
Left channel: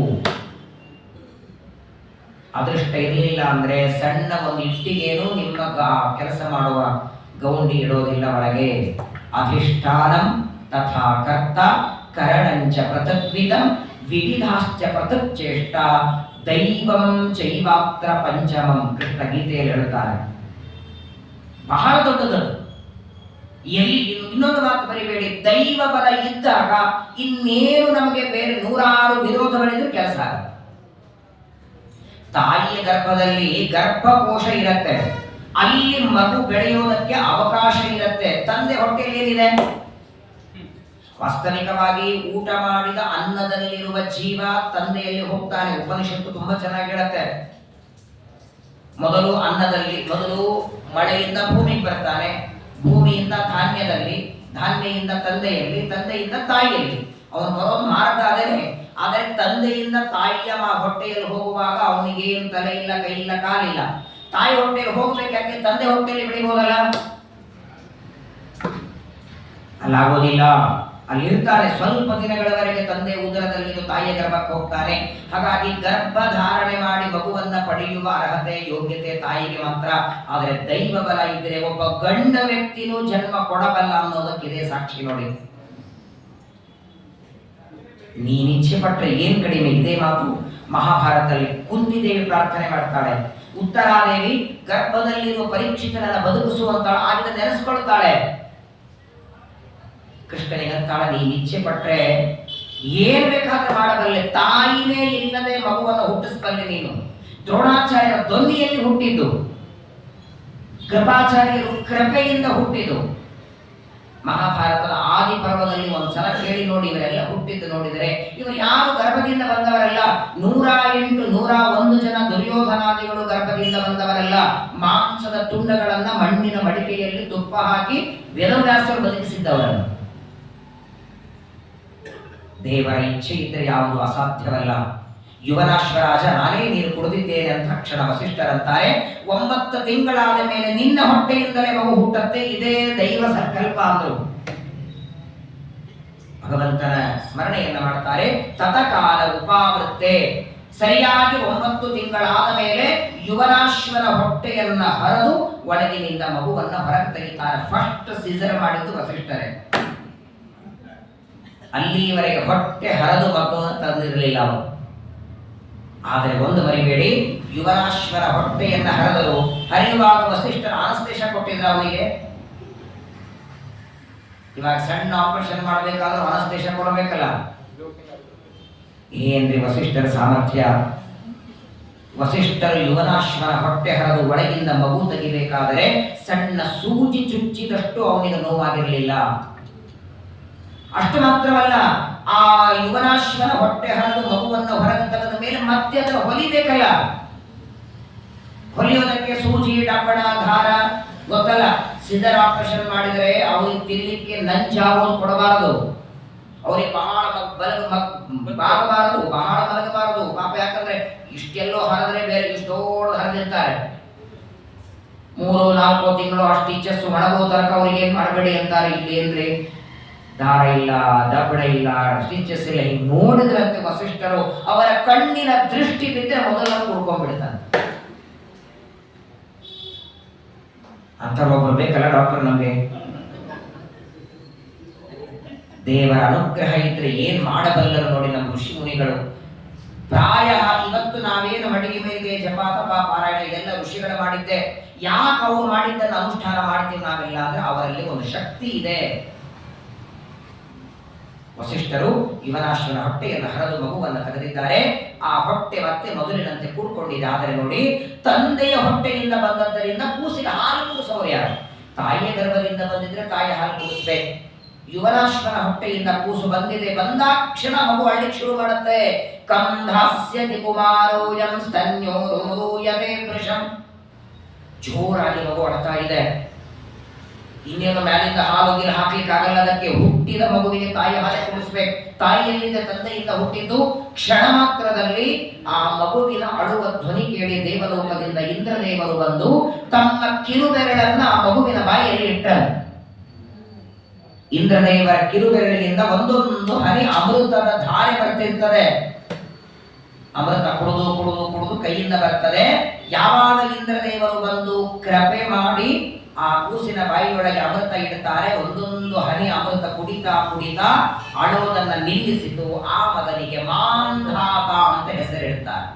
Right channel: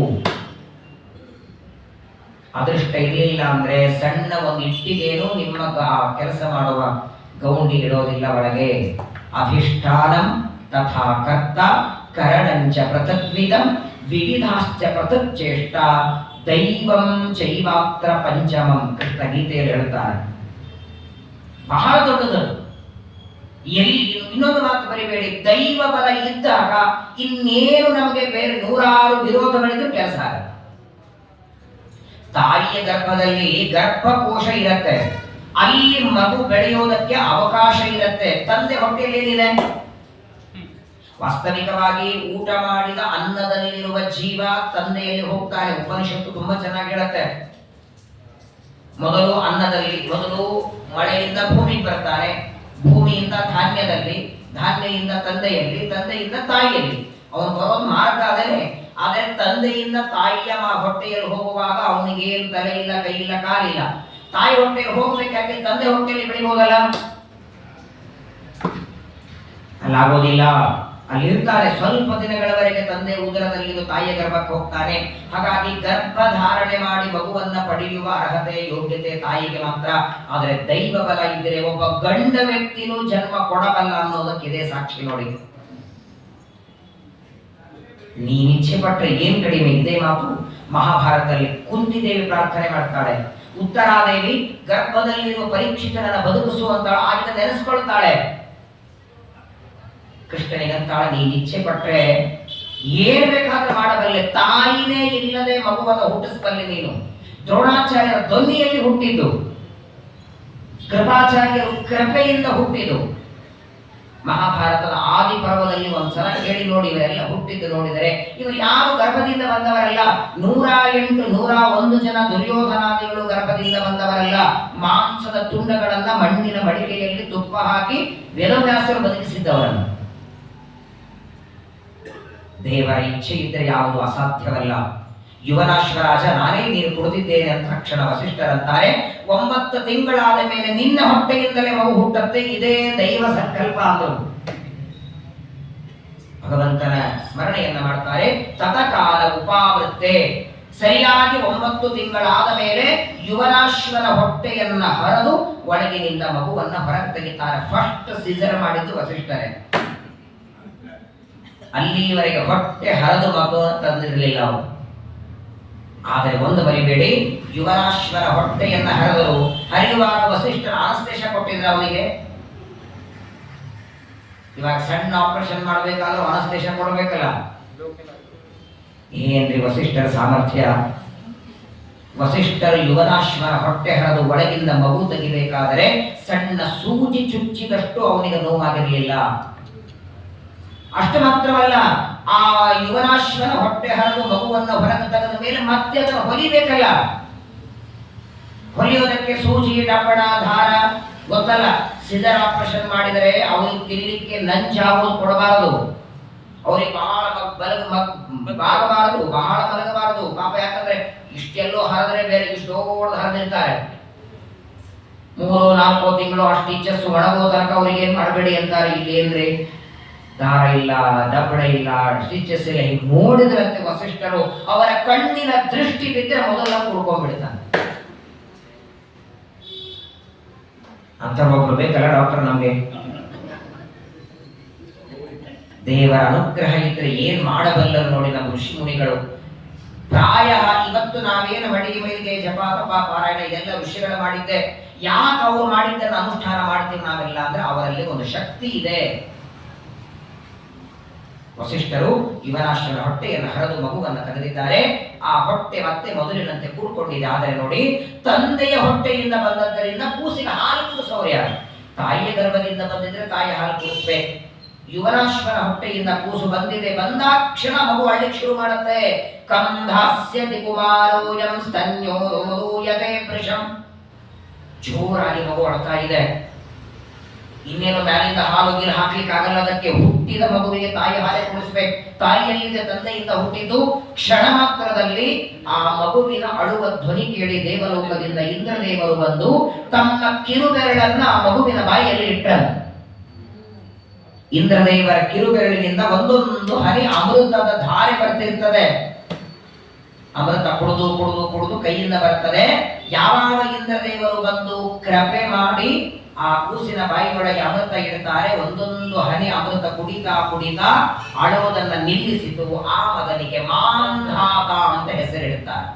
ಅದೃಷ್ಟ ಇರಲಿಲ್ಲ ಅಂದ್ರೆ ಸಣ್ಣ ಒಂದು ಇಟ್ಟಿಗೇನು ನಿಮ್ಮ ಕೆಲಸ ಮಾಡುವ ಗೌಂಡಿ ಇಡೋದಿಲ್ಲ ಒಳಗೆ. ಅಧಿಷ್ಠಾನಂ ತಥಾ ಕರ್ತ ಕರಣಂಚ ಪೃಥಗ್ವಿದಂ ವಿವಿಧಾಶ್ಚ ಪೃಥಕ್ ಚೇಷ್ಟ ದೈವಂ ಚೈವಾತ್ರ ಪಂಚಮಂ. ಕೃಷ್ಣ ಗೀತೆಯಲ್ಲಿ ಹೇಳ್ತಾರೆ. ಬಹಳ ದೊಡ್ಡದು. ಎಲ್ಲಿ ಇನ್ನೊಂದು ಮಾತು ಬರಿಬೇಡಿ, ದೈವ ಬಲ ಇದ್ದಾಗ ಇನ್ನೇನು ನಮಗೆ ಬೇರೆ 100 ವಿರೋಧಗಳಿದ್ರು ಕೆಲಸ ಆಗತ್ತೆ. ತಾಯಿಯ ಗರ್ಭದಲ್ಲಿ ಗರ್ಭಕೋಶ ಇರುತ್ತೆ, ಅಲ್ಲಿ ಮಗು ಬೆಳೆಯೋದಕ್ಕೆ ಅವಕಾಶ ಇರುತ್ತೆ. ತಂದೆ ಹೊಟ್ಟೆಯಲ್ಲಿ ಏನಿದೆ? ವಾಸ್ತವಿಕವಾಗಿ ಊಟ ಮಾಡಿದ ಅನ್ನದಲ್ಲಿರುವ ಜೀವ ತಂದೆಯಲ್ಲಿ ಹೋಗ್ತಾನೆ. ಉಪನಿಷತ್ತು ತುಂಬಾ ಚೆನ್ನಾಗಿ ಹೇಳುತ್ತೆ. ಮೊದಲು ಅನ್ನದಲ್ಲಿ, ಮೊದಲು ಮಳೆಯಿಂದ ಭೂಮಿಗೆ ಬರ್ತಾನೆ, ಭೂಮಿಯಿಂದ ಧಾನ್ಯದಲ್ಲಿ, ಧಾನ್ಯದಿಂದ ತಂದೆಯಲ್ಲಿ, ತಂದೆಯಿಂದ ತಾಯಿಯಲ್ಲಿ. ಅವನು ಬರೋದು ಮಾರ್ಗ ಅದೇನೆ. ಆದರೆ ತಂದೆಯಿಂದ ತಾಯಿಯ ಹೊಟ್ಟೆಯಲ್ಲಿ ಹೋಗುವಾಗ ಅವನಿಗೆ ಏನು ತಲೆ ಇಲ್ಲ, ಕೈ ಇಲ್ಲ, ಕಾಲಿಲ್ಲ. ತಾಯಿ ಹೊಟ್ಟೆಯಲ್ಲಿ ಹೋಗ್ಬೇಕಾಗಿ ತಂದೆ ಹೊಟ್ಟೆಯಲ್ಲಿ ಬೆಳಿಬೋದಲ್ಲ? ಅಲ್ಲಾಗೋದಿಲ್ಲ. ಅಲ್ಲಿರ್ತಾರೆ ಸ್ವಲ್ಪ ದಿನಗಳವರೆಗೆ. ತಂದೆ ಉದರದಲ್ಲಿ ತಾಯಿಯ ಗರ್ಭಕ್ಕೆ ಹೋಗ್ತಾನೆ. ಹಾಗಾಗಿ ಗರ್ಭಧಾರಣೆ ಮಾಡಿ ಮಗುವನ್ನ ಪಡೆಯುವ ಅರ್ಹತೆ, ಯೋಗ್ಯತೆ ತಾಯಿಗೆ ಮಾತ್ರ. ಆದರೆ ದೈವ ಬಲ ಇದ್ದರೆ ಒಬ್ಬ ಗಂಡ ವ್ಯಕ್ತಿನೂ ಜನ್ಮ ಕೊಡಬಲ್ಲ ಅನ್ನೋದಕ್ಕಿದೆ ಸಾಕ್ಷಿ ನೋಡಿ. ನೀನಿಚ್ಛೆ ಪಟ್ಟರೆ ಏನ್ ಕಡಿಮೆ? ಇದೇ ಮಾತು ಮಹಾಭಾರತದಲ್ಲಿ ಕುಂತಿದೇವಿ ಪ್ರಾರ್ಥನೆ ಮಾಡ್ತಾಳೆ. ಉತ್ತರಾದೇವಿ ಗರ್ಭದಲ್ಲಿರುವ ಪರೀಕ್ಷಿತನನ್ನ ಬದುಕಿಸುವಂತ ಆಗಿದ ನೆನೆಸ್ಕೊಳ್ತಾಳೆ. ಕೃಷ್ಣನಿಗಂತಾಳ, ನೀನ್ ಇಚ್ಛೆ ಪಟ್ರೆ ಏನ್ ಬೇಕಾದ್ರೆ ಮಾಡಬಲ್ಲೆ. ತಾಯಿನೇ ಇಲ್ಲದೆ ಮಗುವನ್ನು ಹುಟ್ಟಿಸಬಲ್ಲೆ ನೀನು. ದ್ರೋಣಾಚಾರ್ಯರ ಧ್ವನಿಯಲ್ಲಿ ಹುಟ್ಟಿದ್ದು, ಕೃಪಾಚಾರ್ಯರು ಕೃಪೆಯಿಂದ ಹುಟ್ಟಿದ್ದು. ಮಹಾಭಾರತದ ಆದಿ ಪರ್ವದಲ್ಲಿ ಒಂದ್ಸಲ ಕೇಳಿ ನೋಡಿ, ಇವರೆಲ್ಲ ಹುಟ್ಟಿದ್ದು ನೋಡಿದರೆ ಇವರು ಯಾರು ಗರ್ಭದಿಂದ ಬಂದವರಲ್ಲ. 108, 101 ಜನ ದುರ್ಯೋಧನಾದಿಗಳು ಗರ್ಭದಿಂದ ಬಂದವರಲ್ಲ. ಮಾಂಸದ ತುಂಡಗಳನ್ನ ಮಣ್ಣಿನ ಮಡಿಕೆಯಲ್ಲಿ ತುಪ್ಪ ಹಾಕಿ ವೇದವ್ಯಾಸರು ಬದುಕಿಸಿದ್ದವರನ್ನು. ದೇವರ ಇಚ್ಛೆ ಇದ್ದರೆ ಯಾವುದು ಅಸಾಧ್ಯವಲ್ಲ. ಯುವನಾಶ್ವರಾಜ ನಾನೇ ನೀರು ಕುಡಿದಿದ್ದೇನೆ ಅಂತ ತಕ್ಷಣ ವಸಿಷ್ಠರಂತಾರೆ, 9 ತಿಂಗಳಾದ ಮೇಲೆ ನಿನ್ನ ಹೊಟ್ಟೆಯಿಂದಲೇ ಮಗು ಹುಟ್ಟತ್ತೆ, ಇದೇ ದೈವ ಸಂಕಲ್ಪ ಅಂದರು. ಭಗವಂತನ ಸ್ಮರಣೆಯನ್ನ ಮಾಡ್ತಾರೆ. ತತಕಾಲ ಉಪಾವೃತ್ತೆ, ಸರಿಯಾಗಿ 9 ತಿಂಗಳಾದ ಮೇಲೆ ಯುವನಾಶ್ವನ ಹೊಟ್ಟೆಯನ್ನ ಹರಿದು ಒಳಗಿನಿಂದ ಮಗುವನ್ನ ಹೊರಗೆ ತೆಗಿತಾರೆ. ಫಸ್ಟ್ ಸಿಸರ್ ಮಾಡಿದ್ದು ವಸಿಷ್ಠರೇ. ಅಲ್ಲಿಯವರೆಗೆ ಹೊಟ್ಟೆ ಹರಿದು ಮಗು ತಂದಿರಲಿಲ್ಲ ಅವರು. ಆದರೆ ಒಂದು ಮರಿಬೇಡಿ, ಯುವನಾಶ್ವರ ಹೊಟ್ಟೆಯನ್ನ ಹರಿದರು. ಹರಿಯುವಾಗ ವಸಿಷ್ಠರ ಆನಸ್ತೇಶ ಕೊಟ್ಟಿದ್ರು ಅವನಿಗೆ. ಇವಾಗ ಸಣ್ಣ ಆಪರೇಷನ್ ಮಾಡಬೇಕಾದ್ರೂ ಅನಸ್ತೇಶ ಕೊಡಬೇಕಲ್ಲ. ಏನ್ರಿ ವಸಿಷ್ಠರ ಸಾಮರ್ಥ್ಯ! ವಸಿಷ್ಠರು ಯುವನಾಶ್ವರ ಹೊಟ್ಟೆ ಹರಿದು ಒಳಗಿಂದ ಮಗು ತೆಗಿಬೇಕಾದರೆ ಸಣ್ಣ ಸೂಜಿ ಚುಚ್ಚಿದಷ್ಟು ಅವನಿಗೆ ನೋವಾಗಿರಲಿಲ್ಲ. ಅಷ್ಟು ಮಾತ್ರವಲ್ಲ, ಆ ಯುವನಾಶ್ವನ ಹೊಟ್ಟೆ ಹರಿದು ಮಗುವನ್ನು ಹೊರಗೆ ತೆಗೆದ ಮೇಲೆ ಮತ್ತೆ ಅದನ್ನು ಹೊಲಿಬೇಕಲ್ಲ. ಹೊಲಿಯೋದಕ್ಕೆ ಸೂಜಿ, ಡಬ್ಬಣ, ದಾರ ಗೊತ್ತಲ್ಲ. ಸಿಸರ್ ಆಪರೇಷನ್ ಮಾಡಿದರೆ ಅವರಿಗೆ ತಿನ್ನಲಿಕ್ಕೆ ನಂಜಾಗೋದು ಕೊಡಬಾರದು, ಅವರಿಗೆ ಬಹಳ ಬಾಗಬಾರದು, ಬಹಳ ಮಲಗಬಾರದು ಪಾಪ. ಯಾಕಂದ್ರೆ ಇಷ್ಟೆಲ್ಲೋ ಹರಿದ್ರೆ ಬೇರೆ ಇಷ್ಟೋಡು ಹರಿದಿರ್ತಾರೆ. 3-4 ತಿಂಗಳು ಅಷ್ಟು ಇಚ್ಛಸ್ ಒಣಗೋ ತನಕ ಅವ್ರಿಗೆ ಏನ್ ಮಾಡಬೇಡಿ ಅಂತಾರೆ. ಇಲ್ಲಿ ಏನ್ರಿ ದಾರ ಇಲ್ಲ, ದಬ್ಬಡ ಇಲ್ಲ, ಸ್ಟಿಚಸ್ ಇಲ್ಲ. ಹೀಗೆ ನೋಡಿದ್ರಂತೆ ವಸಿಷ್ಠರು ಅವರ ಕಣ್ಣಿನ ದೃಷ್ಟಿ ಬಿದ್ದರೆ ಮೊದಲ ಕುಡ್ಕೊಂಡ್ಬಿಡ್ತಾನೆ. ಅಂತ ಒಬ್ರು ಬೇಕಲ್ಲ ಡಾಕ್ಟರ್ ನಮಗೆ. ದೇವರ ಅನುಗ್ರಹ ಇದ್ರೆ ಏನ್ ಮಾಡಬಲ್ಲರು ನೋಡಿ ನಮ್ಮ ಋಷಿ ಮುನಿಗಳು. ಪ್ರಾಯ ಇವತ್ತು ನಾವೇನು ಮಡಿಗೆ ಮೇಲಿಗೆ ಜಪ ತಪ ಪಾರಾಯಣ ಇದೆಲ್ಲ ಋಷಿಗಳು ಮಾಡಿದ್ದೆ. ಯಾಕೆ ಅವರು ಮಾಡಿದ್ದನ್ನು ಅನುಷ್ಠಾನ ಮಾಡ್ತೀವಿ ನಾವೆಲ್ಲ ಅಂದ್ರೆ ಅವರಲ್ಲಿ ಒಂದು ಶಕ್ತಿ ಇದೆ. ವಸಿಷ್ಠರು ಯುವನಾಶ್ವನ ಹೊಟ್ಟೆಯನ್ನು ಹರಿದು ಮಗುವನ್ನು ತೆಗೆದಿದ್ದಾರೆ. ಆ ಹೊಟ್ಟೆ ಮತ್ತೆ ಮೊದಲಿನಂತೆ ಕೂಡ್ಕೊಂಡಿದೆ. ಆದರೆ ನೋಡಿ, ತಂದೆಯ ಹೊಟ್ಟೆಯಿಂದ ಬಂದದ್ದರಿಂದ ಕೂಸಿಗೆ ಹಾಲು ಕುಡಿಸೋರು ಯಾರು? ತಾಯಿಯ ಗರ್ಭದಿಂದ ಬಂದಿದ್ರೆ ತಾಯಿ ಹಾಲು ಕುಡಿಸ್ಬೇಕು. ಯುವನಾಶ್ವನ ಹೊಟ್ಟೆಯಿಂದ ಕೂಸು ಬಂದಿದೆ, ಬಂದಾಕ್ಷಣ ಮಗು ಅಳ್ಳಿಕ್ಕೆ ಶುರು ಮಾಡುತ್ತೆ. ಕಂಧಾಸ್ಯತಿ ಕುಮಾರೋಯಂ ಸ್ತನ್ಯೋರು ಮಗೂಯತೆ ವೃಷಂ. ಜೋರಾಗಿ ಮಗು ಅಳ್ತಾ ಇದೆ. ಇನ್ನೇನು ಮ್ಯಾಲಿಂದ ಹಾಲು ಗೀಲು ಹಾಕ್ಲಿಕ್ಕೆ ಆಗಲ್ಲ. ಅದಕ್ಕೆ ಹುಟ್ಟಿದ ಮಗುವಿಗೆ ತಾಯಿ ಹಾಲೆ ಕುಡಿಸ್ಬೇಕು. ತಾಯಿಯಲ್ಲಿದೆ ತಂದೆಯಿಂದ ಹುಟ್ಟಿದ್ದು. ಕ್ಷಣ ಮಾತ್ರದಲ್ಲಿ ಆ ಮಗುವಿನ ಅಳುವ ಧ್ವನಿ ಕೇಳಿ ದೇವಲೋಕದಿಂದ ಇಂದ್ರದೇವರು ಬಂದು ತಮ್ಮ ಕಿರುಬೆರಳನ್ನ ಆ ಮಗುವಿನ ಬಾಯಿಯಲ್ಲಿ ಇಟ್ಟರು. ಇಂದ್ರದೇವರ ಕಿರುಬೆರಳಿನಿಂದ ಒಂದೊಂದು ಹನಿ ಅಮೃತದ ಧಾರೆ ಬರ್ತಿರ್ತದೆ. ಅಮೃತ ಕುಡಿದು ಕುಡಿದು ಕುಡಿದು ಕೈಯಿಂದ ಬರ್ತದೆ. ಯಾವಾಗ ಇಂದ್ರದೇವರು ಬಂದು ಕೃಪೆ ಮಾಡಿ ಆ ಕೂಸಿನ ಬಾಯಿಯೊಳಗೆ ಅಮೃತ ಇಡ್ತಾರೆ, ಒಂದೊಂದು ಹನಿ ಅಮೃತ ಕುಡಿತಾ ಕುಡಿತಾ ಅಳುವುದನ್ನ ನಿಲ್ಲಿಸಿತು. ಆ ಮಗನಿಗೆ ಮಾಂಧಾತ ಅಂತ ಹೆಸರಿಡ್ತಾರೆ.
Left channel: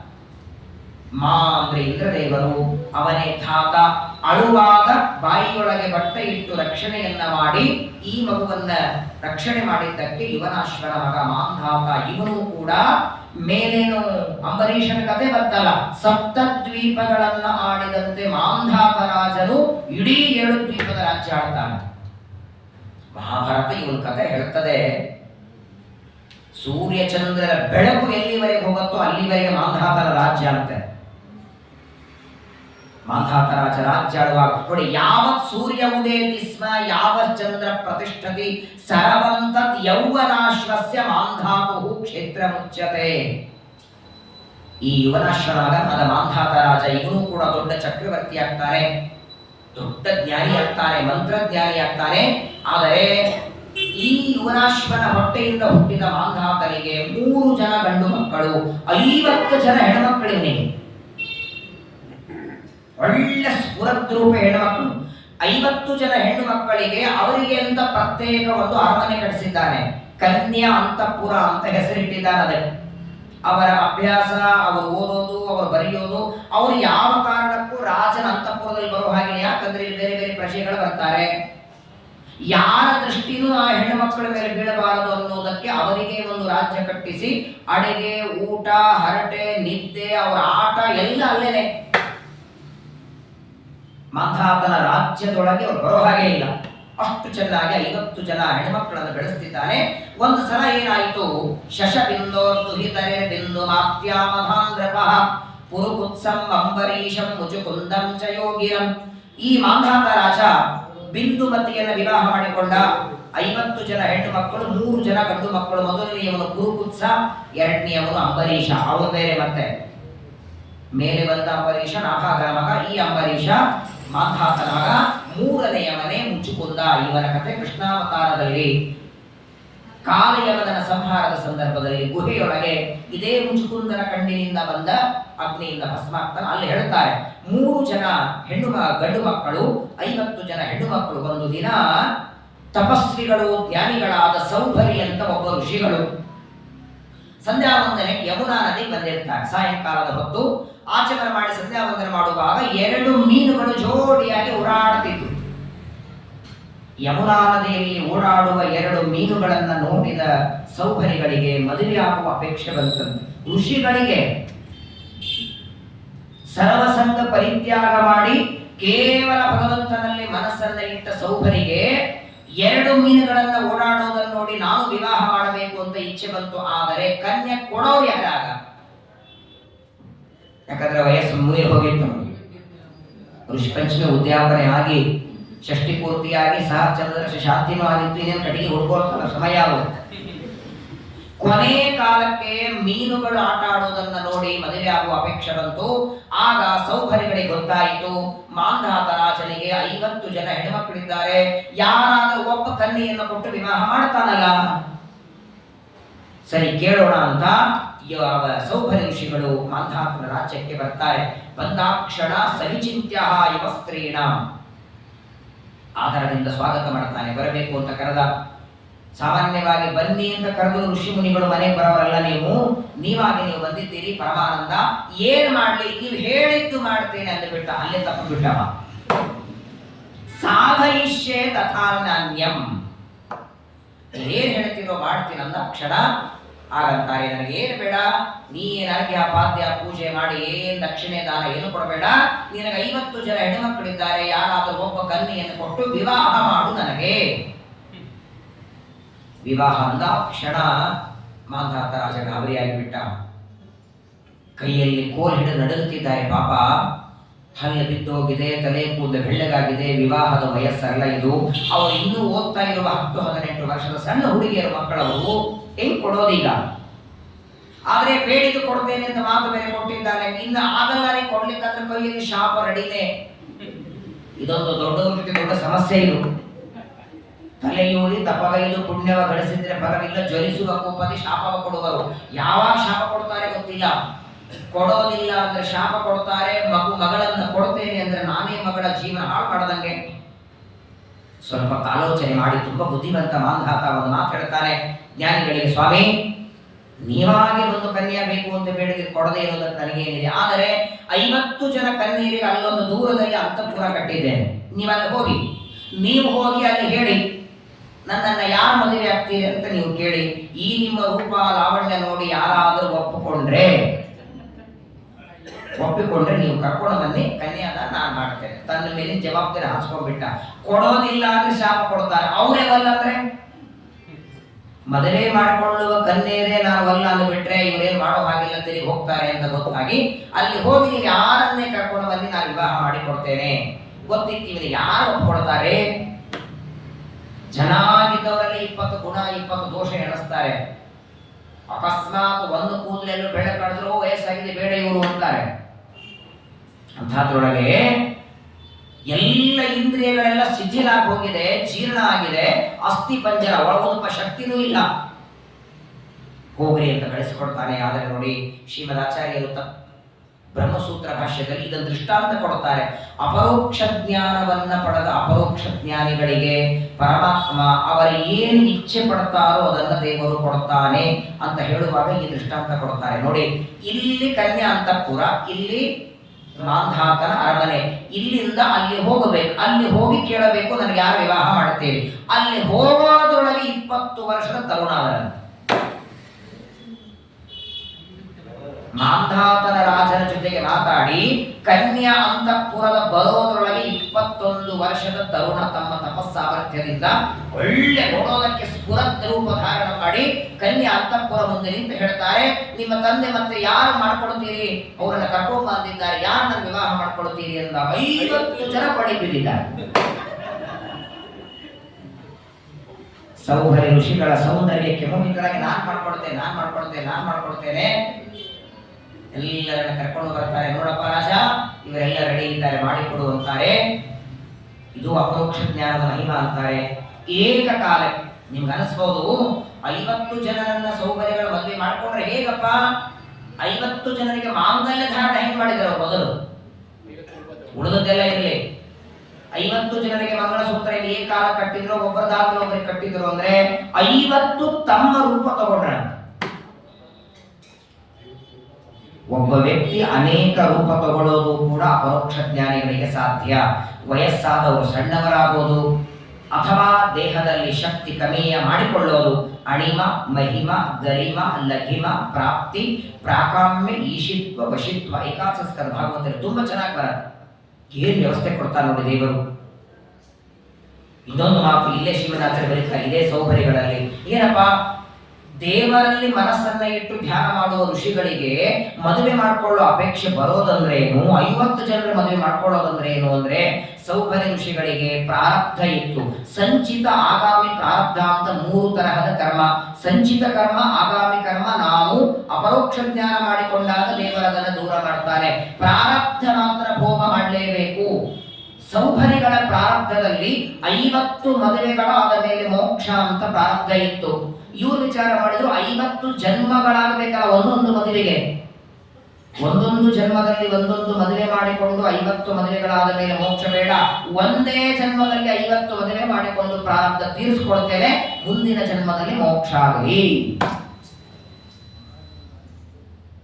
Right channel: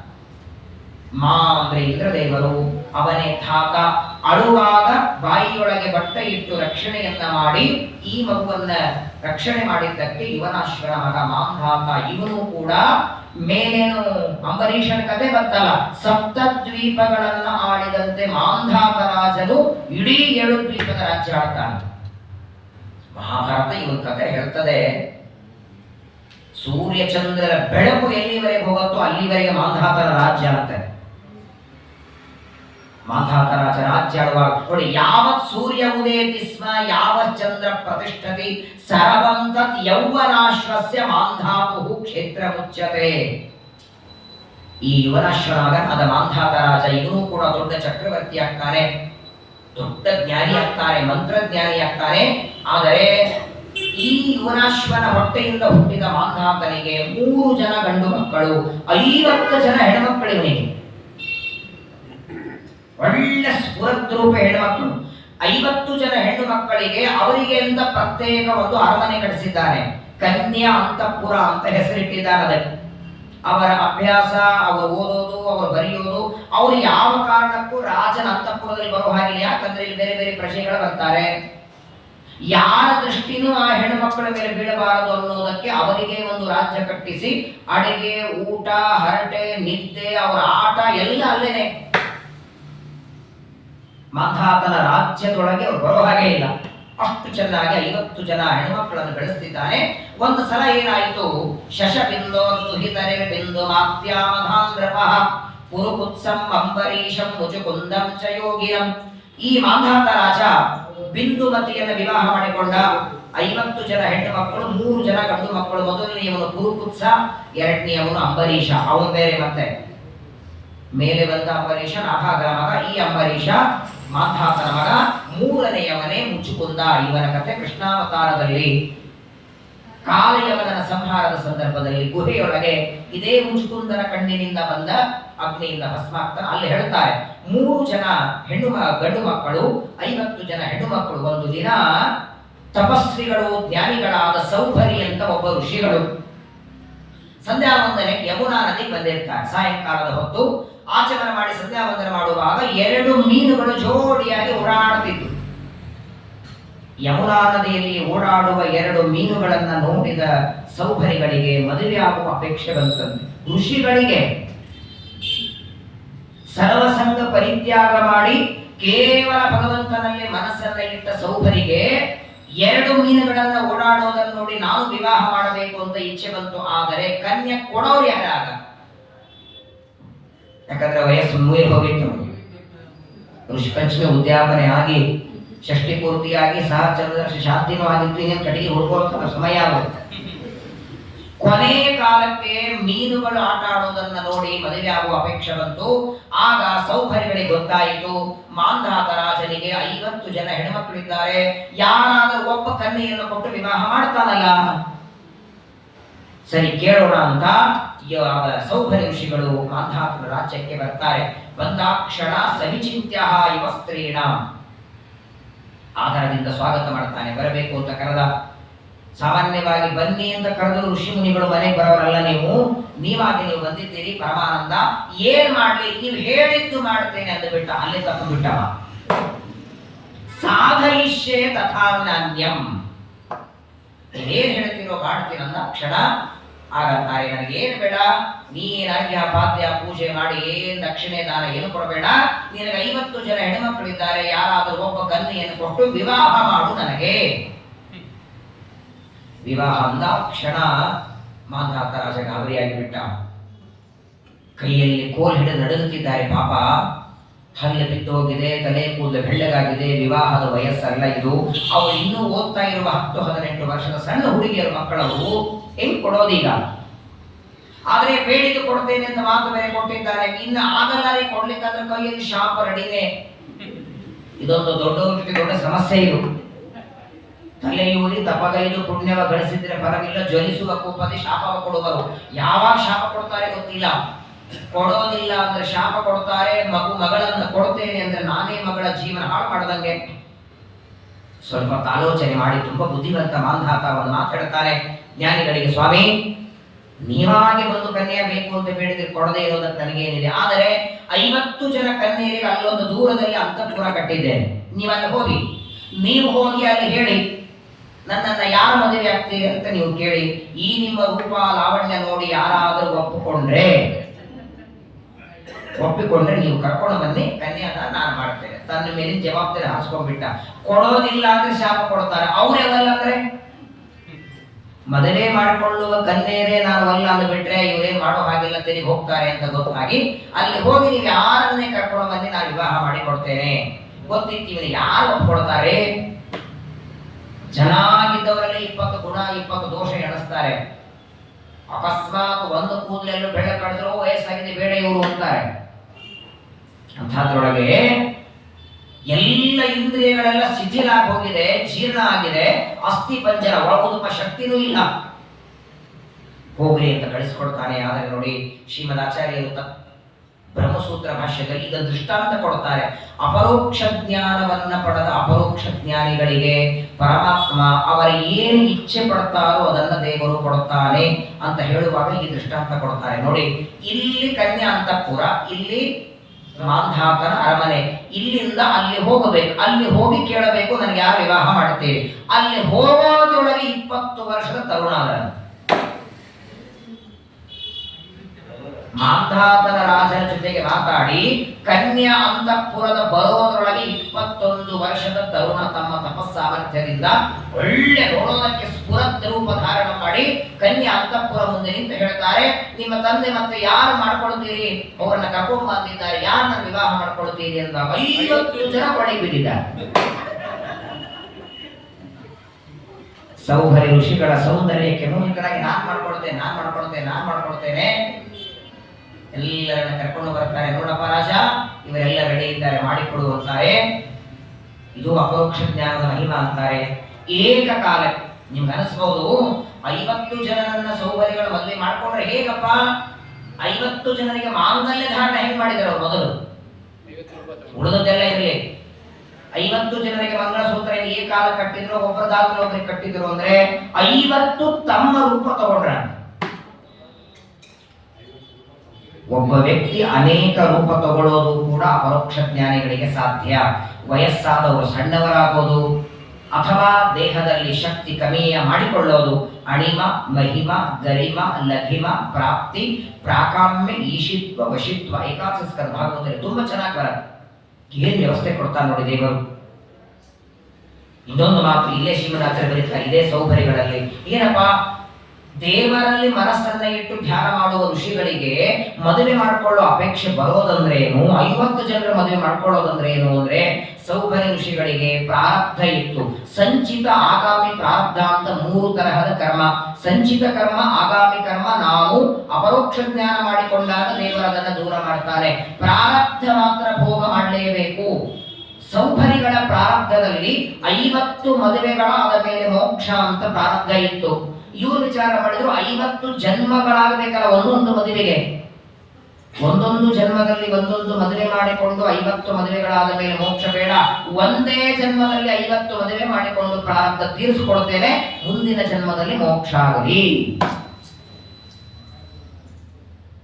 ಮಾ ಅಂದ್ರೆ ಇಂದ್ರದೇವರು, ಅವನೇ ಧಾತ. ಅಳುವಾಗ ಬಾಯಿಯೊಳಗೆ ಬಟ್ಟೆ ಇಟ್ಟು ರಕ್ಷಣೆಯನ್ನ ಮಾಡಿ ಈ ಮಗುವನ್ನ ರಕ್ಷಣೆ ಮಾಡಿದ್ದಕ್ಕೆ ಯುವನಾಶ್ವರ ಮಗ ಮಾಂಧಾತ. ಇವನು ಕೂಡ ಮೇಲೇನು ಅಂಬರೀಷನ ಕತೆ ಬರ್ತಲ್ಲ, ಸಪ್ತದ್ವೀಪಗಳನ್ನ ಆಳಿದಂತೆ ಮಾಂಧಾತ ರಾಜರು ಇಡೀ 7 ದ್ವೀಪದ ರಾಜ್ಯ ಆಳ್ತಾನೆ. ಮಹಾಭಾರತ ಇವನ ಕತೆ ಹೇಳ್ತದೆ. ಸೂರ್ಯ ಚಂದ್ರರ ಬೆಳಕು ಎಲ್ಲಿವರೆಗೆ ಹೋಗುತ್ತೋ ಅಲ್ಲಿವರೆಗೆ ಮಾಂಧಾತನ ರಾಜ್ಯ ಅಂತೆ. ಮಾಂಧಾತ ರಾಜ ರಾಜ್ಯ ಆಳುವಾಗ ನೋಡಿ, ಯಾವತ್ ಸೂರ್ಯ ಉದೇತಿ ಸ್ಮ ಯಾವತ್ ಚಂದ್ರ ಪ್ರತಿಷ್ಠತಿ ಸರ್ವಂ ತತ್ ಯೌವನಾಶ್ವಸ್ಯ ಮಾಂಧಾತು ಕ್ಷೇತ್ರ ಮುಚ್ಯತೆ. ಈ ಯುವನಾಶ್ವರ ಮಗನಾದ ಮಾಂಧಾತ ರಾಜ ಇವನು ಕೂಡ ದೊಡ್ಡ ಚಕ್ರವರ್ತಿ ಆಗ್ತಾನೆ, ದೊಡ್ಡ ಜ್ಞಾನಿ ಆಗ್ತಾನೆ, ಮಂತ್ರಜ್ಞಾನಿ ಆಗ್ತಾನೆ. ಆದರೆ ಈ ಯುವನಾಶ್ವನ ಹೊಟ್ಟೆಯಿಂದ ಹುಟ್ಟಿದ ಮಾಂಧಾತನಿಗೆ 3 ಜನ ಗಂಡು ಮಕ್ಕಳು, 50 ಜನ ಹೆಣ್ಮಕ್ಕಳು. ಇವನಿಗೆ ಒಳ್ಳೆ ಸ್ಫುರದ್ರೂಪ ಹೆಣ್ಣುಮಕ್ಕಳು. 50 ಜನ ಹೆಣ್ಣು ಮಕ್ಕಳಿಗೆ ಅವರಿಗೆ ಅಂತ ಪ್ರತ್ಯೇಕ ಒಂದು ಅರಮನೆ ಕಟ್ಟಿಸಿದ್ದಾನೆ. ಕನ್ಯಾ ಅಂತಃಪುರ ಅಂತ ಹೆಸರಿಟ್ಟಿದ್ದಾನೆ. ಅದಕ್ಕೆ ಅವರ ಅಭ್ಯಾಸ, ಅವರು ಓದೋದು, ಅವರು ಬರೆಯೋದು, ಅವರು ಯಾವ ಕಾರಣಕ್ಕೂ ರಾಜನ ಅಂತಃಪುರದಲ್ಲಿ ಬರೋ ಹಾಗಿಲ್ಲ. ಯಾಕಂದ್ರೆ ಇಲ್ಲಿ ಬೇರೆ ಬೇರೆ ಪ್ರಜೆಗಳು ಬರ್ತಾರೆ. ಯಾರ ದೃಷ್ಟಿನೂ ಆ ಹೆಣ್ಣು ಮಕ್ಕಳ ಮೇಲೆ ಬೀಳಬಾರದು ಅನ್ನೋದಕ್ಕೆ ಅವರಿಗೆ ಒಂದು ರಾಜ್ಯ ಕಟ್ಟಿಸಿ ಅಡಿಗೆ, ಊಟ, ಹರಟೆ, ನಿದ್ದೆ, ಅವರ ಆಟ ಎಲ್ಲ ಅಲ್ಲೇನೆ. ಮಾಂಧಾತನ ರಾಜ್ಯದೊಳಗೆ ಬರೋ ಹಾಗೆ ಇಲ್ಲ. ಅಷ್ಟು ಚೆನ್ನಾಗಿ 50 ಜನ ಹೆಣ್ಮಕ್ಕಳನ್ನು ಬೆಳೆಸ್ತಿದ್ದಾನೆ. ಒಂದು ಸಲ ಏನಾಯಿತು, ಶಶಬಿಂದೋ ದುಹಿತರೆ ಬಿಂದು ಮಾತ್ಯಾಮಧಾಂದ್ರಪ ಪುರುಕುತ್ಸಂ ಅಂಬರೀಷಂ ಮುಚುಕುಂದಂ ಚ ಯೋಗಿರಂ. ಈ ಮಾಂಧಾತ ರಾಜ ಬಿಂದುಮತಿಯನ್ನು ವಿವಾಹ ಮಾಡಿಕೊಂಡ. 50 ಜನ ಹೆಣ್ಣು ಮಕ್ಕಳು, 3 ಜನ ಗಂಡು ಮಕ್ಕಳು. ಮೊದಲನೆಯವನು ಕುರುಕುತ್ಸ, ಎರಡನೆಯವನು ಅಂಬರೀಷ. ಅವನು ಬೇರೆ ಮತ್ತೆ ಮೇಲೆ ಬಂದ ಅಂಬರೀಷ ನಾಭಾಗರ ಮಗ. ಈ ಅಂಬರೀಷ ಮಾಂಧಾತನ ಮಗ. ಮೂರನೆಯವನೇ ಮುಚ್ಚುಕುಂದ. ಇವನ ಕಥೆ ಕೃಷ್ಣಾವತಾರದಲ್ಲಿ ಕಾಲಯವನ ಸಂಹಾರದ ಸಂದರ್ಭದಲ್ಲಿ ಗುಹೆಯೊಳಗೆ ಇದೇ ಮುಚ್ಚುಕುಂದನ ಕಣ್ಣಿನಿಂದ ಬಂದ ಅಗ್ನಿಯಿಂದ ಭಸ್ಮಾಗ್ತಾನೆ. ಅಲ್ಲಿ ಹೇಳ್ತಾರೆ 3 ಜನ ಗಂಡು ಮಕ್ಕಳು, 50 ಜನ ಹೆಣ್ಣು ಮಕ್ಕಳು. ಒಂದು ದಿನ ತಪಸ್ವಿಗಳು ಜ್ಞಾನಿಗಳಾದ ಸೌಭರಿ ಅಂತ ಒಬ್ಬ ಋಷಿಗಳು ಸಂಧ್ಯಾ ವಂದನೆ ಯಮುನಾ ನದಿ ಬಂದಿರ್ತಾರೆ. ಸಾಯಂಕಾಲದ ಹೊತ್ತು ಆಚಮನ ಮಾಡಿ ಸಂಧ್ಯಾ ವಂದನೆ ಮಾಡುವಾಗ 2 ಮೀನುಗಳು ಜೋಡಿಯಾಗಿ ಓಡಾಡ್ತಿತ್ತು. ಯಮುನಾ ನದಿಯಲ್ಲಿ ಓಡಾಡುವ 2 ಮೀನುಗಳನ್ನ ನೋಡಿದ ಸೌಭರಿಗಳಿಗೆ ಮದುವೆಯಾಗುವ ಅಪೇಕ್ಷೆ ಬಂತಂತೆ. ಋಷಿಗಳಿಗೆ ಸರ್ವಸಂಗ ಪರಿತ್ಯಾಗ ಮಾಡಿ ಕೇವಲ ಭಗವಂತನಲ್ಲಿ ಮನಸ್ಸನ್ನ ಇಟ್ಟ ಸೌಭರಿಗೆ 2 ಮೀನುಗಳನ್ನ ಓಡಾಡೋದನ್ನು ನೋಡಿ ನಾನು ವಿವಾಹ ಮಾಡಬೇಕು ಅಂತ ಇಚ್ಛೆ ಬಂತು. ಆದರೆ ಕನ್ಯೆ ಕೊಡೋರು ಯಾರಾಗ? ಯಾಕಂದ್ರೆ ವಯಸ್ಸು ಮೀರಿ ಹೋಗಿತ್ತು. ಋಷಿ ಪಂಚಮಿ ಉದ್ಯಾಪನೆ ಆಗಿ ಷಷ್ಠಿ ಪೂರ್ತಿಯಾಗಿ ಸಹ ಚಂದ್ರದರ್ಶಿ ಶಾಂತಿನೂ ಆಗಿತ್ತು. ಇನ್ನೇನು ಕಡೆಗೆ ಹುಡ್ಕೋಳ್ತಾರ ಸಮಯ. ಕೊನೆ ಕಾಲಕ್ಕೆ ಮೀನುಗಳು ಆಟ ಆಡುವುದನ್ನ ನೋಡಿ ಮದುವೆ ಆಗುವ ಅಪೇಕ್ಷೆ ಬಂತು. ಆಗ ಸೌಭರಿಗಳಿಗೆ ಗೊತ್ತಾಯಿತು, ಮಾಂಧಾತ ರಾಜನಿಗೆ 50 ಜನ ಹೆಣ್ಮಕ್ಳಿದ್ದಾರೆ, ಯಾರಾದರೂ ಒಬ್ಬ ಕನ್ಯೆಯನ್ನು ಕೊಟ್ಟು ವಿವಾಹ ಮಾಡ್ತಾನಲ್ಲ, ಸರಿ ಕೇಳೋಣ ಅಂತ ಸೌಭರಿ ಋಷಿಗಳು ಮಾಂಧಾತನ ರಾಜ್ಯಕ್ಕೆ ಬರ್ತಾರೆ. ಬಂದಾಕ್ಷಣ ಸವಿಚಿತ್ಯ ಇವ ಸ್ತ್ರೀಣ ಆಧಾರದಿಂದ ಸ್ವಾಗತ ಮಾಡ್ತಾನೆ. ಬರಬೇಕು ಅಂತ ಕರೆದ. ಸಾಮಾನ್ಯವಾಗಿ ಬನ್ನಿ ಅಂತ ಕರೆದು ಋಷಿ ಮುನಿಗಳು ಮನೆಗೆ ಬರೋರಲ್ಲ. ನೀವಾಗಿ ನೀವು ಬಂದಿದ್ದೀರಿ, ಪರಮಾನಂದ. ಏನ್ ಮಾಡ್ಲಿ, ನೀವು ಹೇಳಿದ್ದು ಮಾಡ್ತೇನೆ ಅಂದ್ಬಿಟ್ಟ. ಅಲ್ಲೇ ತಪ್ಪು ಬಿಟ್ಟವ. ಸಾಧಯಿಷ್ಯೆ ತಥಾನ್ಯಂ, ನೀವೇನ್ ಹೇಳ್ತೀರೋ ಮಾಡ್ತೀನಿ ಅಂದ ಕ್ಷಣ ಆಗಂತಾರೆ, ನನಗೇನು ಬೇಡ, ನೀನ್ ಅರ್ಘ್ಯ ಪಾದ್ಯ ಪೂಜೆ ಮಾಡಿ ಏನ್ ದಕ್ಷಿಣೆ ದಾನ ಏನು ಕೊಡಬೇಡ, ನಿನಗೆ 50 ಜನ ಹೆಣ್ಣುಮಕ್ಕಳಿದ್ದಾರೆ, ಯಾರಾದರೂ ಒಬ್ಬ ಕನ್ಯೆಯನ್ನು ಕೊಟ್ಟು ವಿವಾಹ ಮಾಡು ನನಗೆ. ವಿವಾಹ ಅಂದ ಕ್ಷಣ ಮಾಂಧಾತ ರಾಜ ಗಾಬರಿಯಾಗಿ ಬಿಟ್ಟ. ಕೈಯಲ್ಲಿ ಕೋಲ್ ಹಿಡಿದು ನಡುಗುತ್ತಿದ್ದಾರೆ ಪಾಪ. ಹಲ್ಲು ಬಿದ್ದೋಗಿದೆ, ತಲೆ ಕೂದಲು ಬೆಳ್ಳಗಾಗಿದೆ. ವಿವಾಹದ ವಯಸ್ಸಲ್ಲ ಇದು. ಅವರು ಇನ್ನೂ ಓದ್ತಾ ಇರುವ 10-18 ವರ್ಷದ ಸಣ್ಣ ಹುಡುಗಿಯರು ಮಕ್ಕಳವರು. ಹೆಂಗ್ ಕೊಡೋದೀಗ? ಆದ್ರೆ ಬೇಡಿಕೆ ಕೊಡ್ತೇನೆ ಅಂತ ಮಾತು ಬೇರೆ ಕೊಟ್ಟಿದ್ದಾರೆ. ಇನ್ನು ಆಗಲಾರಿ ಕೊಡ್ಲಿಕ್ಕಾದ್ರೆ ಕೈಯಲ್ಲಿ ಶಾಪ ರೆಡಿನೇ. ಇದೊಂದು ದೊಡ್ಡ ಸಮಸ್ಯೆ ಇದು. ತಲೆಯೂರಿ ತಪಗೈದು ಪುಣ್ಯವ ಗಳಿಸಿದ್ರೆ ಫಲವಿಲ್ಲ, ಜ್ವಲಿಸುವ ಕೋಪದಿ ಶಾಪವ ಕೊಡುವರು. ಯಾವಾಗ ಶಾಪ ಕೊಡ್ತಾರೆ ಗೊತ್ತಿಲ್ಲ. ಕೊಡೋದಿಲ್ಲ ಅಂದ್ರೆ ಶಾಪ ಕೊಡ್ತಾರೆ. ಮಗಳನ್ನ ಕೊಡ್ತೇನೆ ಅಂದ್ರೆ ನಾನೇ ಮಗಳ ಜೀವನ ಹಾಳು ಮಾಡದಂಗೆ. ಸ್ವಲ್ಪ ಆಲೋಚನೆ ಮಾಡಿ ತುಂಬಾ ಬುದ್ಧಿವಂತ ಮಾಂಧಾತ ಒಂದು ಮಾತಾಡ್ತಾನೆ ಜ್ಞಾನಿಗಳಿಗೆ, ಸ್ವಾಮಿ ನೀವಾಗಿ ಒಂದು ಕನ್ಯೆ ಬೇಕು ಅಂತ ಬೇಡಿದ್ರೆ ಕೊಡದೇ ಇರೋದಕ್ಕೆ ನನಗೇನಿದೆ. ಆದರೆ 50 ಜನ ಕನ್ಯೆಯರಿಗೆ ಅಲ್ಲೊಂದು ದೂರದಲ್ಲಿ ಅಂತಃಪುರ ಕಟ್ಟಿದ್ದೇನೆ. ನೀವಲ್ಲಿ ಹೋಗಿ, ನೀವು ಹೋಗಿ ಅಲ್ಲಿ ಹೇಳಿ ನನ್ನನ್ನ ಯಾರು ಮದುವೆ ಆಗ್ತೀರಿ ಅಂತ ನೀವು ಕೇಳಿ. ಈ ನಿಮ್ಮ ರೂಪ ಲಾವಣ್ಯ ನೋಡಿ ಯಾರಾದರೂ ಒಪ್ಪಿಕೊಂಡ್ರೆ ನೀವು ಕರ್ಕೊಂಡು ಬನ್ನಿ, ಕನ್ಯಾದ ನಾನು ಮಾಡ್ತೇನೆ. ತನ್ನ ಮೇಲಿನ ಜವಾಬ್ದಾರಿ ಹಾಸ್ಕೊಂಡ್ಬಿಟ್ಟ. ಕೊಡೋದಿಲ್ಲ ಅಂದ್ರೆ ಶಾಪ ಕೊಡ್ತಾರೆ. ಅವರೇವಲ್ಲ ಅಂದ್ರೆ ಮೊದಲೇ ಮಾಡಿಕೊಳ್ಳುವ ಕನ್ಯೆಯರೇ ನಾವು ಅಲ್ಲ ಅಂದ್ಬಿಟ್ರೆ ಇವರೇನ್ ಮಾಡೋ ಹಾಗಿಲ್ಲ, ತಿರುಗಿ ಹೋಗ್ತಾರೆ ಅಂತ ಗೊತ್ತಾಗಿ ಅಲ್ಲಿ ಹೋಗಿ ನೀವು ಯಾರನ್ನೇ ಕರ್ಕೊಂಡು ಬಂದು ನಾನು ವಿವಾಹ ಮಾಡಿ ಕೊಡ್ತೇನೆ. ಗೊತ್ತಿತ್ತು ಯಾರು ಒಪ್ಕೊಳ್ತಾರೆ? ಚೆನ್ನಾಗಿದ್ದವರಲ್ಲಿ 20 ಗುಣ 20 ದೋಷ ಎಣಿಸ್ತಾರೆ. ಅಕಸ್ಮಾತ್ ಒಂದು ಕೂದಲೆಲ್ಲೂ ಬೆಳೆ ಕಡಿದ್ರು ವಯಸ್ಸಾಗಿದೆ ಬೇಡ ಇವರು ಅಂತಾರೆ. ಅಂಥದ್ರೊಳಗೆ ಎಲ್ಲ ಇಂದ್ರಿಯಗಳೆಲ್ಲ ಶಿಥಿಲಾಗಿ ಹೋಗಿದೆ, ಜೀರ್ಣ ಆಗಿದೆ, ಅಸ್ಥಿ ಪಂಜರ ಒಳಗುದುಪ ಶಕ್ತಿನೂ ಇಲ್ಲ. ಹೋಗ್ರಿ ಅಂತ ಕಳಿಸಿಕೊಡ್ತಾನೆ. ಆದರೆ ನೋಡಿ ಶ್ರೀಮದ್ ಆಚಾರ್ಯರು ಬ್ರಹ್ಮಸೂತ್ರ ಭಾಷ್ಯದಲ್ಲಿ ಇದನ್ನು ದೃಷ್ಟಾಂತ ಕೊಡ್ತಾರೆ. ಅಪರೋಕ್ಷ ಜ್ಞಾನವನ್ನ ಪಡೆದ ಅಪರೋಕ್ಷ ಜ್ಞಾನಿಗಳಿಗೆ ಪರಮಾತ್ಮ ಅವರು ಏನು ಇಚ್ಛೆ ಪಡ್ತಾರೋ ಅದನ್ನ ದೇವರು ಕೊಡ್ತಾನೆ ಅಂತ ಹೇಳುವಾಗ ಈ ದೃಷ್ಟಾಂತ ಕೊಡ್ತಾರೆ. ನೋಡಿ, ಇಲ್ಲಿ ಕನ್ಯಾ ಅಂತಃಪುರ, ಇಲ್ಲಿ ಮಾಂಧಾತನ ಅರಮನೆ. ಇಲ್ಲಿಂದ ಅಲ್ಲಿ ಹೋಗಬೇಕು, ಅಲ್ಲಿ ಹೋಗಿ ಕೇಳಬೇಕು ನನಗೆ ಯಾರು ವಿವಾಹ ಮಾಡುತ್ತೇವೆ. ಅಲ್ಲಿ ಹೋಗೋದ್ರೊಳಗೆ 20 ವರ್ಷದ ತರುಣಾದರಂತೆ. ಮಾಂಧಾತನ ರಾಜನ ಜೊತೆಗೆ ಮಾತಾಡಿ ಕನ್ಯಾ ಅಂತಃಪುರದ ಬರೋದ್ರೊಳಗೆ 21 ವರ್ಷದ ತರುಣ ತಮ್ಮ ತಪಸ್ಸಾಮರ್ಥ್ಯದಿಂದ ಒಳ್ಳೆ ನೋಡೋದಕ್ಕೆ ಸ್ಫುರತ್ ರೂಪ ಧಾರಣ ಮಾಡಿ ಕನ್ಯಾ ಅಂತಃಪುರ ಮುಂದೆ ನಿಂತು ಹೇಳ್ತಾರೆ, ನಿಮ್ಮ ತಂದೆ ಮತ್ತೆ ಯಾರು ಮಾಡ್ಕೊಳ್ತೀರಿ? ಅವರನ್ನ ಕರ್ಕೊಂಡು ಬಂದಿದ್ದಾರೆ, ಯಾರನ್ನ ವಿವಾಹ ಮಾಡ್ಕೊಳ್ತೀರಿ ಅಂತ 50 ಜನ ಪಡೆ ಬಿದ್ದಿದ್ದಾರೆ. ಸೌಭರಿ ಋಷಿಗಳ ಸೌಂದರ್ಯಕ್ಕೆ ಮೋಹಿತರಾಗಿ ನಾನು ಮಾಡ್ಕೊಳ್ತೇನೆ ಎಲ್ಲರನ್ನ ಕರ್ಕೊಂಡು ಬರ್ತಾರೆ. ನೋಡಪ್ಪ ರಾಜ, ಇವರೆಲ್ಲ ರೆಡಿ ಇದ್ದಾರೆ, ಮಾಡಿಕೊಡು ಅಂತಾರೆ. ಇದು ಅಪರೋಕ್ಷ ಜ್ಞಾನದ ಮಹಿಮಾ ಅಂತಾರೆ. ಏಕಕಾಲ ನಿಮ್ಗೆ ಅನಿಸ್ಬೋದು, 50 ಜನರನ್ನ ಸೌಭರಿಗಳ ಮದುವೆ ಮಾಡ್ಕೊಂಡ್ರೆ ಹೇಗಪ್ಪ? 50 ಜನರಿಗೆ ಮಾಂಗಲ್ಯ ಧಾರಣ ಹೆಂಗ್ ಮಾಡಿದ್ದಾರೆ ಅವರು ಮೊದಲು? ಉಳಿದದ್ದೆಲ್ಲ ಇರಲಿ, 50 ಜನರಿಗೆ ಮಂಗಳಸೂತ್ರ ಇದು ಏಕಾಲ ಕಟ್ಟಿದ್ರು, ಒಬ್ಬರದಾದ್ರೂ ಒಬ್ಬರಿಗೆ ಕಟ್ಟಿದ್ರು ಅಂದ್ರೆ 50 ತಮ್ಮ ರೂಪ ತಗೊಂಡ್ರ. ಒಬ್ಬ ವ್ಯಕ್ತಿ ಅನೇಕ ರೂಪ ತಗೊಳ್ಳೋದು ಕೂಡ ಅಪರೋಕ್ಷ ಜ್ಞಾನಿಗಳಿಗೆ ಸಾಧ್ಯ. ವಯಸ್ಸಾದವರು ಸಣ್ಣವರಾಗೋದು, ಅಥವಾ ದೇಹದಲ್ಲಿ ಶಕ್ತಿ ಕಮಿಯ ಮಾಡಿಕೊಳ್ಳೋದು, ಅಣಿಮ, ಮಹಿಮ, ಗರಿಮ, ಲಘಿಮ, ಪ್ರಾಪ್ತಿ, ಪ್ರಾಕಾಮ್ಯ, ಈಶಿತ್ವ, ವಶಿತ್ವ, ಏಕಾದಶಸ್ಕರ ಭಾಗವತದಲ್ಲಿ ತುಂಬಾ ಚೆನ್ನಾಗಿ ಬರುತ್ತೆ. ಏನ್ ವ್ಯವಸ್ಥೆ ಕೊಡ್ತಾ ನೋಡಿ ದೇವರು. ಇನ್ನೊಂದು ಮಾತು ಇಲ್ಲೇ ಶ್ರೀಮದಾಚಾರ್ಯ ಬರೀತಾರೆ ಇದೇ ಸೌಭರಿಗಳಲ್ಲಿ. ಏನಪ್ಪಾ, ದೇವರಲ್ಲಿ ಮನಸ್ಸನ್ನ ಇಟ್ಟು ಧ್ಯಾನ ಮಾಡುವ ಋಷಿಗಳಿಗೆ ಮದುವೆ ಮಾಡ್ಕೊಳ್ಳೋ ಅಪೇಕ್ಷೆ ಬರೋದಂದ್ರೇನು, 50 ಜನರ ಮದುವೆ ಮಾಡ್ಕೊಳ್ಳೋದಂದ್ರೆ ಏನು ಅಂದ್ರೆ, ಸೌಭರಿ ಋಷಿಗಳಿಗೆ ಪ್ರಾರಬ್ಧ ಇತ್ತು. ಸಂಚಿತ, ಆಗಾಮಿ, ಪ್ರಾರಬ್ಧ ಅಂತ 3 ತರಹದ ಕರ್ಮ. ಸಂಚಿತ ಕರ್ಮ, ಆಗಾಮಿ ಕರ್ಮ ನಾವು ಅಪರೋಕ್ಷ ಜ್ಞಾನ ಮಾಡಿಕೊಂಡಾಗ ದೇವರದನ್ನು ದೂರ ಮಾಡ್ತಾನೆ. ಪ್ರಾರಬ್ಧ ಮಾತ್ರ ಭೋಗ ಮಾಡಲೇಬೇಕು. ಸೌಭರಿಗಳ ಪ್ರಾರಬ್ಧದಲ್ಲಿ 50 ಮದುವೆಗಳಾದ ಮೇಲೆ ಮೋಕ್ಷ ಅಂತ ಪ್ರಾರಬ್ಧ ಇತ್ತು. ಇವರು ವಿಚಾರ ಮಾಡಿದ್ರು 50 ಜನ್ಮಗಳಾಗಬೇಕಲ್ಲ ಒಂದೊಂದು ಮದುವೆಗೆ. ಒಂದೊಂದು ಜನ್ಮದಲ್ಲಿ ಒಂದೊಂದು ಮದುವೆ ಮಾಡಿಕೊಂಡು 50 ಮದುವೆಗಳಾದ ಮೇಲೆ ಮೋಕ್ಷ ಬೇಡ, ಒಂದೇ ಜನ್ಮದಲ್ಲಿ 50 ಮದುವೆ ಮಾಡಿಕೊಂಡು ಪ್ರಾರಬ್ಧ ತೀರಿಸಿಕೊಡ್ತೇನೆ, ಮುಂದಿನ ಜನ್ಮದಲ್ಲಿ ಮೋಕ್ಷ ಆಗಲಿ.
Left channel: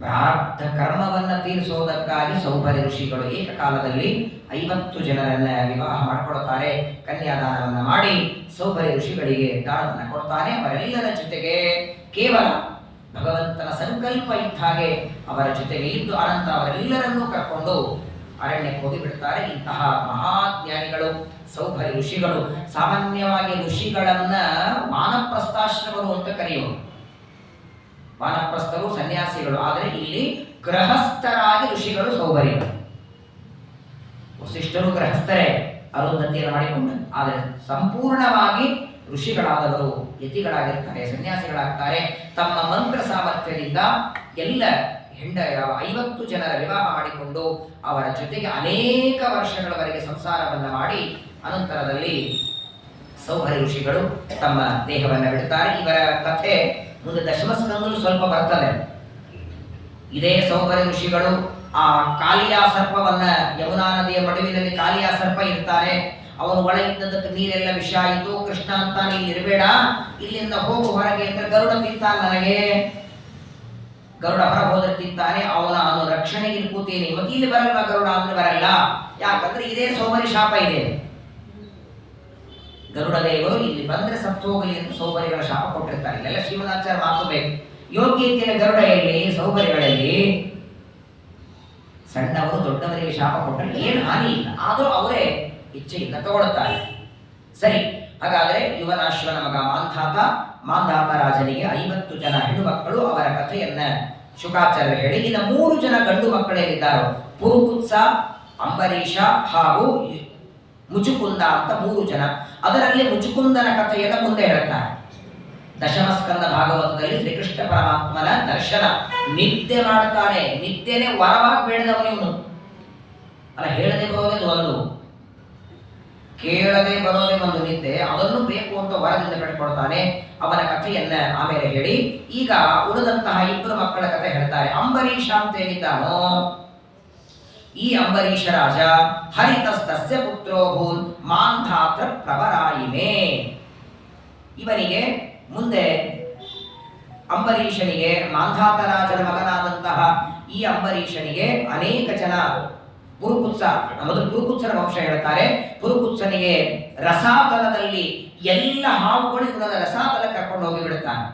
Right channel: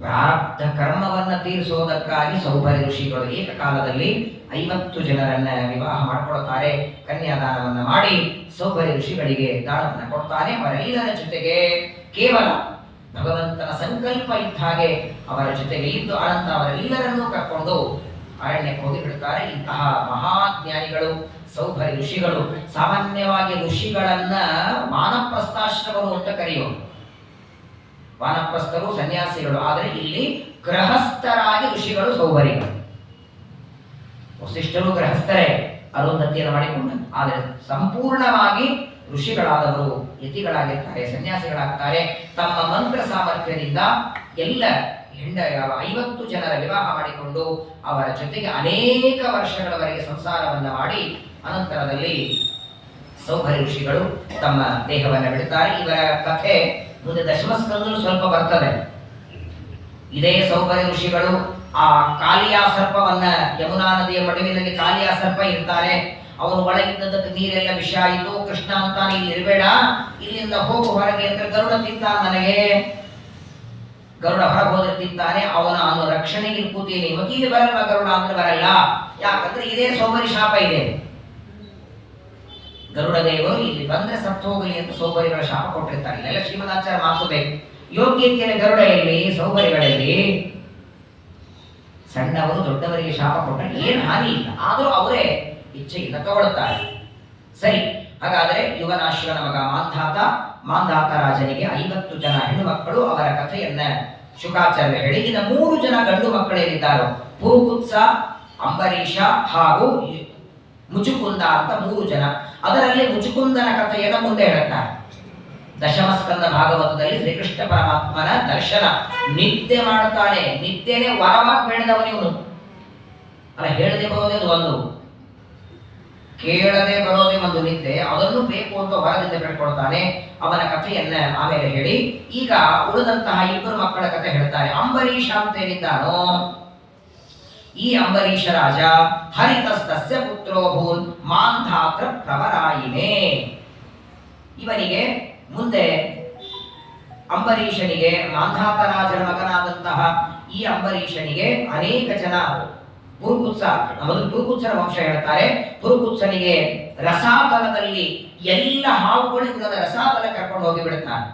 ಪ್ರಾರಬ್ಧ ಕರ್ಮವನ್ನ ತೀರಿಸೋದಕ್ಕಾಗಿ ಸೌಭರಿ ಋಷಿಗಳು ಏಕಕಾಲದಲ್ಲಿ 50 ಜನರನ್ನ ವಿವಾಹ ಮಾಡಿಕೊಳ್ತಾರೆ. ಕನ್ಯಾದಾನವನ್ನ ಮಾಡಿ ಸೌಭರಿ ಋಷಿಗಳಿಗೆ ದಾನವನ್ನ ಕೊಡ್ತಾನೆ. ಅವರೆಲ್ಲರ ಜೊತೆಗೆ ಕೇವಲ ಭಗವಂತನ ಸಂಕಲ್ಪ ಇದ್ದ ಹಾಗೆ ಅವರ ಜೊತೆಗೆ ಇದ್ದು ಅನಂತರ ಅವರೆಲ್ಲರನ್ನೂ ಕರ್ಕೊಂಡು ಅರಣ್ಯಕ್ಕೆ ಹೋಗಿಬಿಡ್ತಾರೆ. ಇಂತಹ ಮಹಾಜ್ಞಾನಿಗಳು ಸೌಭರಿ ಋಷಿಗಳು. ಸಾಮಾನ್ಯವಾಗಿ ಋಷಿಗಳನ್ನ ವಾನಪ್ರಸ್ಥಾಶ್ರಮರು ಅಂತ ಕರೆಯುವರು. ವಾನಪ್ರಸ್ಥರು ಸನ್ಯಾಸಿಗಳು, ಆದರೆ ಇಲ್ಲಿ ಗೃಹಸ್ಥರಾಗಿ ಋಷಿಗಳು ಸೌಭರಿಗಳು. ವಸಿಷ್ಠರು ಗೃಹಸ್ಥರೇ, ಅರುಂಧತಿಯನ್ನು ಮಾಡಿಕೊಂಡ, ಆದರೆ ಸಂಪೂರ್ಣವಾಗಿ ಋಷಿಗಳಾದವರು ಯತಿಗಳಾಗಿರ್ತಾರೆ, ಸನ್ಯಾಸಿಗಳಾಗ್ತಾರೆ. ತಮ್ಮ ಮಂತ್ರ ಸಾಮರ್ಥ್ಯದಿಂದ ಎಲ್ಲ 50 ಜನರ ವಿವಾಹ ಮಾಡಿಕೊಂಡು ಅವರ ಜೊತೆಗೆ ಅನೇಕ ವರ್ಷಗಳವರೆಗೆ ಸಂಸಾರವನ್ನು ಮಾಡಿ ಅನಂತರದಲ್ಲಿ ಸೌಭರಿ ಋಷಿಗಳು ತಮ್ಮ ದೇಹವನ್ನು ಬಿಡುತ್ತಾರೆ. ಇವರ ಕಥೆ ಮುಂದೆ ದಶಮಸ್ಕಂದಲು ಸ್ವಲ್ಪ ಬರ್ತದೆ. ಇದೇ ಸೌಭರಿ ಋಷಿಗಳು ಆ ಕಾಲಿಯಾ ಸರ್ಪವನ್ನ, ಯಮುನಾ ನದಿಯ ಮಡುವಿನಲ್ಲಿ ಕಾಲಿಯಾ ಸರ್ಪ ಇರ್ತಾರೆ. ಅವನು ಒಳಗಿದ್ದದಕ್ಕೆ ನೀರೆಲ್ಲ ವಿಷ ಆಯಿತು. ಕೃಷ್ಣ ಅಂತಾನೆ ಇಲ್ಲಿ ಇರಬೇಡ, ಇಲ್ಲಿಂದ ಹೋಗು ಹೊರಗೆ ಅಂದ್ರೆ ಗರುಡ ತಿಂತಾನೆ. ನನಗೆ ಗರುಡ ಹೊರಗೆ ಹೋದ್ರೆ ತಿಂತಾನೆ, ಅವನ ರಕ್ಷಣೆಗೆ ಕೂತೀನಿ. ಇವತ್ತು ಇಲ್ಲಿ ಬರಲ್ವಾ ಗರುಡ ಅಂದ್ರೆ ಬರಲ್ಲ, ಯಾಕಂದ್ರೆ ಇದೇ ಸೌಭರಿ ಶಾಪ ಇದೆ. ಗರುಡ ದೇವರು ಇಲ್ಲಿ ಬಂದ್ರೆ ಸತ್ತು ಹೋಗಲಿ ಅಂತ ಸೌಭರಿಗಳ ಶಾಪ ಕೊಟ್ಟಿರ್ತಾರೆ. ಇಲ್ಲೆಲ್ಲ ಶ್ರೀಮದಾಚಾರ್ಯ ಮಾತು ಬೇಕು. ಯೋಗ್ಯತೆಯ ಗರುಡ ಎಲ್ಲಿ, ಸೌಭರಿಗಳಲ್ಲಿ. ಸಣ್ಣವರು ದೊಡ್ಡವರಿಗೆ ಶಾಪ ಕೊಟ್ಟರೆ ಏನು ಹಾನಿ ಇಲ್ಲ, ಆದರೂ ಅವರೇ ಇಚ್ಛೆಯಿಂದ ತಗೊಳ್ತಾರೆ. ಸರಿ, ಹಾಗಾದ್ರೆ ಯುವನಾಶ್ವನ ಮಗ ಮಾಂಧಾತ ರಾಜನಿಗೆ 50 ಜನ ಹೆಣ್ಣು ಮಕ್ಕಳು. ಅವರ ಕಥೆಯನ್ನ ಶುಕಾಚಾರ್ಯ ಹೇಳಿ, ಇನ್ನು 3 ಜನ ಗಂಡು ಮಕ್ಕಳೇನಿದ್ದಾರೋ, ಪುರುಕುತ್ಸ, ಅಂಬರೀಷ ಹಾಗೂ ಮುಚುಕುಂದ ಅಂತ 3 ಜನ. ಅದರಲ್ಲಿ ಮುಚುಕುಂದನ ಕಥೆಯನ್ನು ಮುಂದೆ ಹೇಳುತ್ತಾರೆ. ದಶಮಸ್ಕಂದ ಭಾಗವತದಲ್ಲಿ ಶ್ರೀಕೃಷ್ಣ ಪರಮಾತ್ಮನ ದರ್ಶನ ನಿತ್ಯ ಮಾಡುತ್ತಾನೆ. ನಿತ್ಯನೇ ವರವಾಗಿ ಬೇಡದವನು ಇವನು ಅಲ್ಲ. ಹೇಳದೆ ಬರೋದೇ ಒಂದು, ಕೇಳದೆ ಬರೋದೇ ಒಂದು ನಿತ್ಯ, ಅದನ್ನು ಬೇಕು ಅಂತ ವರದಿಂದ ಬೇಡ್ಕೊಳ್ತಾನೆ. ಅವನ ಕಥೆಯನ್ನ ಆಮೇಲೆ ಹೇಳಿ, ಈಗ ಉಳಿದಂತಹ 2 ಮಕ್ಕಳ ಕಥೆ ಹೇಳ್ತಾರೆ. ಅಂಬರೀಷ ಅಂತ ಏನಿದ್ದಾನೋ, ಈ ಅಂಬರೀಷ ರಾಜ ಹರಿತಸ್ತಸ್ಯ ಪುತ್ರೋಭೂನ್ ಮಾಂಧಾತ್ರ ಪ್ರವರಾಯಿಮೆ. ಇವನಿಗೆ ಮುಂದೆ ಅಂಬರೀಷನಿಗೆ, ಮಾಂಧಾತ ರಾಜನ ಮಗನಾದಂತಹ ಈ ಅಂಬರೀಷನಿಗೆ ಅನೇಕ ಜನ, ಪುರುಕುತ್ಸ, ಮೊದಲು ಪುರುಕುತ್ಸನ ವಂಶ ಹೇಳ್ತಾರೆ. ಪುರುಕುತ್ಸನಿಗೆ ರಸಾತಲದಲ್ಲಿ ಎಲ್ಲ ಹಾವುಗಳು ಇವನ ರಸಾತಲ ಕರ್ಕೊಂಡು ಹೋಗಿ ಬಿಡುತ್ತಾರೆ.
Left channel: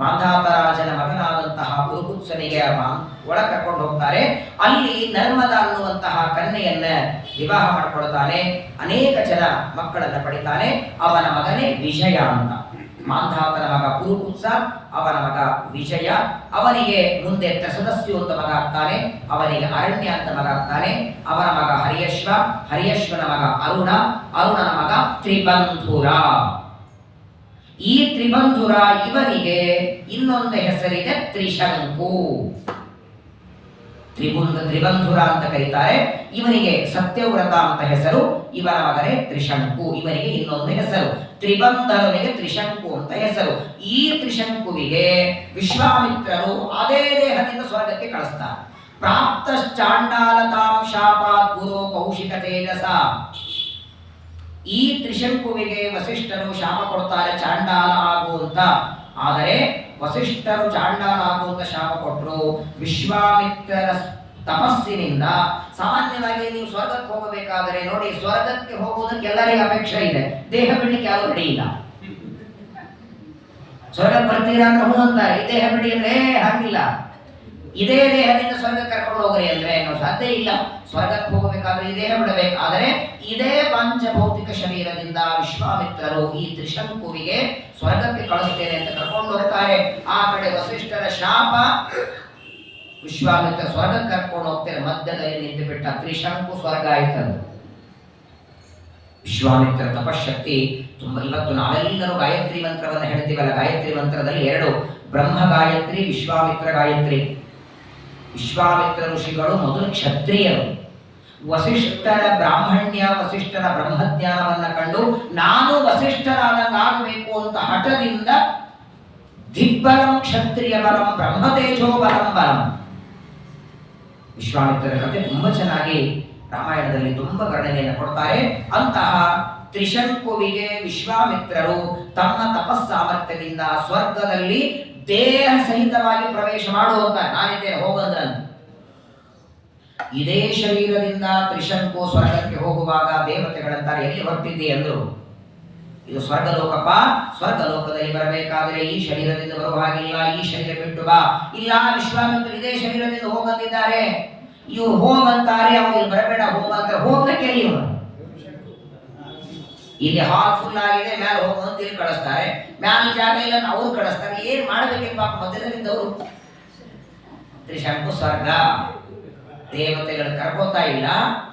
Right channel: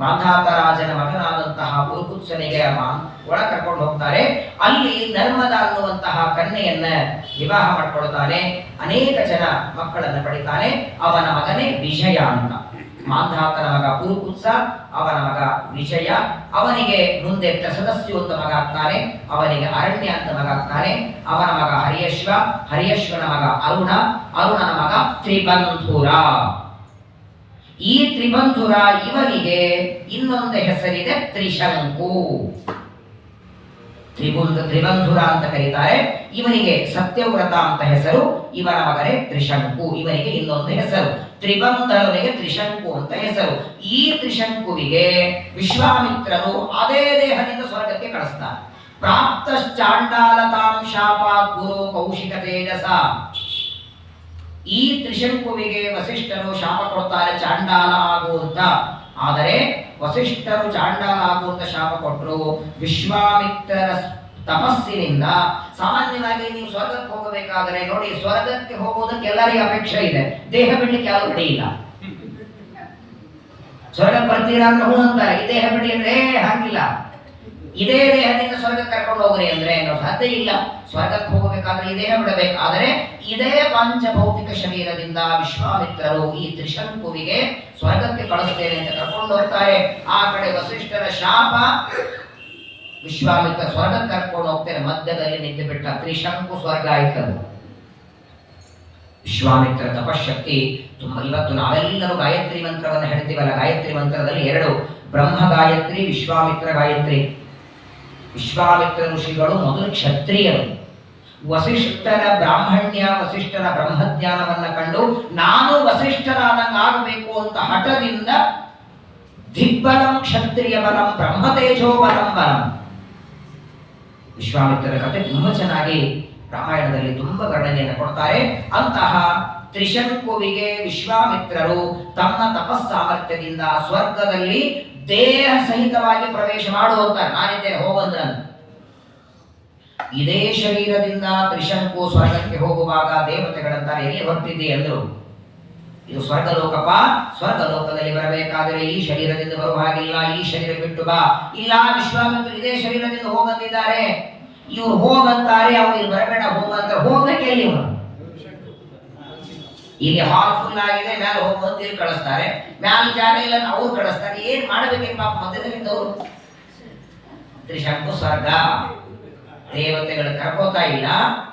ಮಾಂಧಾತ ರಾಜನ ಮಗನಾದಂತಹ ಪುರುಕುತ್ಸನಿಗೆ ಒಳ ಕರ್ಕೊಂಡು ಹೋಗ್ತಾರೆ. ಅಲ್ಲಿ ನರ್ಮದ ಅನ್ನುವಂತಹ ಕನ್ಯೆಯನ್ನ ವಿವಾಹ ಮಾಡಿಕೊಳ್ತಾನೆ. ಅನೇಕ ಜನ ಮಕ್ಕಳನ್ನ ಪಡಿತಾನೆ. ಅವನ ಮಗನೇ ವಿಜಯ ಅಂತ. ಮಾಂಧಾತನ ಮಗ ಪುರುಕುತ್ಸ, ಅವನ ಮಗ ವಿಜಯ. ಅವನಿಗೆ ಮುಂದೆ ತ್ರಸದಸ್ಯು ಅಂತ ಮಗ ಆಗ್ತಾನೆ. ಅವನಿಗೆ ಅರಣ್ಯ ಅಂತ ಮಗ ಆಗ್ತಾನೆ. ಅವನ ಮಗ ಹರಿಯಶ್ವ, ಹರಿಯಶ್ವನ ಮಗ ಅರುಣನ ಮಗ ತ್ರಿಬಂಧುರ. ಈ ತ್ರಿಬಂಧುರ ಇವನಿಗೆ ಇನ್ನೊಂದು ಹೆಸರಿದೆ ತ್ರಿಶಂಕು. ತ್ರಿಬಂಧುರ ಅಂತ ಕರೀತಾರೆ. ಇವನಿಗೆ ಸತ್ಯವ್ರತ ಅಂತ ಹೆಸರು. ಇವನ ಮಗನೇ ತ್ರಿಶಂಕು. ಇವನಿಗೆ ಇನ್ನೊಂದು ಹೆಸರು ತ್ರಿಬಂಧನಿಗೆ ತ್ರಿಶಂಕು ಅಂತ ಹೆಸರು. ಈ ತ್ರಿಶಂಕುವಿಗೆ ವಿಶ್ವಾಮಿತ್ರರು ಅದೇ ದೇಹದಿಂದ ಸ್ವರ್ಗಕ್ಕೆ ಕಳಿಸ್ತಾರೆ. ಪ್ರಾಪ್ತ ಚಾಂಡಾಲತಾಂ ಶಾಪಾತ್ ಗುರು ಕೌಶಿಕ ತೇಜಸ. ಈ ತ್ರಿಶಂಕುವಿಗೆ ವಸಿಷ್ಠರು ಶಾಪ ಕೊಡ್ತಾರೆ, ಚಾಂಡಾಲ ಆಗು ಅಂತ. ಆದರೆ ವಸಿಷ್ಠರು ಚಾಂಡಾಲ ಆಗುವಂತ ಶಾಪ ಕೊಟ್ಟರು. ವಿಶ್ವಾಮಿತ್ರರ ತಪಸ್ಸಿನಿಂದ ಸಾಮಾನ್ಯವಾಗಿ ನೀವು ಸ್ವರ್ಗಕ್ಕೆ ಹೋಗಬೇಕಾದರೆ ನೋಡಿ, ಸ್ವರ್ಗಕ್ಕೆ ಹೋಗುವುದಕ್ಕೆ ಎಲ್ಲರಿಗೂ ಅಪೇಕ್ಷೆ ಇದೆ, ದೇಹ ಬಿಡ್ಲಿಕ್ಕೆ ಯಾರು ರೆಡಿ ಇಲ್ಲ. ಸ್ವರ್ಗಕ್ಕೆ ಬರ್ತೀರಾ ಅಂದ್ರೆ ಹೂ ಅಂತಾರೆ, ಈ ದೇಹ ಬಿಡಿ ಅಂದ್ರೆ ಹಾಗಿಲ್ಲ. ಇದೇ ದೇಹದಿಂದ ಸ್ವರ್ಗಕ್ಕೆ ಕರ್ಕೊಂಡು ಹೋಗ್ರಿ ಅಂದ್ರೆ ಏನೋ ಸಾಧ್ಯ ಇಲ್ಲ. ಸ್ವರ್ಗಕ್ಕೆ ಹೋಗಬೇಕಾದ್ರೆ ಈ ದೇಹ ಬಿಡಬೇಕು. ಆದರೆ ಇದೇ ಪಂಚಭೌತಿಕ ಶರೀರದಿಂದ ವಿಶ್ವಾಮಿತ್ರರು ಈ ತ್ರಿಶಂಕುವಿಗೆ ಸ್ವರ್ಗಕ್ಕೆ ಕಳಿಸ್ತೇನೆ ಅಂತ ಕರ್ಕೊಂಡು ಹೋಗ್ತಾರೆ. ಆ ಕಡೆ ವಸಿಷ್ಠರ ಶಾಪ, ವಿಶ್ವಾಮಿತ್ರ ಸ್ವರ್ಗಕ್ಕೆ ಕರ್ಕೊಂಡು ಹೋಗ್ತಾರೆ. ಮಧ್ಯದಲ್ಲಿ ನಿಂತು ಬಿಟ್ಟ ತ್ರಿಶಂಕು ಸ್ವರ್ಗ ಆಯ್ತದು. ವಿಶ್ವಾಮಿತ್ರ ತಪಶಕ್ತಿ ತುಂಬಾ. ಇವತ್ತು ನಾವೆಲ್ಲರೂ ಗಾಯತ್ರಿ ಮಂತ್ರವನ್ನು ಹೇಳ್ತೀವಲ್ಲ, ಗಾಯತ್ರಿ ಮಂತ್ರದಲ್ಲಿ ಎರಡು, ಬ್ರಹ್ಮ ಗಾಯತ್ರಿ, ವಿಶ್ವಾಮಿತ್ರ ಗಾಯತ್ರಿ. ವಿಶ್ವಾಮಿತ್ರ ಋಷಿಗಳು ಮೊದಲು ಕ್ಷತ್ರಿಯರು. ವಸಿಷ್ಠರ ಬ್ರಾಹ್ಮಣ್ಯ, ವಸಿಷ್ಠರ ಬ್ರಹ್ಮಜ್ಞಾನವನ್ನ ಕಂಡು ನಾನು ವಸಿಷ್ಠರಾದಂಗೆ ಆಗಬೇಕು ಅಂತ ಹಠದಿಂದ ದಿಗ್ಬಲಂ ಕ್ಷತ್ರಿಯ ಬಲಂ ಬ್ರಹ್ಮತೇಜೋ ಬಲಂ ಬಲಂ. ವಿಶ್ವಾಮಿತ್ರರ ಕಥೆ ತುಂಬಾ ಚೆನ್ನಾಗಿ ರಾಮಾಯಣದಲ್ಲಿ ತುಂಬಾ ವರ್ಣನೆಯನ್ನು ಕೊಡ್ತಾರೆ. ಅಂತಹ ತ್ರಿಶಂಕುವಿಗೆ ವಿಶ್ವಾಮಿತ್ರರು ತಮ್ಮ ತಪಸ್ಸಾಮರ್ಥ್ಯದಿಂದ ಸ್ವರ್ಗದಲ್ಲಿ ದೇಹ ಸಹಿತವಾಗಿ ಪ್ರವೇಶ ಮಾಡುವಂತ, ನಾನಿದ್ದೇನೆ ಹೋಗಂದ್ರಂತ. ಇದೇ ಶರೀರದಿಂದ ತ್ರಿಶಂಕು ಸ್ವರ್ಗಕ್ಕೆ ಹೋಗುವಾಗ ದೇವತೆಗಳಂತಾರೆ, ಎಲ್ಲಿ ಹೊರಟಿದ್ದೆ ಅಂದ್ರು. ಇದು ಸ್ವರ್ಗಲೋಕಪ್ಪ, ಸ್ವರ್ಗಲೋಕದಲ್ಲಿ ಬರಬೇಕಾದ್ರೆ ಈ ಶರೀರದಿಂದ ಬರುವ ಹಾಗಿಲ್ಲ, ಈ ಶರೀರ ಬಿಟ್ಟು ಬಾ. ಇಲ್ಲ, ವಿಶ್ವಾಮಿತ್ರ ಇದೇ ಶರೀರದಿಂದ ಹೋಗಂದಿದ್ದಾರೆ, ಇವ್ರು ಹೋಗಂತಾರೆ, ಅವ್ರು ಇಲ್ಲಿ ಬರಬೇಡ ಹೋಗಂತಾರೆ. ಹೋಗ್ಲಿಕ್ಕೆ ಎಲ್ಲಿ ಇವನು? ಇಲ್ಲಿ ಹಾಲ್ ಫುಲ್ ಆಗಿದೆ, ಮೇಲೆ ಹೋಗುವಂತ ಇಲ್ಲಿ ಕಳಿಸ್ತಾರೆ, ಮ್ಯಾಲ ಜಾಗ ಇಲ್ಲ ಅವ್ರು ಕಳಿಸ್ತಾರೆ. ಏನ್ ಮಾಡಬೇಕೆ ಪಾಪ ಮಧ್ಯದಲ್ಲಿದ್ದವರು. ತ್ರಿಶಂಕು ಸ್ವರ್ಗ, ದೇವತೆಗಳು ಕರ್ಕೋತಾ ಇಲ್ಲ,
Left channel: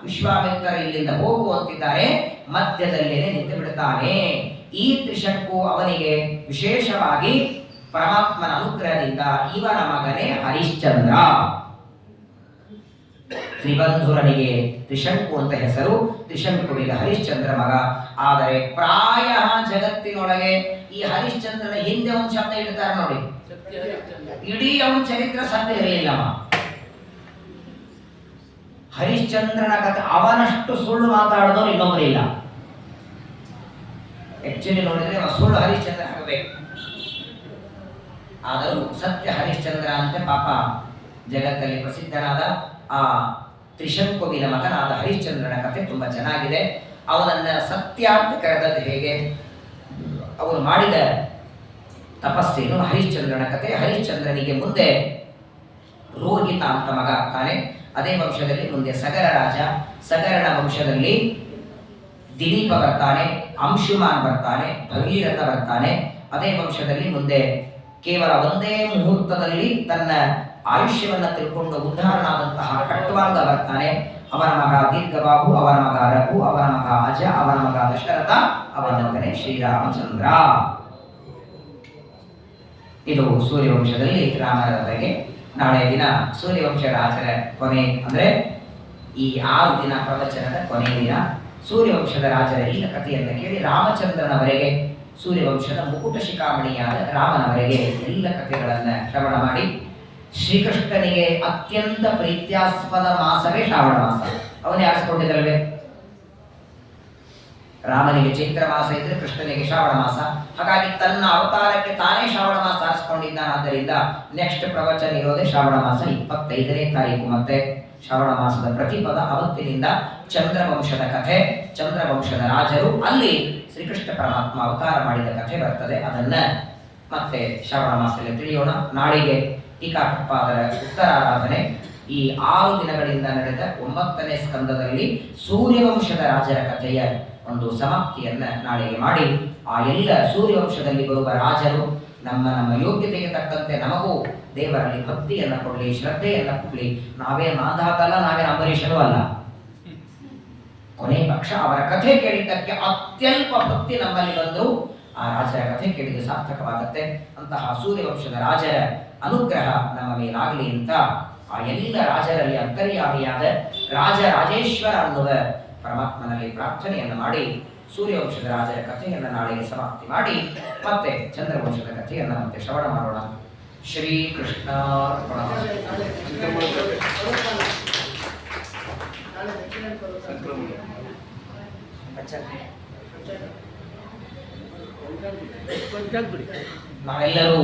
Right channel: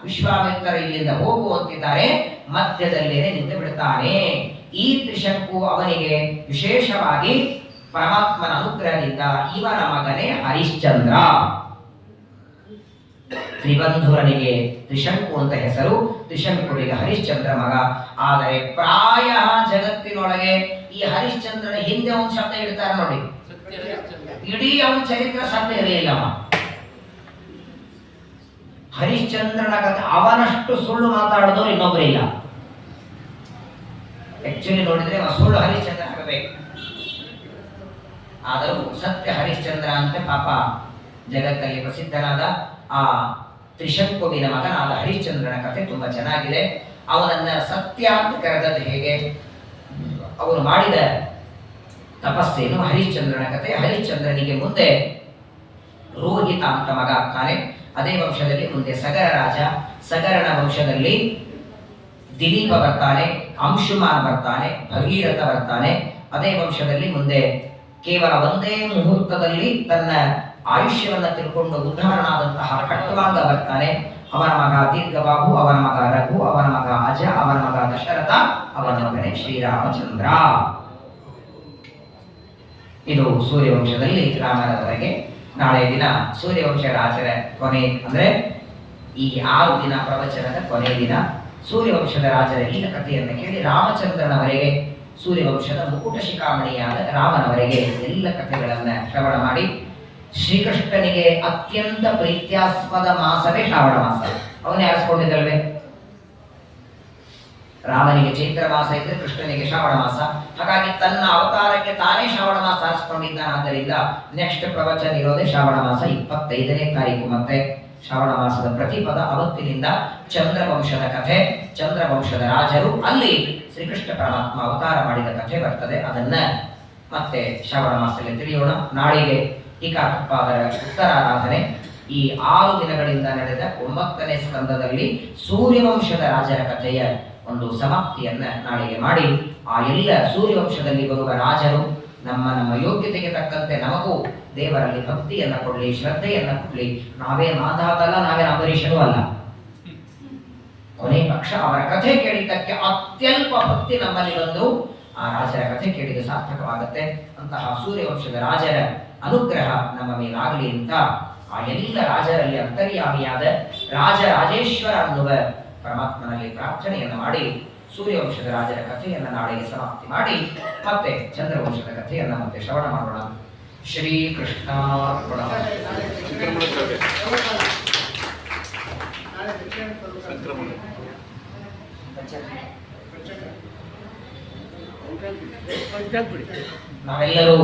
ವಿಶ್ವಾಮಿತ್ರ ಇಲ್ಲಿಂದ ಹೋಗುವಂತಿದ್ದಾರೆ, ಮಧ್ಯದಲ್ಲೇನೆ ನಿಂತು ಬಿಡ್ತಾನೆ. ಈ ತ್ರಿಶಂಕು ಅವನಿಗೆ ವಿಶೇಷವಾಗಿ ಪರಮಾತ್ಮನ ಅನುಗ್ರಹದಿಂದ ಇವನ ಮಗನೇ ಹರಿಶ್ಚಂದ್ರ. ತ್ರಿಬಂಧುರನಿಗೆ ತ್ರಿಶಂಕು ಅಂತ ಹೆಸರು, ತ್ರಿಶಂಕುವಿಗೆ ಹರಿಶ್ಚಂದ್ರ ಮಗ. ಆದರೆ ಪ್ರಾಯ ಜಗತ್ತಿನೊಳಗೆ ಈ ಹರಿಶ್ಚಂದ್ರನ ಹಿಂದೆ ಒಂದು ಶಬ್ದ ಇಡ್ತಾರೆ ನೋಡಿ, ಇಡೀ ಅವನ ಚರಿತ್ರೆ ಸತ್ಯ ಇರಲಿಲ್ಲ. ಹರಿಶ್ಚಂದ್ರನ ಕಥೆ ಅವನಷ್ಟು ಸುಳ್ಳು ಮಾತಾಡೋದು ಇನ್ನೊಬ್ಬರು ಇಲ್ಲ. ಆಕ್ಚುಲಿ ನೋಡಿದ್ರೆ ಸುಳ್ಳು ಹರಿಶ್ಚಂದ್ರ ಆಗಬೇಕು, ಆದರೂ ಸತ್ಯ ಹರಿಶ್ಚಂದ್ರ ಅಂತ ಪಾಪ ಜಗತ್ತಲ್ಲಿ ಪ್ರಸಿದ್ಧನಾದ ಆ ತ್ರಿಶಂಕುವಿನ ಮಗನಾದ ಹರಿಶ್ಚಂದ್ರನ ಕಥೆ ತುಂಬಾ ಚೆನ್ನಾಗಿದೆ. ಅವನನ್ನ ಸತ್ಯ ಅಂತ ಕರೆದದ್ದು ಹೇಗೆ, ಅವನು ಮಾಡಿದ ತಪಸ್ಸೇನು, ಹರಿಶ್ಚಂದ್ರನ ಕಥೆ. ಹರಿಶ್ಚಂದ್ರನಿಗೆ ಮುಂದೆ ರೋಹಿತ ಅಂತ ಮಗ ಆಗ್ತಾನೆ. ಅದೇ ವಂಶದಲ್ಲಿ ಮುಂದೆ ಸಗರ ರಾಜ, ಸಗರನ ವಂಶದಲ್ಲಿ ದಿಲೀಪ ಬರ್ತಾನೆ, ಅಂಶುಮಾನ್ ಬರ್ತಾನೆ, ಭಗೀರಥ ಬರ್ತಾನೆ. ಅದೇ ವಂಶದಲ್ಲಿ ಮುಂದೆ ಕೇವಲ ಒಂದೇ ಮುಹೂರ್ತದಲ್ಲಿ ತನ್ನ ಆಯುಷ್ಯವನ್ನು ತಿಳ್ಕೊಂಡು ಉದ್ಧಾರನಾದಂತಹ ಕಟ್ವಾಂಗ ಬರ್ತಾನೆ. ಅವನ ಮಗ ದೀರ್ಘಬಾಹು, ಅವನ ಮಗ ರಘು, ಅವನ ಮಗ ಅಜ, ಅವನ ಮಗ ದಶರಥ, ಅವನ ಮಗನೇ ಶ್ರೀರಾಮಚಂದ್ರ. ಇದು ಸೂರ್ಯವಂಶದಲ್ಲಿ ರಾಮರವರೆಗೆ. ನಾಳೆ ದಿನ ಸೂರ್ಯವಂಶ ರಾಜರ ಕೊನೆ, ಅಂದ್ರೆ ಈ 6 ದಿನ ಪ್ರವಚನದ ಕೊನೆಯ ದಿನ ಸೂರ್ಯವಂಶದ ರಾಜರ ಈ ಕಥೆಯನ್ನು ಕೇಳಿ ರಾಮಚಂದ್ರನವರೆಗೆ, ಸೂರ್ಯವಂಶದ ಮುಕುಟ ಶಿಖಾಮಣಿಯಾದ ರಾಮನವರೆಗೆ ಎಲ್ಲ ಕಥೆಗಳನ್ನ ಶ್ರವಣ ಮಾಡಿ, ಶ್ರೀಕೃಷ್ಣನಿಗೆ ಅತ್ಯಂತ ಪ್ರೀತ್ಯಾಸ್ಪದ ಮಾಸವೇ ಶ್ರಾವಣ ಮಾಸ. ಅವನೇ ಆರಿಸ್ಕೊಂಡಿದ್ದಲ್ವೇ? ರಾಮನಿಗೆ ಚೈತ್ರ ಮಾಸ ಇದ್ರೆ ಕೃಷ್ಣನಿಗೆ ಶ್ರಾವಣ ಮಾಸ. ಹಾಗಾಗಿ ತನ್ನ ಅವತಾರಕ್ಕೆ ತಾನೇ ಶ್ರಾವಣ ಮಾಸ ಆರಿಸಿಕೊಂಡಿದ್ದಾನಾದ್ದರಿಂದ ನೆಕ್ಸ್ಟ್ ಪ್ರವಚನ ಇರೋದೇ ಶ್ರಾವಣ ಮಾಸ 25ನೇ ತಾರೀಕು. ಮತ್ತೆ ಶ್ರಾವಣ ಮಾಸದ ಪ್ರತಿಪದ ಅವತ್ತಿನಿಂದ ಚಂದ್ರವಂಶದ ಕಥೆ, ಚಂದ್ರವಂಶದ ರಾಜರು, ಅಲ್ಲಿ ಶ್ರೀಕೃಷ್ಣ ಪರಮಾತ್ಮ ಅವತಾರ ಮಾಡಿದ ಕಥೆ ಬರ್ತದೆ. ಅದನ್ನ ಮತ್ತೆ ಶ್ರಾವಣ ಮಾಸದಲ್ಲಿ ತಿಳಿಯೋಣ. ನಾಳಿಗೆ ಟೀಕಾಕೃತ್ಪಾದರ ಉತ್ತರಾರಾಧನೆ. ಈ 6 ದಿನಗಳಿಂದ ನಡೆದ 9ನೇ ಸ್ಕಂದದಲ್ಲಿ ಸೂರ್ಯವಂಶದ ರಾಜರ ಕಥೆಯ ಒಂದು ಸಮಾಪ್ತಿಯನ್ನ ನಾಳೆಗೆ ಮಾಡಿ, ಆ ಎಲ್ಲ ಸೂರ್ಯವಂಶದಲ್ಲಿ ಬರುವ ರಾಜರು ನಮ್ಮ ನಮ್ಮ ಯೋಗ್ಯತೆಗೆ ತಕ್ಕಂತೆ ನಮಗೂ ದೇವರಲ್ಲಿ ಭಕ್ತಿಯನ್ನ ಕೊಡಲಿ, ಶ್ರದ್ಧೆಯನ್ನ ಕೊಡಲಿ. ನಾವೇ ಮಾಂಧಾತಲ್ಲ, ನಾವೇ ಅಂಬರೀಷನೂ ಅಲ್ಲ. ಕೊನೆ ಪಕ್ಷ ಅವರ ಕಥೆ ಕೇಳಿದ್ದಕ್ಕೆ ಅತ್ಯಲ್ಪ ಭಕ್ತಿ ನಮ್ಮಲ್ಲಿ ಬಂದು ಆ ರಾಜರ ಕಥೆ ಕೇಳಿದ ಸಾರ್ಥಕವಾಗುತ್ತೆ. ಅಂತಹ ಸೂರ್ಯವಂಶದ ರಾಜರ ಅನುಗ್ರಹ ನಮ್ಮ ಮೇಲಾಗಲಿ ಅಂತ ಆ ಎಲ್ಲ ರಾಜರಲ್ಲಿ ಅಂತರ್ಯಾಮಿಯಾದ ರಾಜರಾಜೇಶ್ವರ ಅನ್ನುವ ಪರಮಾತ್ಮನಲ್ಲಿ ಪ್ರಾರ್ಥನೆಯನ್ನು ಮಾಡಿ ಸೂರ್ಯವಂಶದ ರಾಜರ ಕಥೆಯನ್ನು ನಾಳೆಗೆ ಸಮಾಪ್ತಿ ಮಾಡಿ ಮತ್ತೆ ಚಂದ್ರವಂಶದ ಕಥೆಯನ್ನು ಮತ್ತೆ ಶ್ರವಣ ಮಾಡೋಣ. ಶ್ರೀಕೃಷ್ಣ ನಾವೆಲ್ಲರೂ